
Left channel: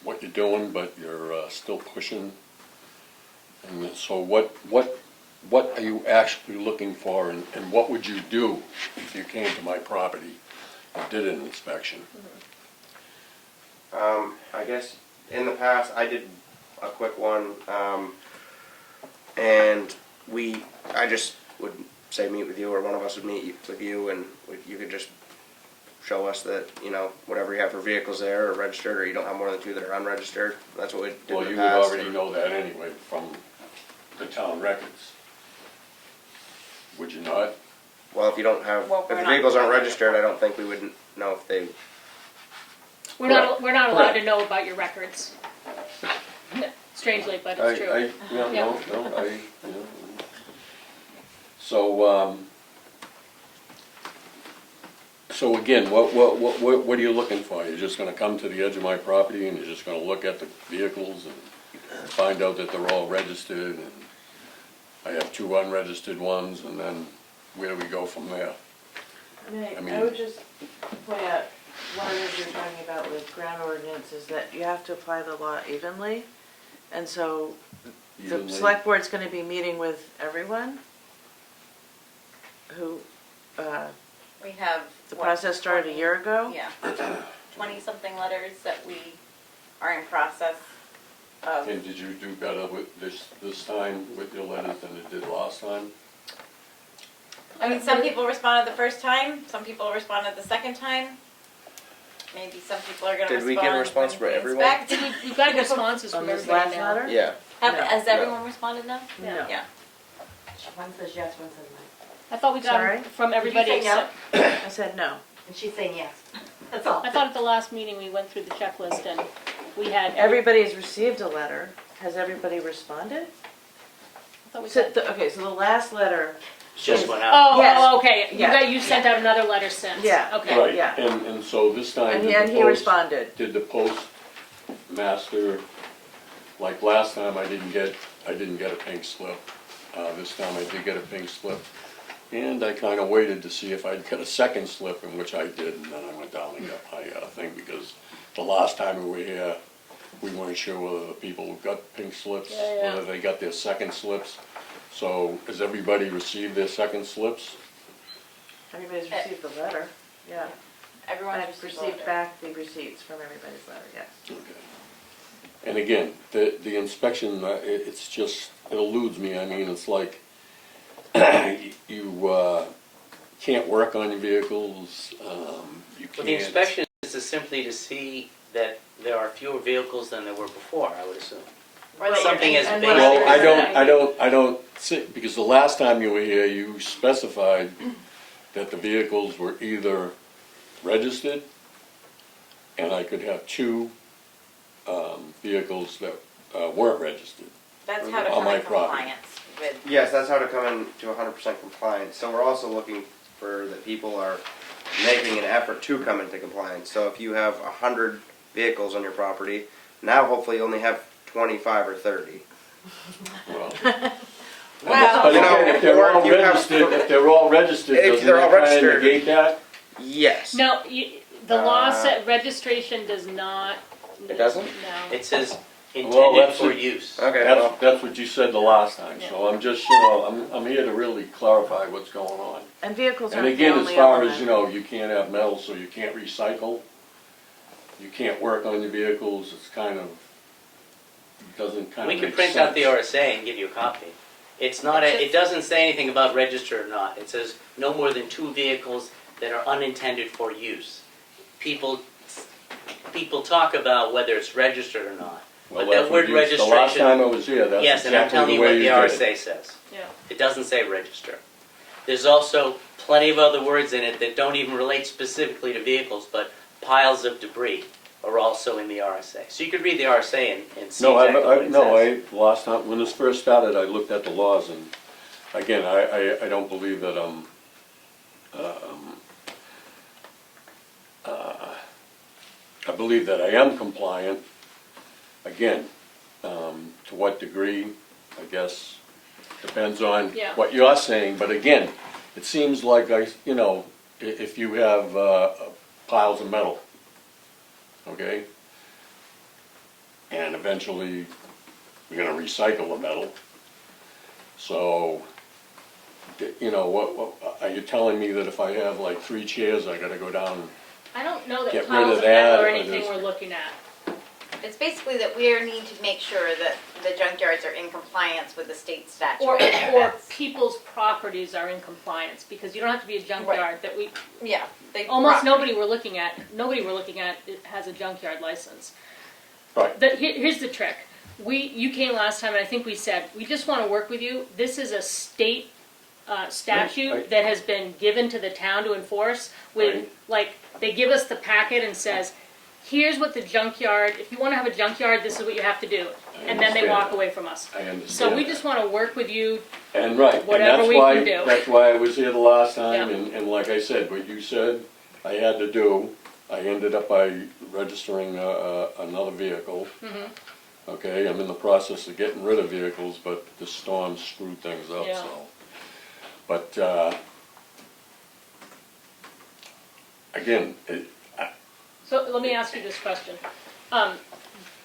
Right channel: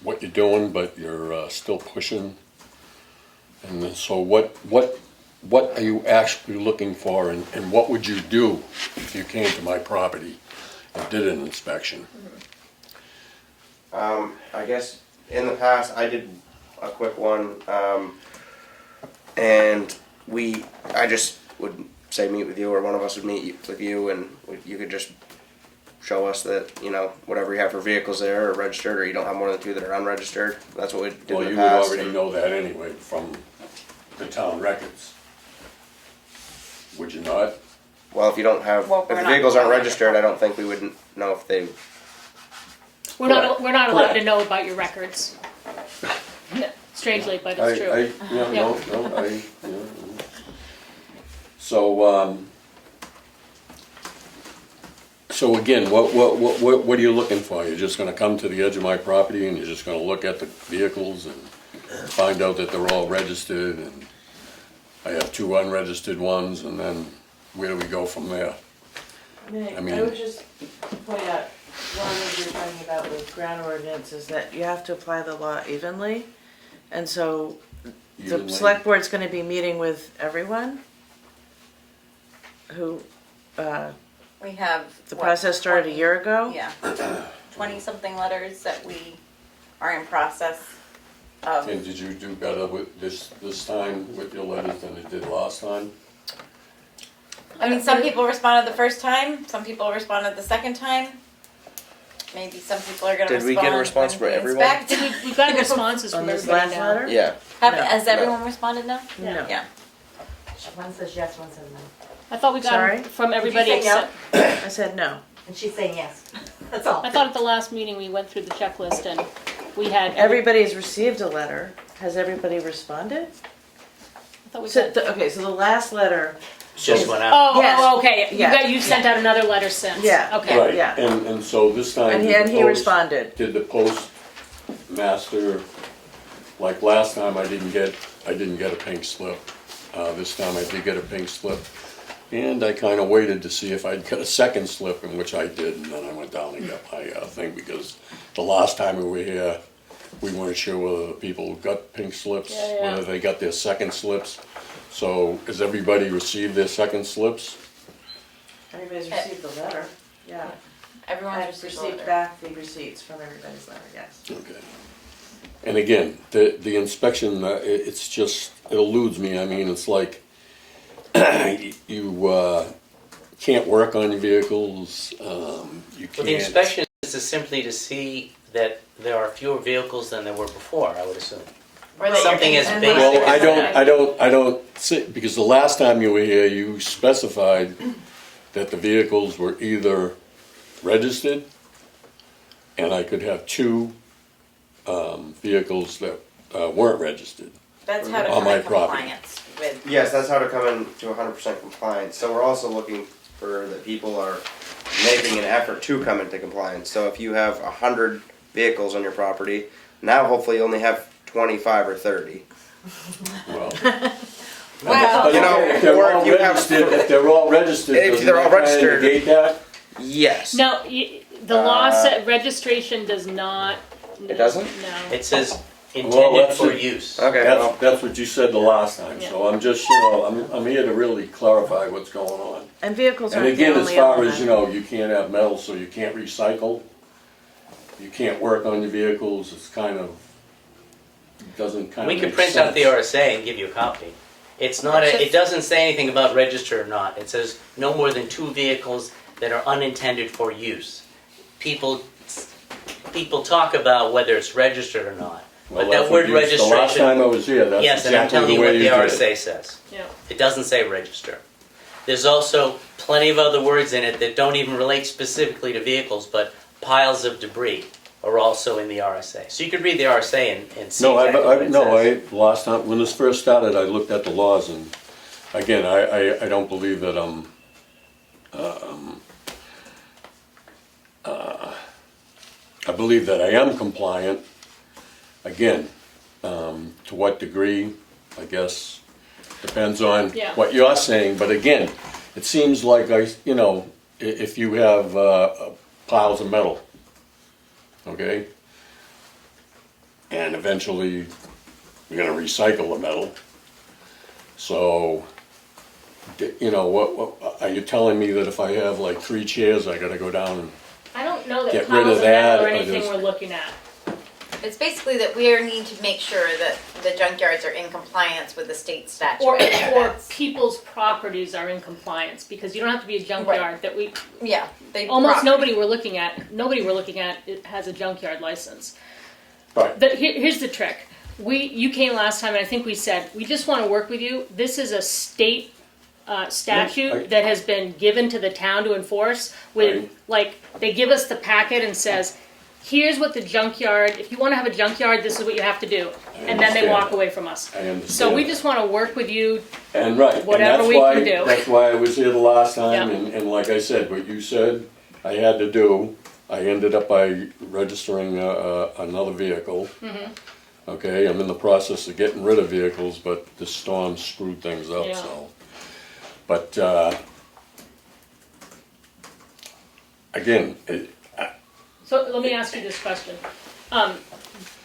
what you're doing, but you're still pushing. And then, so what are you actually looking for, and what would you do if you came to my property and did an inspection? I guess in the past I did a quick one, and I just would say meet with you, or one of us would meet with you, and you could just show us that, you know, whatever you have for vehicles there are registered, or you don't have more than 2 that are unregistered. That's what we did Well, in the you past. already know that anyway from the town records. Would you not? Well, if you don't have, Well, if we're the not vehicles aren't allowed to registered, I don't think we would know if they. We're not allowed to Correct. know about your records. Strangely, but it's true. Yeah, Yeah. no, yeah. So, so again, what are you looking for? You're just gonna come to the edge of my property and you're just gonna look at the vehicles and find out that they're all registered, and I have 2 unregistered ones, and then where do we go from there? I mean- I would just point out, one of the things you're talking about with ground ordinance is that you have to apply the law evenly. And so the Evenly. select board's gonna be meeting with everyone who, We have. the what, process started a year ago. Yeah, 20-something letters that we are in process of. And did you do better with this time with your letters than it did last time? I mean, some people responded the first time, some people responded the second time. Maybe some people are gonna Did respond. we get a response when from it gets everyone? back. Did we got responses On from this everybody last now. letter? Yeah. Have, No. has everyone responded now? No. Yeah. One says yes, one says no. I thought we got Sorry? from everybody Did you say except, I said no. And she's saying yes. That's all. I thought at the last meeting we went through the checklist and we had. Everybody's received a letter. Has everybody responded? I thought we So, got. okay, so the last letter, Just went out. Oh, Yes. oh, okay, Yeah. you sent out another letter since. Yeah. Okay. Right, yeah. and so this time. and did he, the and he post- responded. Did the postmaster, like last time I didn't get a pink slip. This time I did get a pink slip. And I kind of waited to see if I'd get a second slip, in which I did, and then I went down and got my thing, because the last time we were here, we weren't sure whether the people got pink slips, Yeah. whether they got their second slips. So has everybody received their second slips? Everybody's received the letter. Yeah. Everyone's I've received received letter. back the receipts from everybody's letter, yes. Okay. And again, the inspection, it's just, it eludes me. I mean, it's like, you can't work on your vehicles, you can't. Well, the inspection is just simply to see that there are fewer vehicles than there were before, I would assume. Or that Something you're as in- basic Well, as that. I don't see, because the last time you were here, you specified that the vehicles were either registered, and I could have 2 vehicles that weren't registered. That's how to On come my in property. compliance with. Yes, that's how to come into 100% compliance. So we're also looking for that people are making an effort to come into compliance. So if you have 100 vehicles on your property, now hopefully you only have 25 or 30. Well, Wow. You know, if they're or all if you have- registered, if they're all registered, If doesn't they're all that kinda registered. negate that? Yes. No, the law said registration does not. It doesn't? No. It says Well, intended that's for it. use. Okay. Well, That's what you said the last time, so I'm just, I'm here to really clarify what's going on. And vehicles And aren't the again, as only far as, element. you can't have metal, so you can't recycle. You can't work on your vehicles, it's kind of, doesn't kind of We could make print out the sense. RSA and give you a copy. It's not, it doesn't say anything about register or not. It says no more than 2 vehicles that are unintended for use. People talk about whether it's registered or not. Well, But that's that what word you- The last registration, time I was here, that's yes, and I'm exactly telling the you way what you the did it. RSA says. Yeah. It doesn't say register. There's also plenty of other words in it that don't even relate specifically to vehicles, but piles of debris are also in the RSA. So you could read the RSA and see No, exactly what it says. last time, when this first started, I looked at the laws, and again, I don't believe that I believe that I am compliant. Again, to what degree, I guess, depends on Yeah. what you're saying, but again, it seems like if you have piles of metal, okay? And eventually, we're gonna recycle the metal. So, what, are you telling me that if I have like 3 chairs, I gotta go down and, I don't know Get that rid piles of of metal that, or or anything just- we're looking at. It's basically that we need to make sure that the junkyards are in compliance with the state statute. Or That's- people's properties are in compliance, because you don't have to be a junkyard that we, Yeah, they. almost rock. nobody we're looking at has a junkyard license. right, Here's the trick. You came last time and I think we said, we just want to work with you. This is a state statute Right. that has been given to the town to enforce with, Right. they give us the packet and says, here's what the junkyard, if you want to have a junkyard, this is what you have to do. And then they understand. walk away from us. I understand. So we just want to work with you. And right, and whatever that's we why, can do. that's why I was here the last time, Yeah. and like I said, what you said I had to do, I ended up by registering another vehicle. Mm-hmm. Okay, I'm in the process of getting rid of vehicles, but the storm screwed things up, Yeah. so. But, again, So let me ask you this question.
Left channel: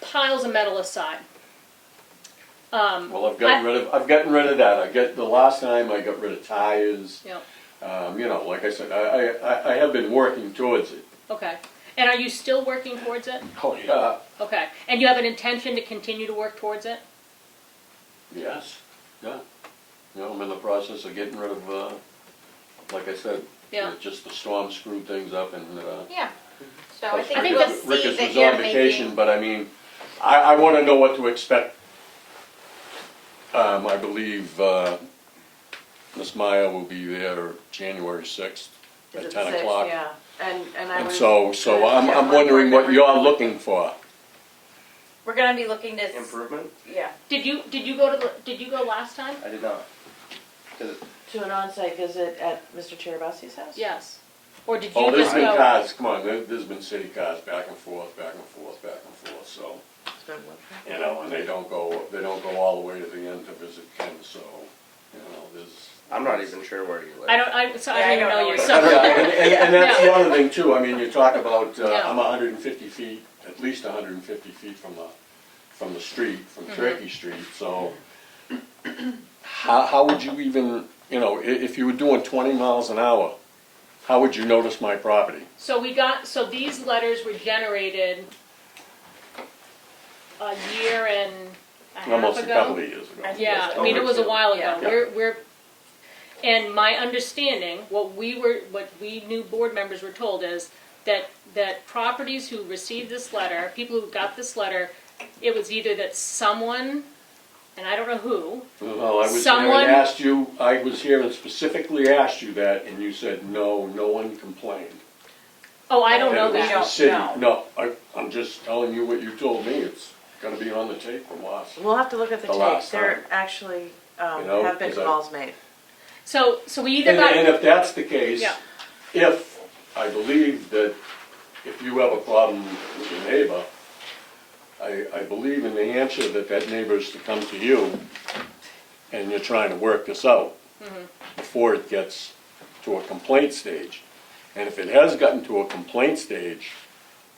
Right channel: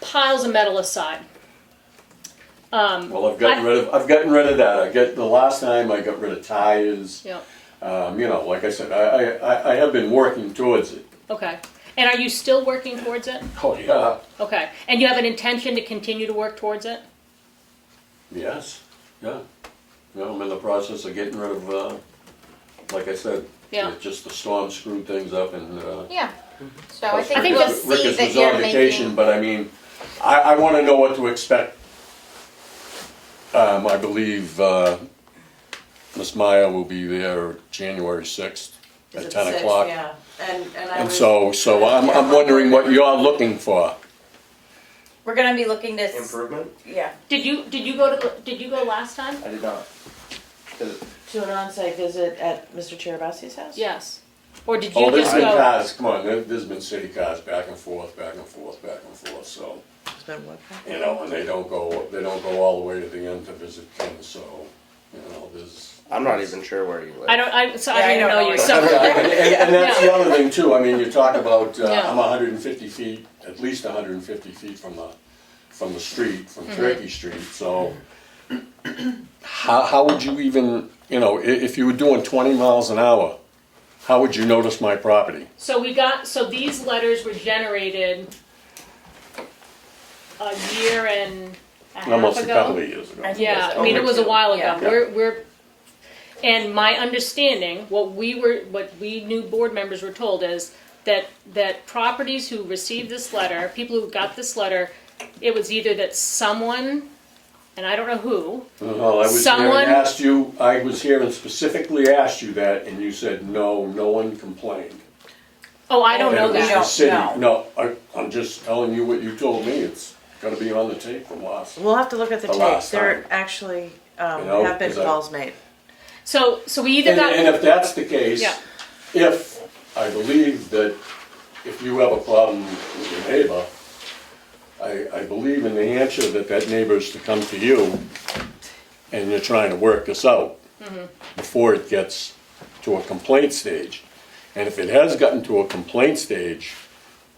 Piles of metal aside. well, I've gotten rid of that. The last time I got rid of tires. Yeah, You know, like I said, I have been working towards it. okay. And are you still working towards it? Oh, yeah. Okay. And you have an intention to continue to work towards it? Yes, yeah. You know, I'm in the process of getting rid of, like I said, Yeah. just the storm screwed things up and, Yeah. So I think think we'll that's- see Rick's that was you're on vacation, making. but I mean, I wanna know what to expect. I believe, Miss Meyer will be there January 6th Is at it 10 six? o'clock. Yeah, and I And was. so I'm wondering what you're looking for. We're gonna be looking to. Improvement? Yeah. Did you go last time? I did not. To an on-site visit at Mr. Cherabasi's house? Yes. Or did you Oh, there's just been go? cars, come on, there's been city cars back and forth, back and forth, back and forth, so. It's been what? You know, and they don't go all the way to the end to visit Kim, so, you know, there's. I'm not even sure where you live. I don't Yeah, I even don't know know you. either. So, And that's the other thing too, I mean, you talk about, Yeah. I'm 150 feet, at least 150 feet from the street, from Turkey Street, so. How would you even, you know, if you were doing 20 miles an hour, how would you notice my property? so these letters were generated a year and a half Almost a couple ago. of years ago. Yeah, I mean, it was a while ago. Yeah. And my understanding, what we new board members were told is that properties who received this letter, people who got this letter, it was either that someone, and I don't know who, Well, I was here Someone- and asked you, I was here and specifically asked you that, and you said, no one complained. oh, I don't know And it was that. the city. No. No, I'm just telling you what you told me, it's gonna be on the tape from last. We'll have to look at the The tape. last There time. actually You know, have been 'cause I- calls made. So we either got. And if that's the case, Yeah. if, I believe that if you have a problem with your neighbor, I believe in New Hampshire that neighbor is to come to you and you're trying to work this out before it gets to a complaint stage. And if it has gotten to a complaint stage,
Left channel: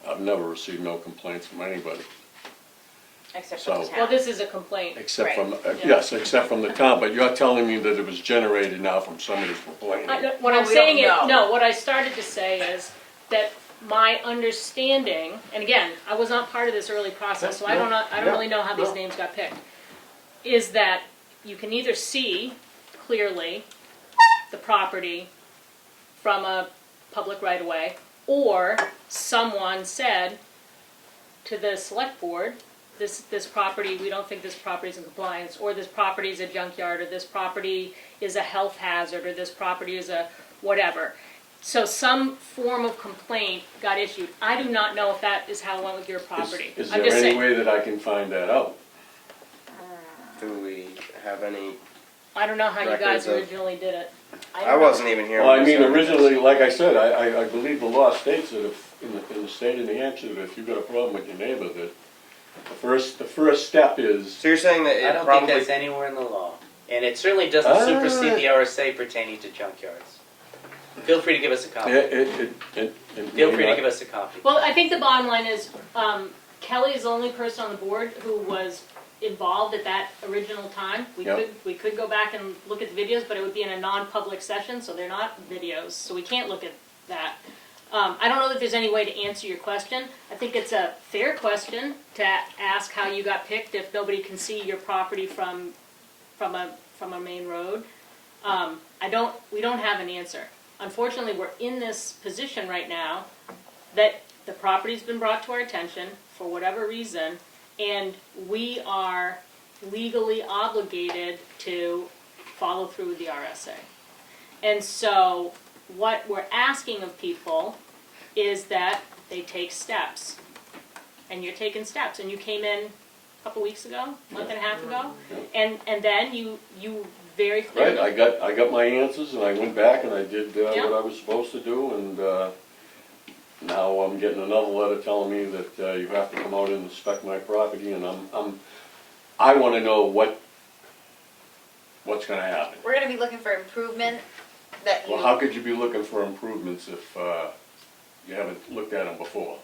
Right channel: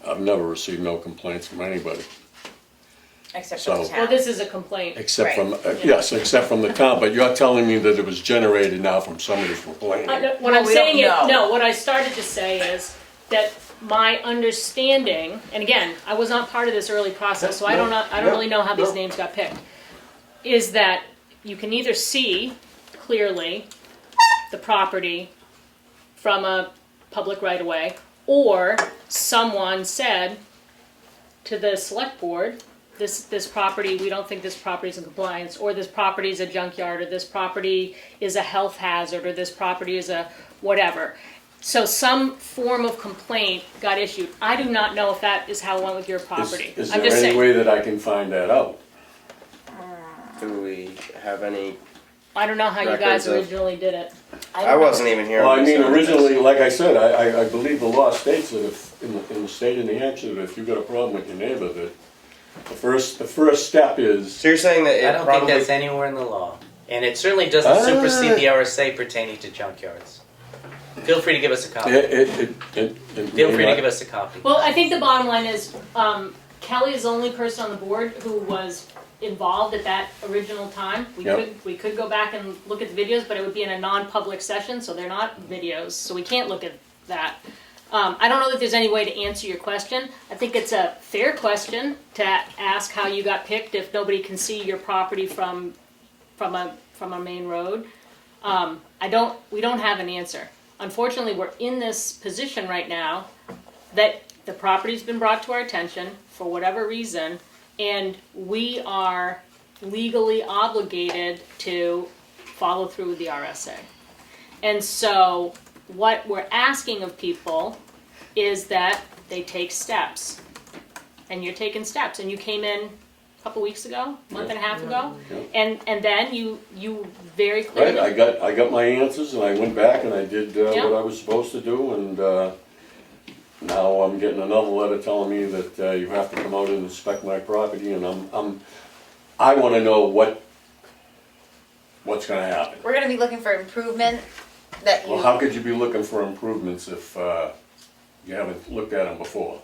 I've never received no complaints from anybody, Except So- for the town. Well, this is a complaint. except from, Yeah. yes, except from the town, but you're telling me that it was generated now from somebody's complaining. What Well, I'm we don't saying is, know. no, what I started to say is that my understanding, and again, I was not part of this early process, so I don't really know how these names got picked, is that you can either see clearly the property from a public right-of-way, or someone said to the select board, this property, we don't think this property is in compliance, or this property is a junkyard, or this property is a health hazard, or this property is a whatever. So some form of complaint got issued. I do not know if that is how it went with your property. Is I'm there just any saying. way that I can find that out? Do we have any? I don't know how you records guys of- originally did it. I wasn't even here. Well, when I we mean, started this. originally, like I said, I believe the law states that if, in the state of New Hampshire, that if you've got a problem with your neighbor, that the first step is, So you're saying that it I don't probably think that's anywhere in the law. And it certainly doesn't Ah. supersede the RSA pertaining to junkyards. Feel free to give us a copy. Feel free to give us a copy. Well, I think the bottom line is, Kelly is the only person on the board who was involved at that original time. Yep. We could go back and look at the videos, but it would be in a non-public session, so they're not videos, so we can't look at that. I don't know that there's any way to answer your question. I think it's a fair question to ask how you got picked if nobody can see your property from a main road. We don't have an answer. Unfortunately, we're in this position right now that the property's been brought to our attention for whatever reason, and we are legally obligated to follow through with the RSA. And so what we're asking of people is that they take steps. And you're taking steps, and you came in a couple weeks ago, month and a half ago, and then you very clearly. right, I got my answers, and I went back and I did Yeah. what I was supposed to do, and, now I'm getting another letter telling me that you have to come out and inspect my property, and I wanna know what's gonna happen. We're gonna be looking for improvement that you. Well, how could you be looking for improvements if you haven't looked at them before?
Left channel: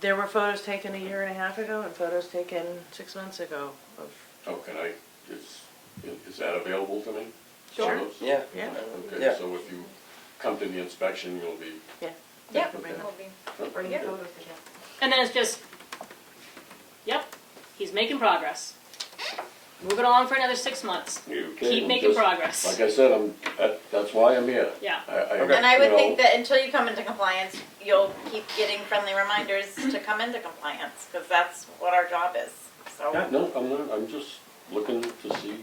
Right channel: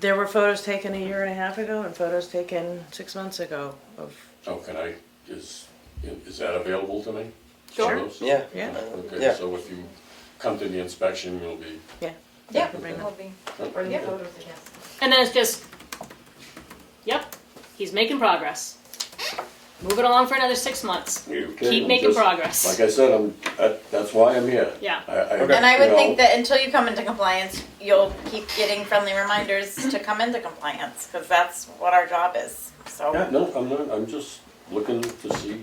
There were photos taken a year and a half ago and photos taken 6 months ago of. Oh, is that available to me? Sure. Photos? Yeah. Yeah. Okay, Yeah. so if you come to the inspection, you'll be. Yeah, Bring them. we'll be. Bring Yeah. your photos again. And then it's just, yep, he's making progress. Move it along for another 6 months. Keep making progress. Like I said, that's why I'm here. Yeah. And I would think that until you come into compliance, you'll keep getting friendly reminders to come into compliance, because that's what our job is, so. Yeah, no, I'm not, I'm just looking to see,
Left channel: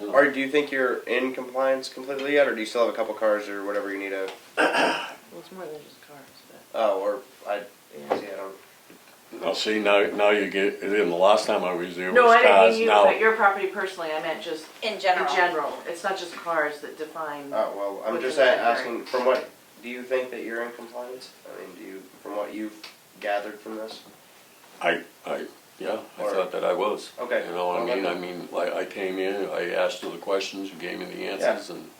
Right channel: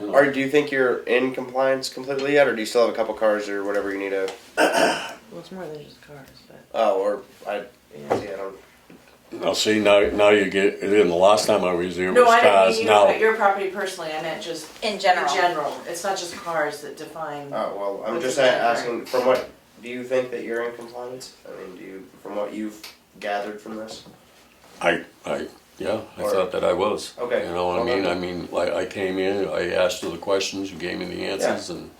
you know. Or do you think you're in compliance completely yet, or do you still have a couple cars or whatever you need to? Well, it's more than just cars, but. Oh, or I don't. Now, see, now you get, the last time I was there No, was I didn't cars, mean you, now. but your property personally, I meant just In general. in general. It's not just cars that define. Oh well, I'm What's just the deadline? asking. From what do you think that you're in compliance? I mean, from what you've gathered from this? I Or- thought that I was. Okay. You know what Well, I mean? then- I mean, like, I came in, I asked her the questions, you gave me the answers, and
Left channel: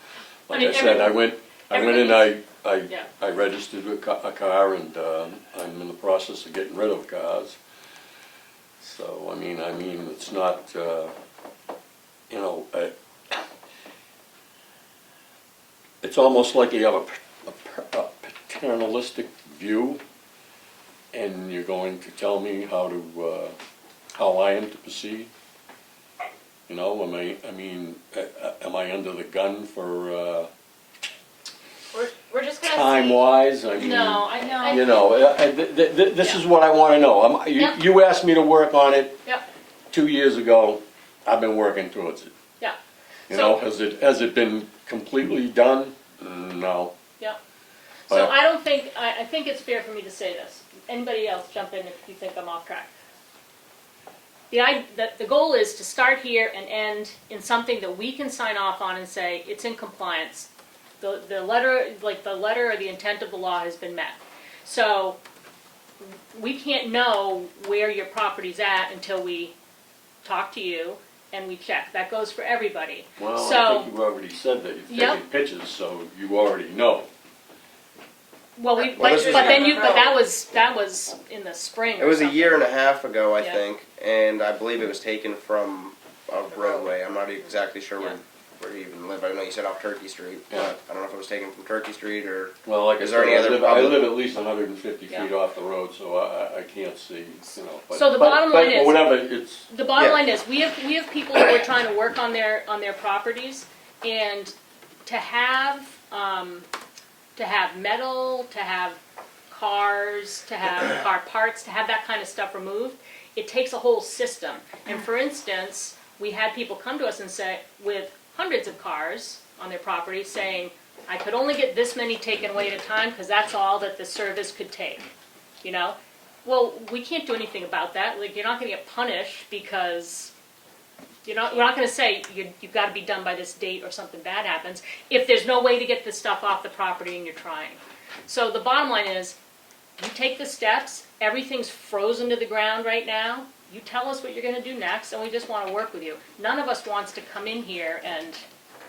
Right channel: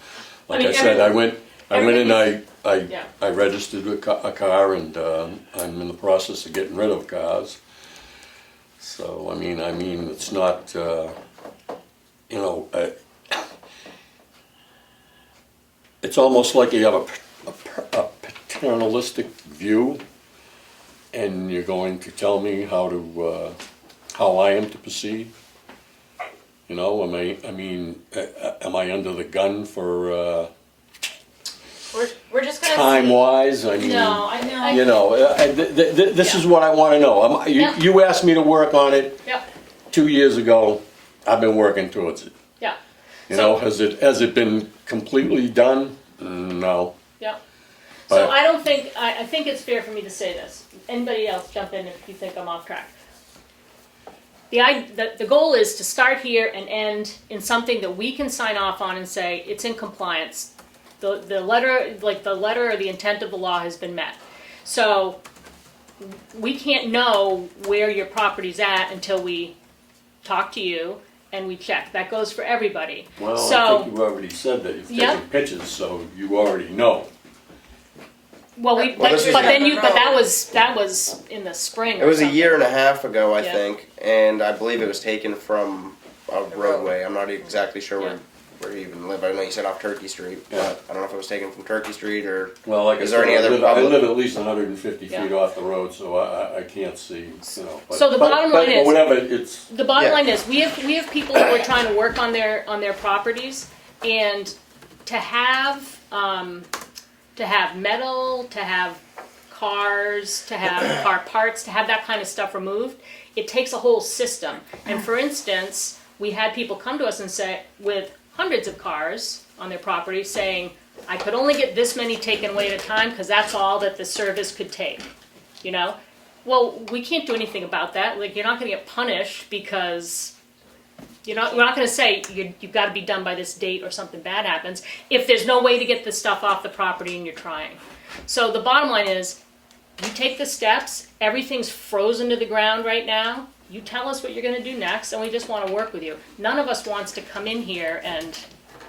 like mean, I said, I went in and Yeah. I registered a car, and I'm in the process of getting rid of cars. So, I mean, it's not, you know, it's almost like you have a paternalistic view, and you're going to tell me how I am to proceed. You know, am I under the gun for We're just gonna time see. wise? I mean, No, I you know, this is what I want to know. Yep. You asked me to work on it Yep. 2 years ago. I've been working towards it. Yeah. You So- know, has it been completely done? No. Yep. But- So I don't think, I think it's fair for me to say this. Anybody else jump in if you think I'm off track. The goal is to start here and end in something that we can sign off on and say, it's in compliance. The letter or the intent of the law has been met. So we can't know where your property's at until we talk to you and we check. That goes for everybody. Well, So- I think you already said that you've Yep. taken pictures, so you already know. Well, this is- but that was in the spring. It was or a year and a half ago, I Yeah. think, and I believe it was taken from a roadway. I'm not exactly sure Yeah. where you even live. I know you said off Turkey Street, Yeah. but I don't know if it was taken from Turkey Street or. Well, like Is I there said, any other I public- live at least 150 Yeah. feet off the road, so I can't see, you know. But, So the bottom line is- whatever, it's, The bottom Yeah. line is, we have people who are trying to work on their properties, and to have metal, to have cars, to have car parts, to have that kind of stuff removed, it takes a whole system. And for instance, we had people come to us and say, with hundreds of cars on their property, saying, I could only get this many taken away at a time because that's all that the service could take, you know? Well, we can't do anything about that. Like, you're not going to get punished because we're not going to say you've got to be done by this date or something bad happens if there's no way to get the stuff off the property and you're trying. So the bottom line is, you take the steps, everything's frozen to the ground right now, you tell us what you're going to do next, and we just want to work with you. None of us wants to come in here and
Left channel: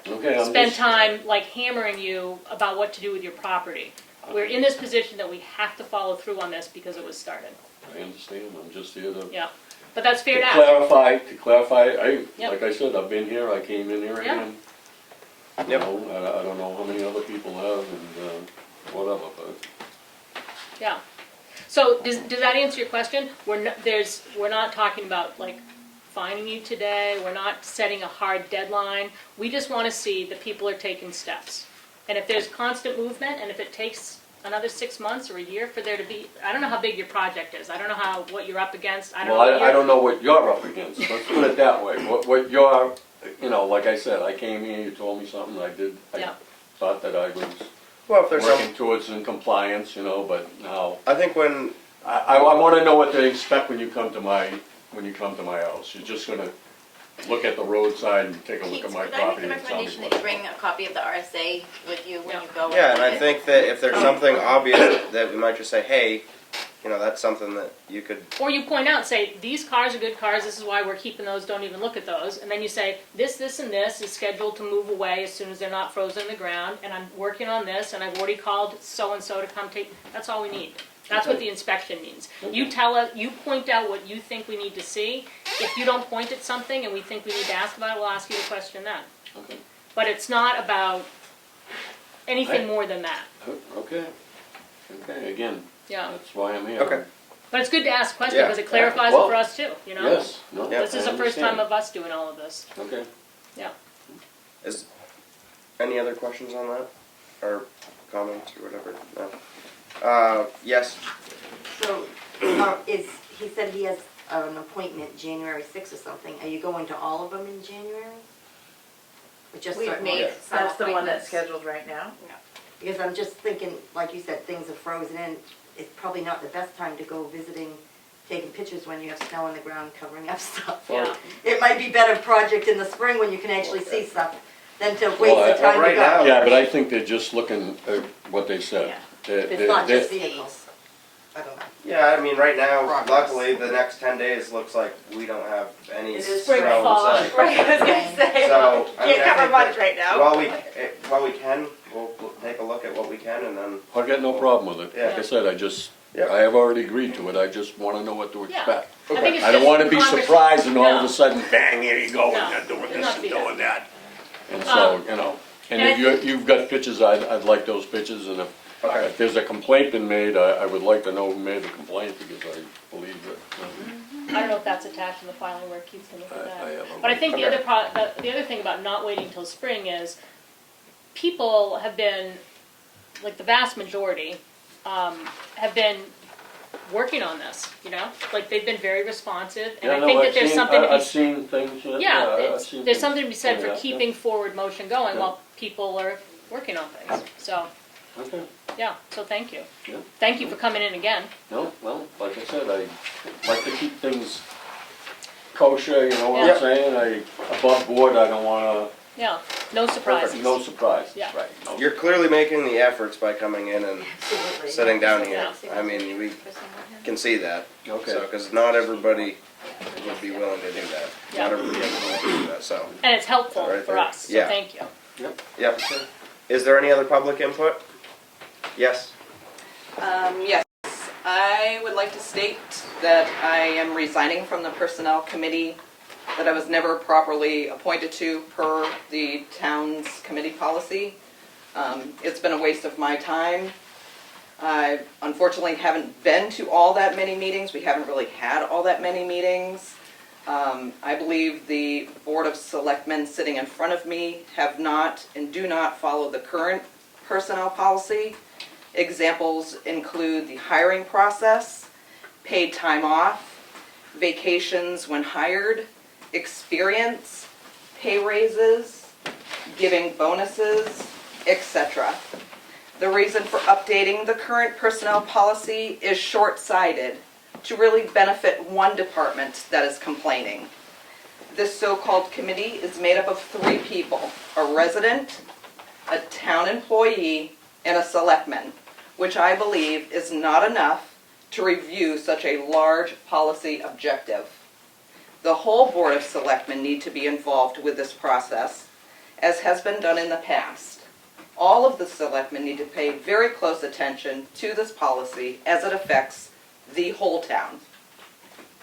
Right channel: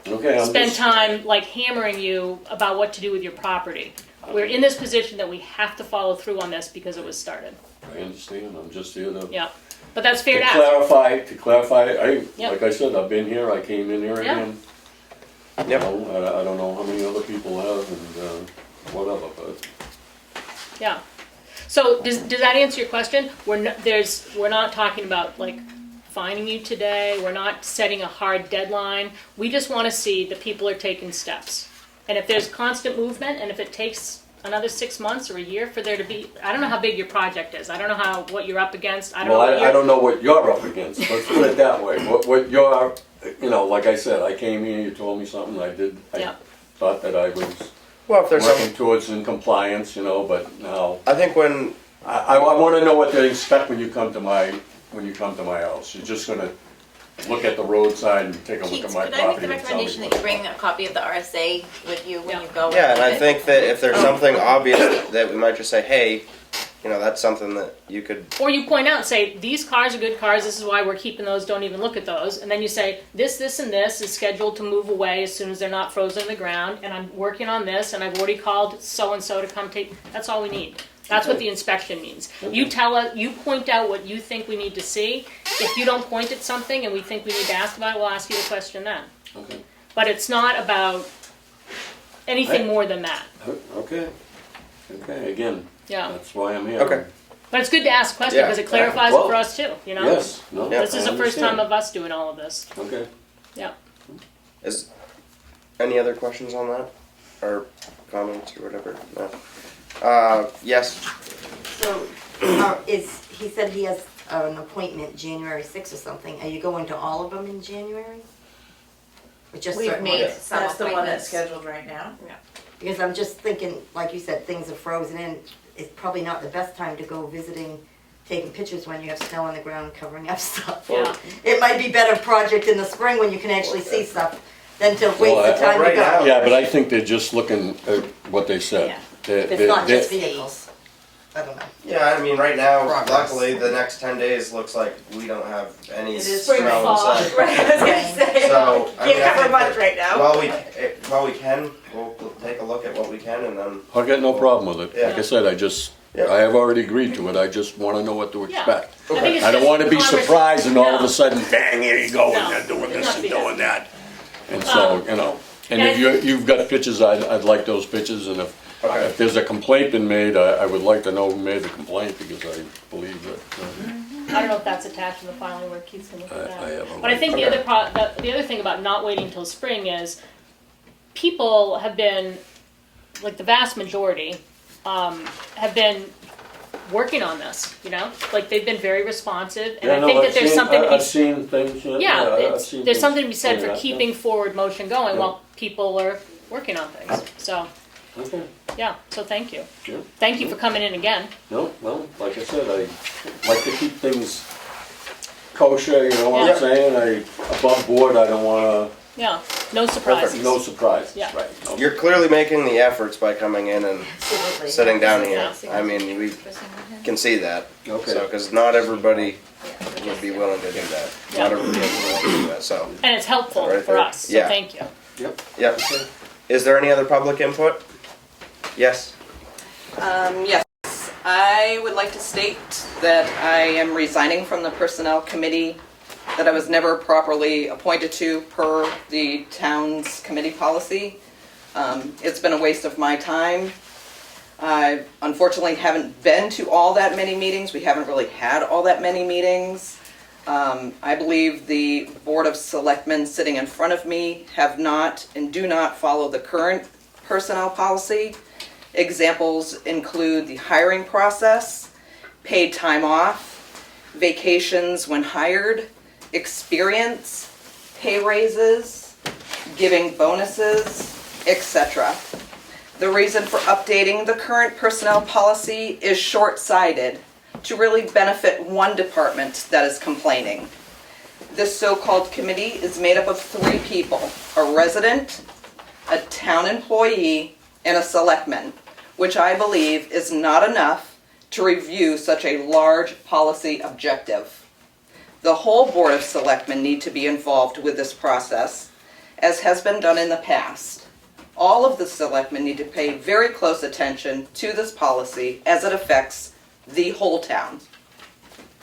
okay, I'm spend just, time like hammering you about what to do with your property. We're in this position that we have to follow through on this because it was started. I understand, I'm just here to. Yeah, but that's fair to ask. To clarify, Yep. like I said, I've been here, I came in here Yeah. again. Yep. You know, I don't know how many other people have and whatever, but. Yeah. So does that answer your question? We're not talking about like fining you today. We're not setting a hard deadline. We just want to see that people are taking steps. And if there's constant movement, and if it takes another 6 months or a year for there to be, I don't know how big your project is. I don't know what you're up against. I don't know. I don't know what you're up against. Let's put it that way. What you're, you know, like I said, I came here, you told me something, I did. Yeah. I thought that I was Well, if there's working some, towards in compliance, you know, but now I think when I want to know what to expect when you come to my house. You're just gonna look at the roadside and take a look Keith, at my could I make the property and tell me recommendation that what. you bring a copy of the RSA with you when you go? Yeah, and I Okay. think that if there's something obvious that we might just say, hey, you know, that's something that you could. Or you point out, say, these cars are good cars, this is why we're keeping those, don't even look at those. And then you say, this, and this is scheduled to move away as soon as they're not frozen in the ground, and I'm working on this, and I've already called so-and-so to come take, that's all we need. That's what the inspection means. You tell us, you point out what you think we need to see. If you don't point at something and we think we need to ask about it, we'll ask you the question then. Okay, But it's not about anything more than that. okay, again, Yeah. that's why I'm here. Okay. But it's good to ask questions Yeah. because it clarifies it for us too, you know? Yes, no, Yeah. This is I the first time understand. of us doing all of this. Okay. Yeah. Is any other questions on that, or comments or whatever? No. Yes. So, he said he has an appointment January 6th or something. Are you going to all of them in January? Or just We've certain made ones? some That's the one that's appointments. scheduled right now. Because I'm just thinking, like you said, things are frozen in. It's probably not the best time to go visiting, taking pictures when you have snow on the ground covering up stuff. Yeah. It might be better project in the spring when you can actually see stuff than to waste Well, the time to right go. now- Yeah, but I think they're just looking at what they said. Yeah. It's not just vehicles. I don't know. Yeah, I mean, right now, Progress. luckily, the next 10 days looks like we don't have any It is snow spring in fall. sight. Right, I was gonna say. So, I mean, Can't I cover think much that right now. while we can, we'll take a look at what we can, and then I got no problem with it. Yeah. Like I said, Yep. I have already agreed to it. I just want to know what to Yeah. expect. I think it's I don't just want to be conversation. surprised and all of No. a sudden, bang, here you go, No, and they're doing it's this not and the- doing that. And so, you know, and and if you've got pictures, I'd like those pictures, and Okay. if there's a complaint been made, I would like to know who made the complaint, because I believe that. I don't know if that's attached in the filing where Keith's gonna look at I that. have a But I think the Okay. the other thing about not waiting until spring is people have been, like the vast majority, have been working on this, you know? Like they've been very responsive, and I think that there's something to be I've seen things, Yeah, I've seen there's things something to be said pointed for out, keeping forward motion going Yeah. while people are working on things. So, yeah. Okay, yeah, so thank you. yeah. Thank you for coming in again. No, well, like I said, I like to keep things kosher, you know what Yeah. I'm saying? Above board, I don't wanna, Yeah, no surprises. no surprises, Yeah. right? no. you're clearly making the efforts by coming in and Absolutely. sitting down here. Yeah. I mean, we can see that. Okay. So, because not everybody would be willing to do that. Yeah. Not everybody is willing to do that. So, And it's helpful Right for there. us, so Yeah. thank you. Yep. yep. Is there any other public input? Yes. Yes, I would like to state that I am resigning from the Personnel Committee that I was never properly appointed to per the town's committee policy. It's been a waste of my time. I unfortunately haven't been to all that many meetings. We haven't really had all that many meetings. I believe the Board of Selectmen sitting in front of me have not and do not follow the current personnel policy. Examples include the hiring process, paid time off, vacations when hired, experience, pay raises, giving bonuses, etc. The reason for updating the current personnel policy is short-sighted to really benefit one department that is complaining. This so-called committee is made up of 3 people, a resident, a town employee, and a selectman, which I believe is not enough to review such a large policy objective. The whole Board of Selectmen need to be involved with this process, as has been done in the past. All of the selectmen need to pay very close attention to this policy as it affects the whole town.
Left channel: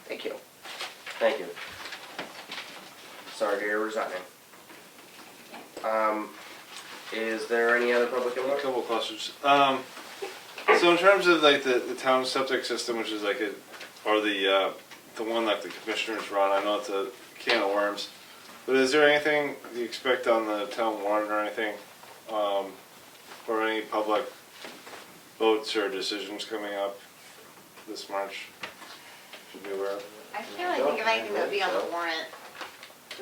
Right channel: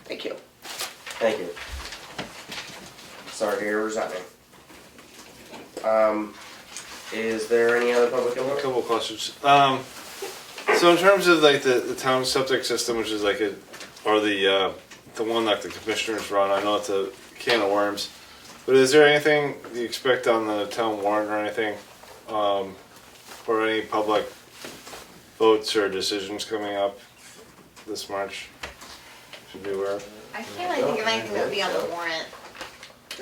Thank you. Thank you. Sorry to hear you're resigning. Is there any other public A input? couple of questions. So in terms of like the town septic system, which is like or the one that the commissioners run, I know it's a can of worms, but is there anything you expect on the town warrant or anything, or any public votes or decisions coming up this March? Should be aware of. I can't really think of anything that would be on the warrant.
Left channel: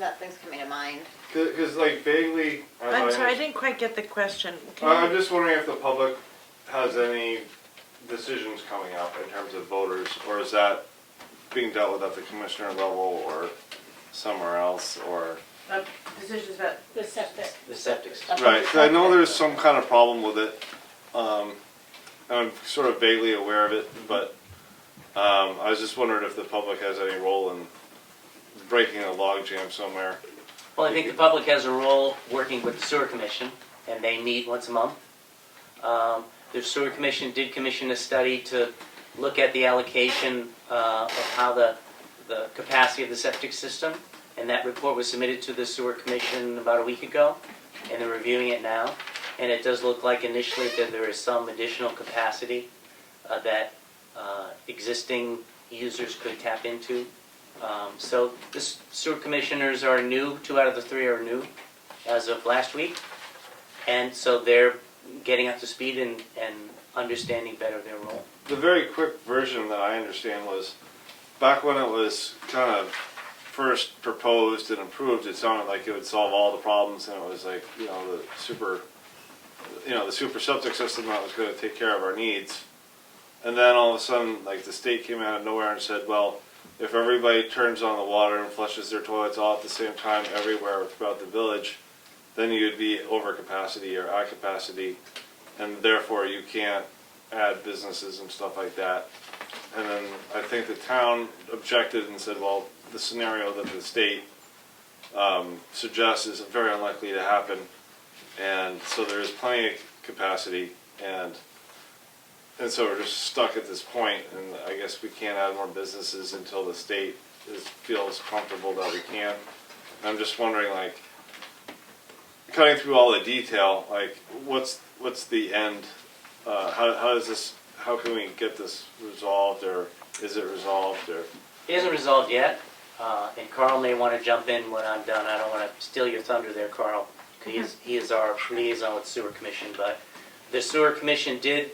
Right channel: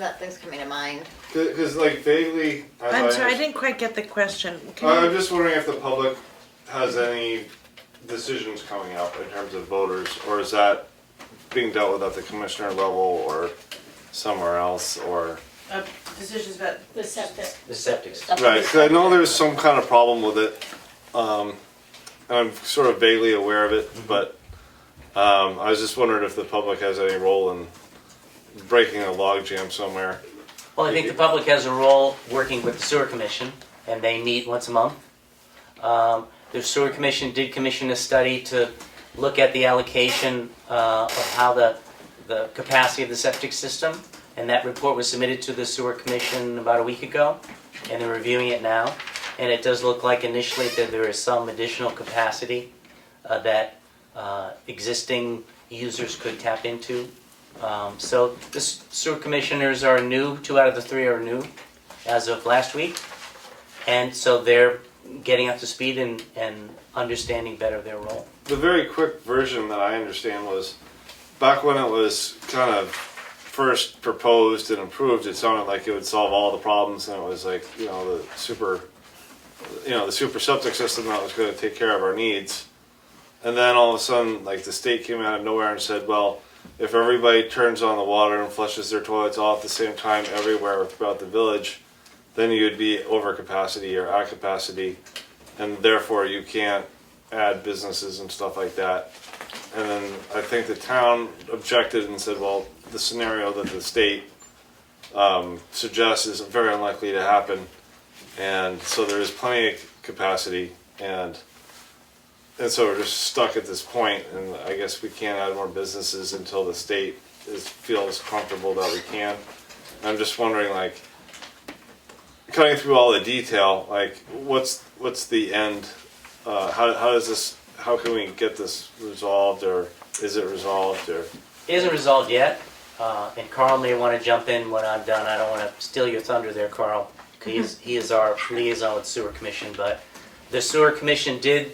Nothing's coming to mind. Because like vaguely, as I'm I sorry, I understand- didn't quite get the question. Can I'm you- just wondering if the public has any decisions coming up in terms of voters, or is that being dealt with at the commissioner level, or somewhere else, or Decisions about The septic. The septic. right? 'Cause I know there's some kind of problem with it. I'm sort of vaguely aware of it, but I was just wondering if the public has any role in breaking a logjam somewhere. Well, I think the public has a role working with the sewer commission, and they meet once a month. The sewer commission did commission a study to look at the allocation of how the capacity of the septic system, and that report was submitted to the sewer commission about a week ago, and they're reviewing it now. And it does look like initially that there is some additional capacity that existing users could tap into. So the sewer commissioners are new, 2 out of the 3 are new as of last week. And so they're getting up to speed and understanding better their role. The very quick version that I understand was back when it was kind of first proposed and approved, it sounded like it would solve all the problems, and it was like, the super septic system that was going to take care of our needs. And then all of a sudden, like, the state came out of nowhere and said, well, if everybody turns on the water and flushes their toilets all at the same time everywhere throughout the village, then you'd be over capacity or at capacity, and therefore you can't add businesses and stuff like that. And then I think the town objected and said, well, the scenario that the state suggests is very unlikely to happen. And so there is plenty of capacity, and so we're just stuck at this point, and I guess we can't add more businesses until the state feels comfortable that we can. I'm just wondering, like, cutting through all the detail, like, what's the end? How can we get this resolved, or is it resolved, or? It isn't resolved yet, and Carl may want to jump in when I'm done. I don't want to steal your thunder there, Carl. He is our liaison with sewer commission, but the sewer commission did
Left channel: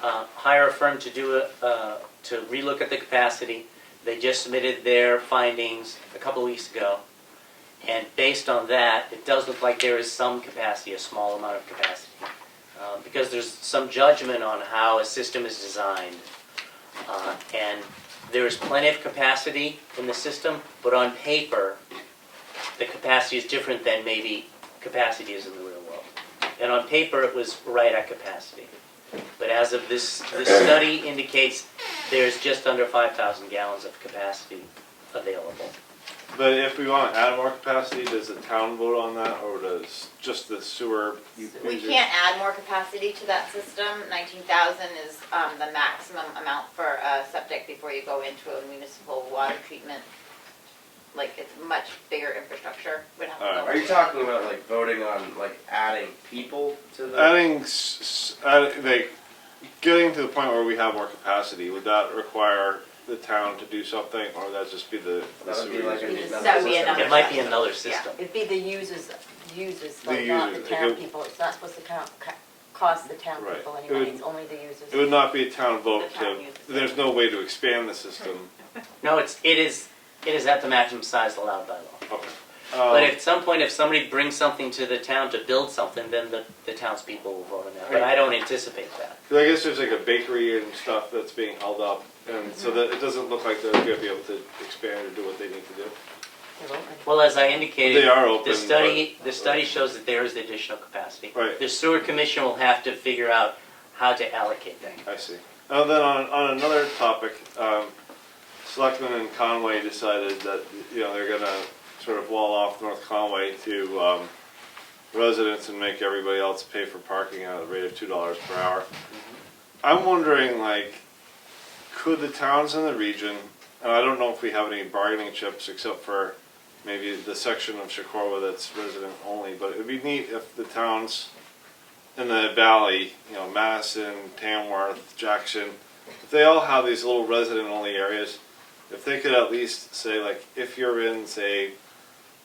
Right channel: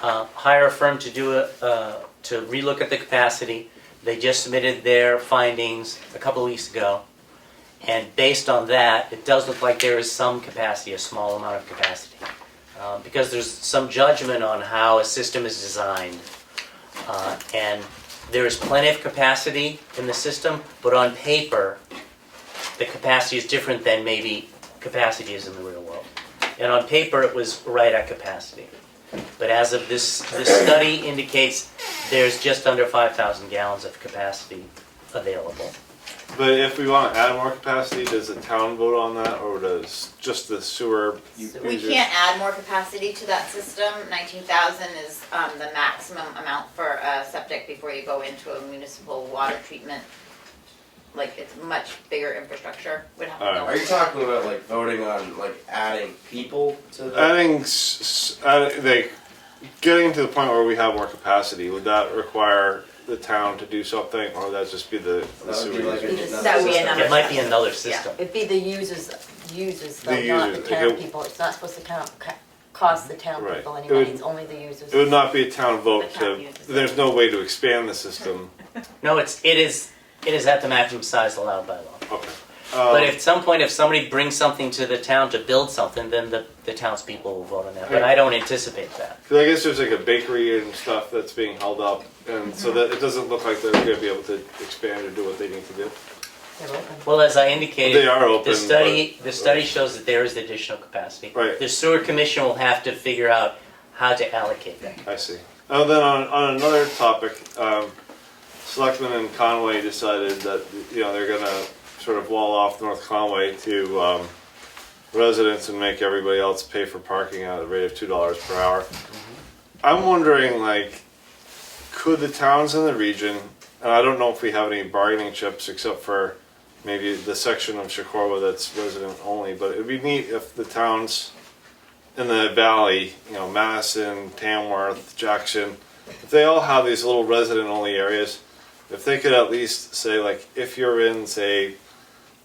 hire a firm to to relook at the capacity. They just submitted their findings a couple of weeks ago, and based on that, it does look like there is some capacity, a small amount of capacity, because there's some judgment on how a system is designed, and there is plenty of capacity in the system, but on paper, the capacity is different than maybe capacity is in the real world. And on paper, it was right at capacity. But as of this study indicates there's just under 5,000 gallons of capacity available. But if we want to add more capacity, does the town vote on that, or does just the sewer? We can't add more capacity to that system. 19,000 is the maximum amount for a septic before you go into a municipal water treatment. Like, it's much bigger infrastructure. Would have to go. Are you talking about, like, voting on, like, adding people to the? Getting to the point where we have more capacity, would that require the town to do something, or would that just be the That would be like sewer? That would be another. It might be another system. It'd be the users, though, The not the users. town people. It's not supposed to cost the town Right. people any It would- money, it's only the users. It would not be a town vote The town to, uses it. there's no way to expand the system. No, it is at the maximum size allowed by law. Okay. But at some point, if somebody brings something to the town to build something, then the townspeople will vote on that. But I don't anticipate that. 'Cause I guess there's like a bakery and stuff that's being held up, and so that it doesn't look like they're going to be able to expand or do what they need to do. They're open. Well, as I indicated, They are open, the study shows that there is additional capacity. Right. The sewer commission will have to figure out how to allocate that. I see. Then on another topic, Selectmen in Conway decided that they're going to sort of wall off North Conway to residents and make everybody else pay for parking at a rate of $2 per hour. I'm wondering, like, could the towns in the region, and I don't know if we have any bargaining chips except for maybe the section of Socorro that's resident only, but it'd be neat if the towns in the valley, Madison, Tamworth, Jackson, if they all have these little resident only areas, if they could at least say, like, if you're in, say,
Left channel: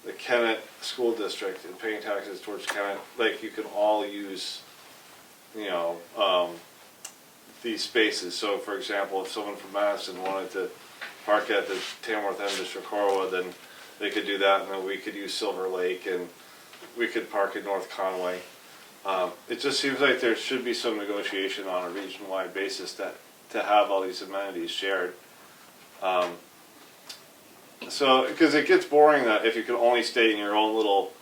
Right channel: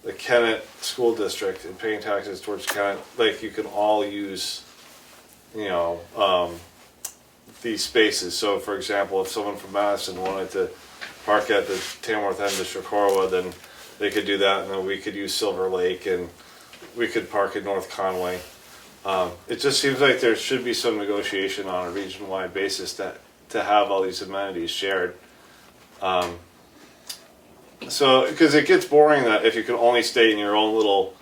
the Kennett School District and paying taxes towards Kennett, like, you can all use, these spaces. So, for example, if someone from Madison wanted to park at the Tamworth end of Socorro, then they could do that, and then we could use Silver Lake, and we could park in North Conway. It just seems like there should be some negotiation on a region-wide basis to have all these amenities shared. So, because it gets boring that if you can only stay in your own little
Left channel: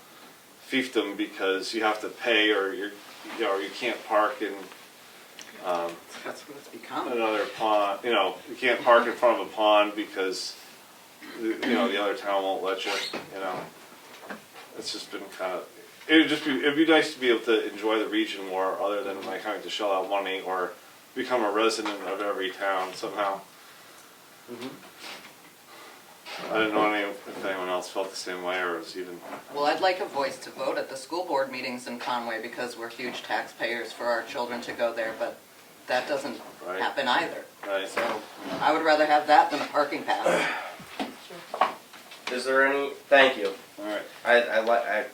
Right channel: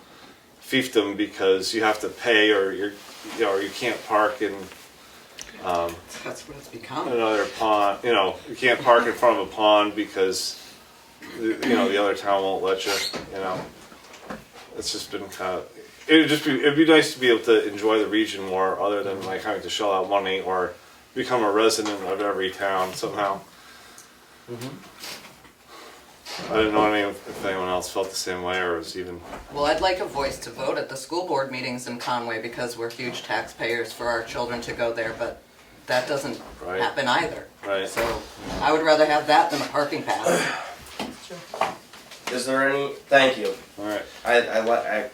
fiefdom because you have to pay or you can't park in That's what it's become. another pond. You can't park in front of a pond because the other town won't let you. It's just been kind of. It'd be nice to be able to enjoy the region more, other than like having to shell out money or become a resident of every town somehow. I didn't know if anyone else felt the same way or was even. Well, I'd like a voice to vote at the school board meetings in Conway because we're huge taxpayers for our children to go there, but that doesn't Right. happen either. Right. So I would rather have that than a parking pass. Is there any? Thank you. All right.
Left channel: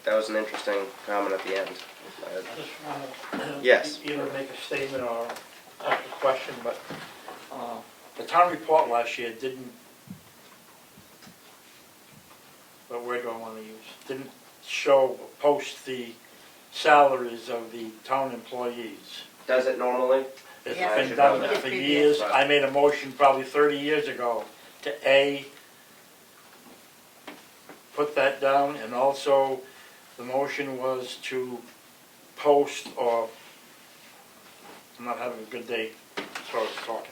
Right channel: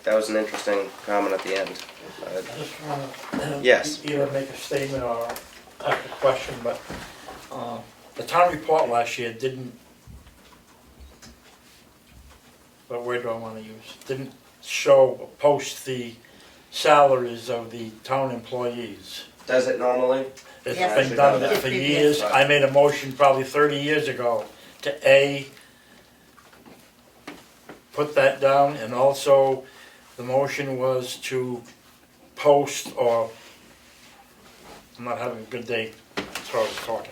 That was an interesting comment at the end. I just want to Yes. either make a statement or ask a question, but the town report last year didn't, what word do I want to use? Didn't post the salaries of the town employees. Does it normally? It's Yes. I been should done know that. for years. I made a motion probably 30 years ago to put that down, and also the motion was to post, or, I'm not having a good day as far as talking.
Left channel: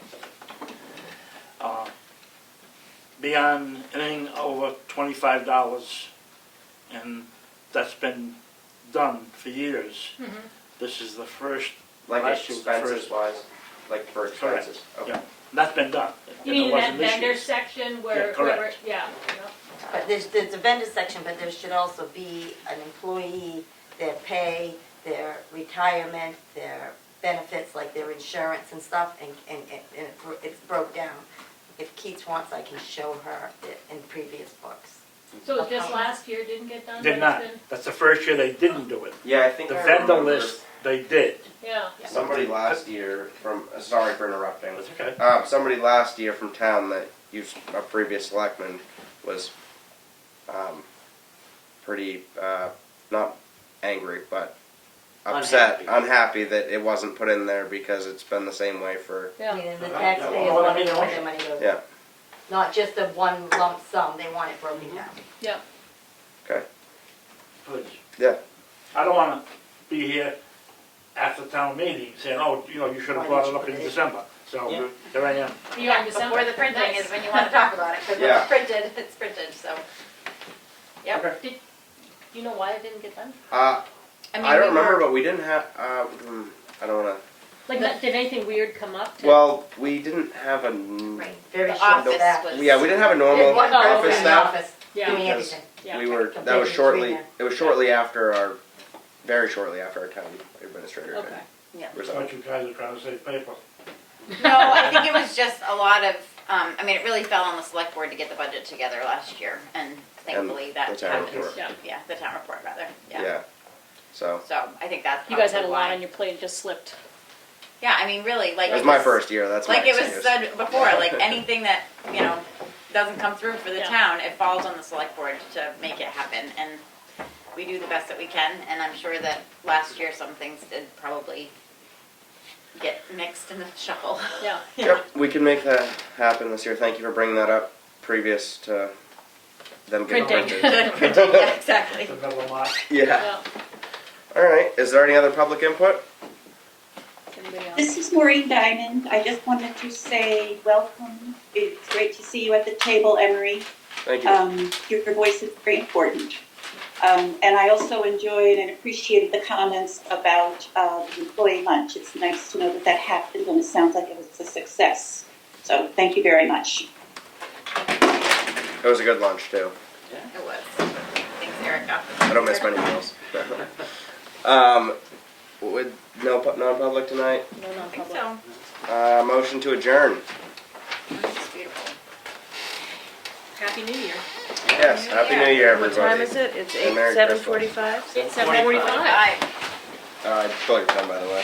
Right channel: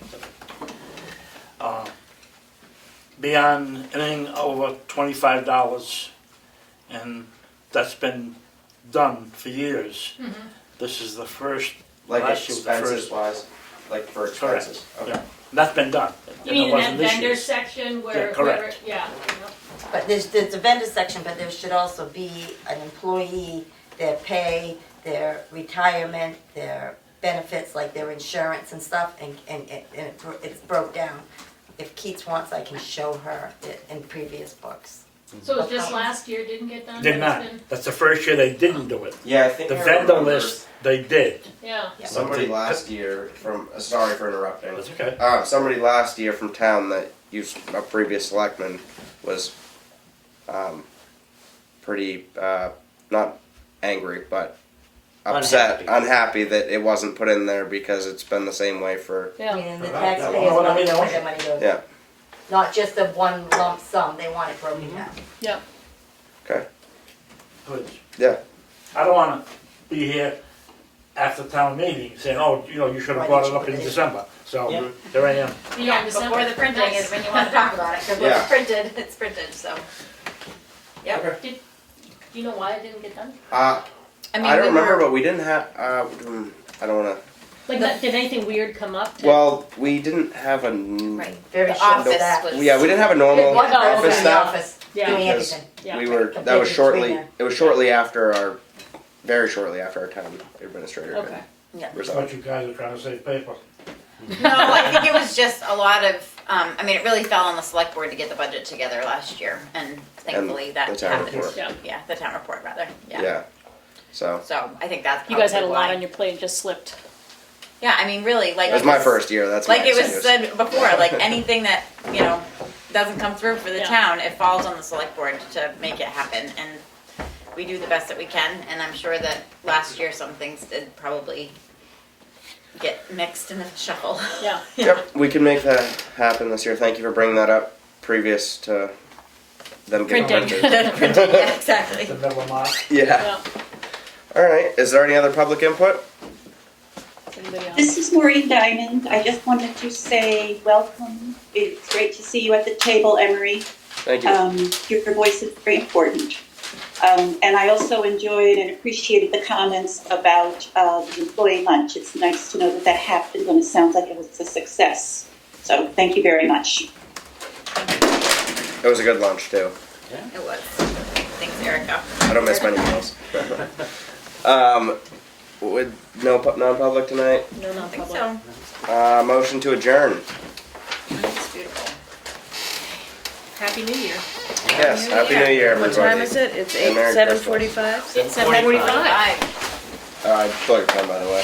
Beyond anything over $25, and that's been done for years. This is the first, Like last year was the expenses first. wise, like for Correct. expenses. Okay. Yeah, that's been done. You And it mean in wasn't that this vendor year's. section where, Yeah, correct. yeah. But there's a vendor section, but there should also be an employee, their pay, their retirement, their benefits, like their insurance and stuff, and it's broke down. If Keats wants, I can show her it in previous books. So just last year didn't get done? Did but not. it's been- That's the first year they didn't do it. Yeah, I think The I vendor remember list, they did. Yeah. Somebody last year from. Sorry for interrupting. That's okay. Somebody last year from town that used a previous selectman was pretty not angry, but upset, unhappy that it wasn't put in there because it's been the same way for. Yeah. Meaning the Right. taxpayers You know what I money, mean? where their money goes. Yeah. Not just a one lump sum, they want it broken down. Yeah. Okay. Good. Yeah. I don't wanna be here after town meeting saying, oh, you should have brought it up in December. So, Yeah. here I am. You are in December. Before the printing Nice. is when you want to talk about it, because Yeah. it's printed, it's printed, so. Yep. Okay. Do you know why it didn't get done? I mean, don't we remember, were- but we didn't have. I don't want to. Like, did anything weird come up? Well, we didn't have a. Right. Very The short office staff. was- Yeah, we didn't have a normal One Oh, person office in the staff. office Yeah. doing Because everything. Yeah. we were. That Compared was to shortly. three men. It was shortly after our. Very shortly after our town administrator had Okay. resigned. But you guys are trying to save paper. No, I think it was just a lot of, I mean, it really fell on the select board to get the budget together last year, and thankfully that the town happened. report. Yeah. Yeah, the town report rather, Yeah. yeah. So So I think that's You guys had a probably lot why. on your plate and just slipped. Yeah, I mean, really, like. it was my first year. That's Like my it was excuse. said before, like anything that, doesn't come through for the Yeah. town, it falls on the select board to make it happen, and we do the best that we can, and I'm sure that last year some things did probably get mixed in the shuffle. Yeah. Yep, we can make that happen this year. Thank you for bringing that up previous to them getting Printing. printed. Yeah, exactly. The middle of March. Yeah. Yeah. All right. Is there any other public input? Anybody else? This is Maureen Diamond. I just wanted to say welcome. It's great to see you at the table, Emery. Thank you. Your voice is very important. And I also enjoyed and appreciated the comments about the employee lunch. It's nice to know that that happened, and it sounds like it was a success. So thank you very much. It was a good lunch too. It was. Thanks, Erica. I don't miss many meals. With no non-public tonight. No I think non-public. so. Motion to adjourn. It's beautiful. Happy New Year. Yes. Happy New Year, What everybody. time is it? It's And Merry Christmas. 7:45? It's 7:45. Bye. I stole your pen, by the way.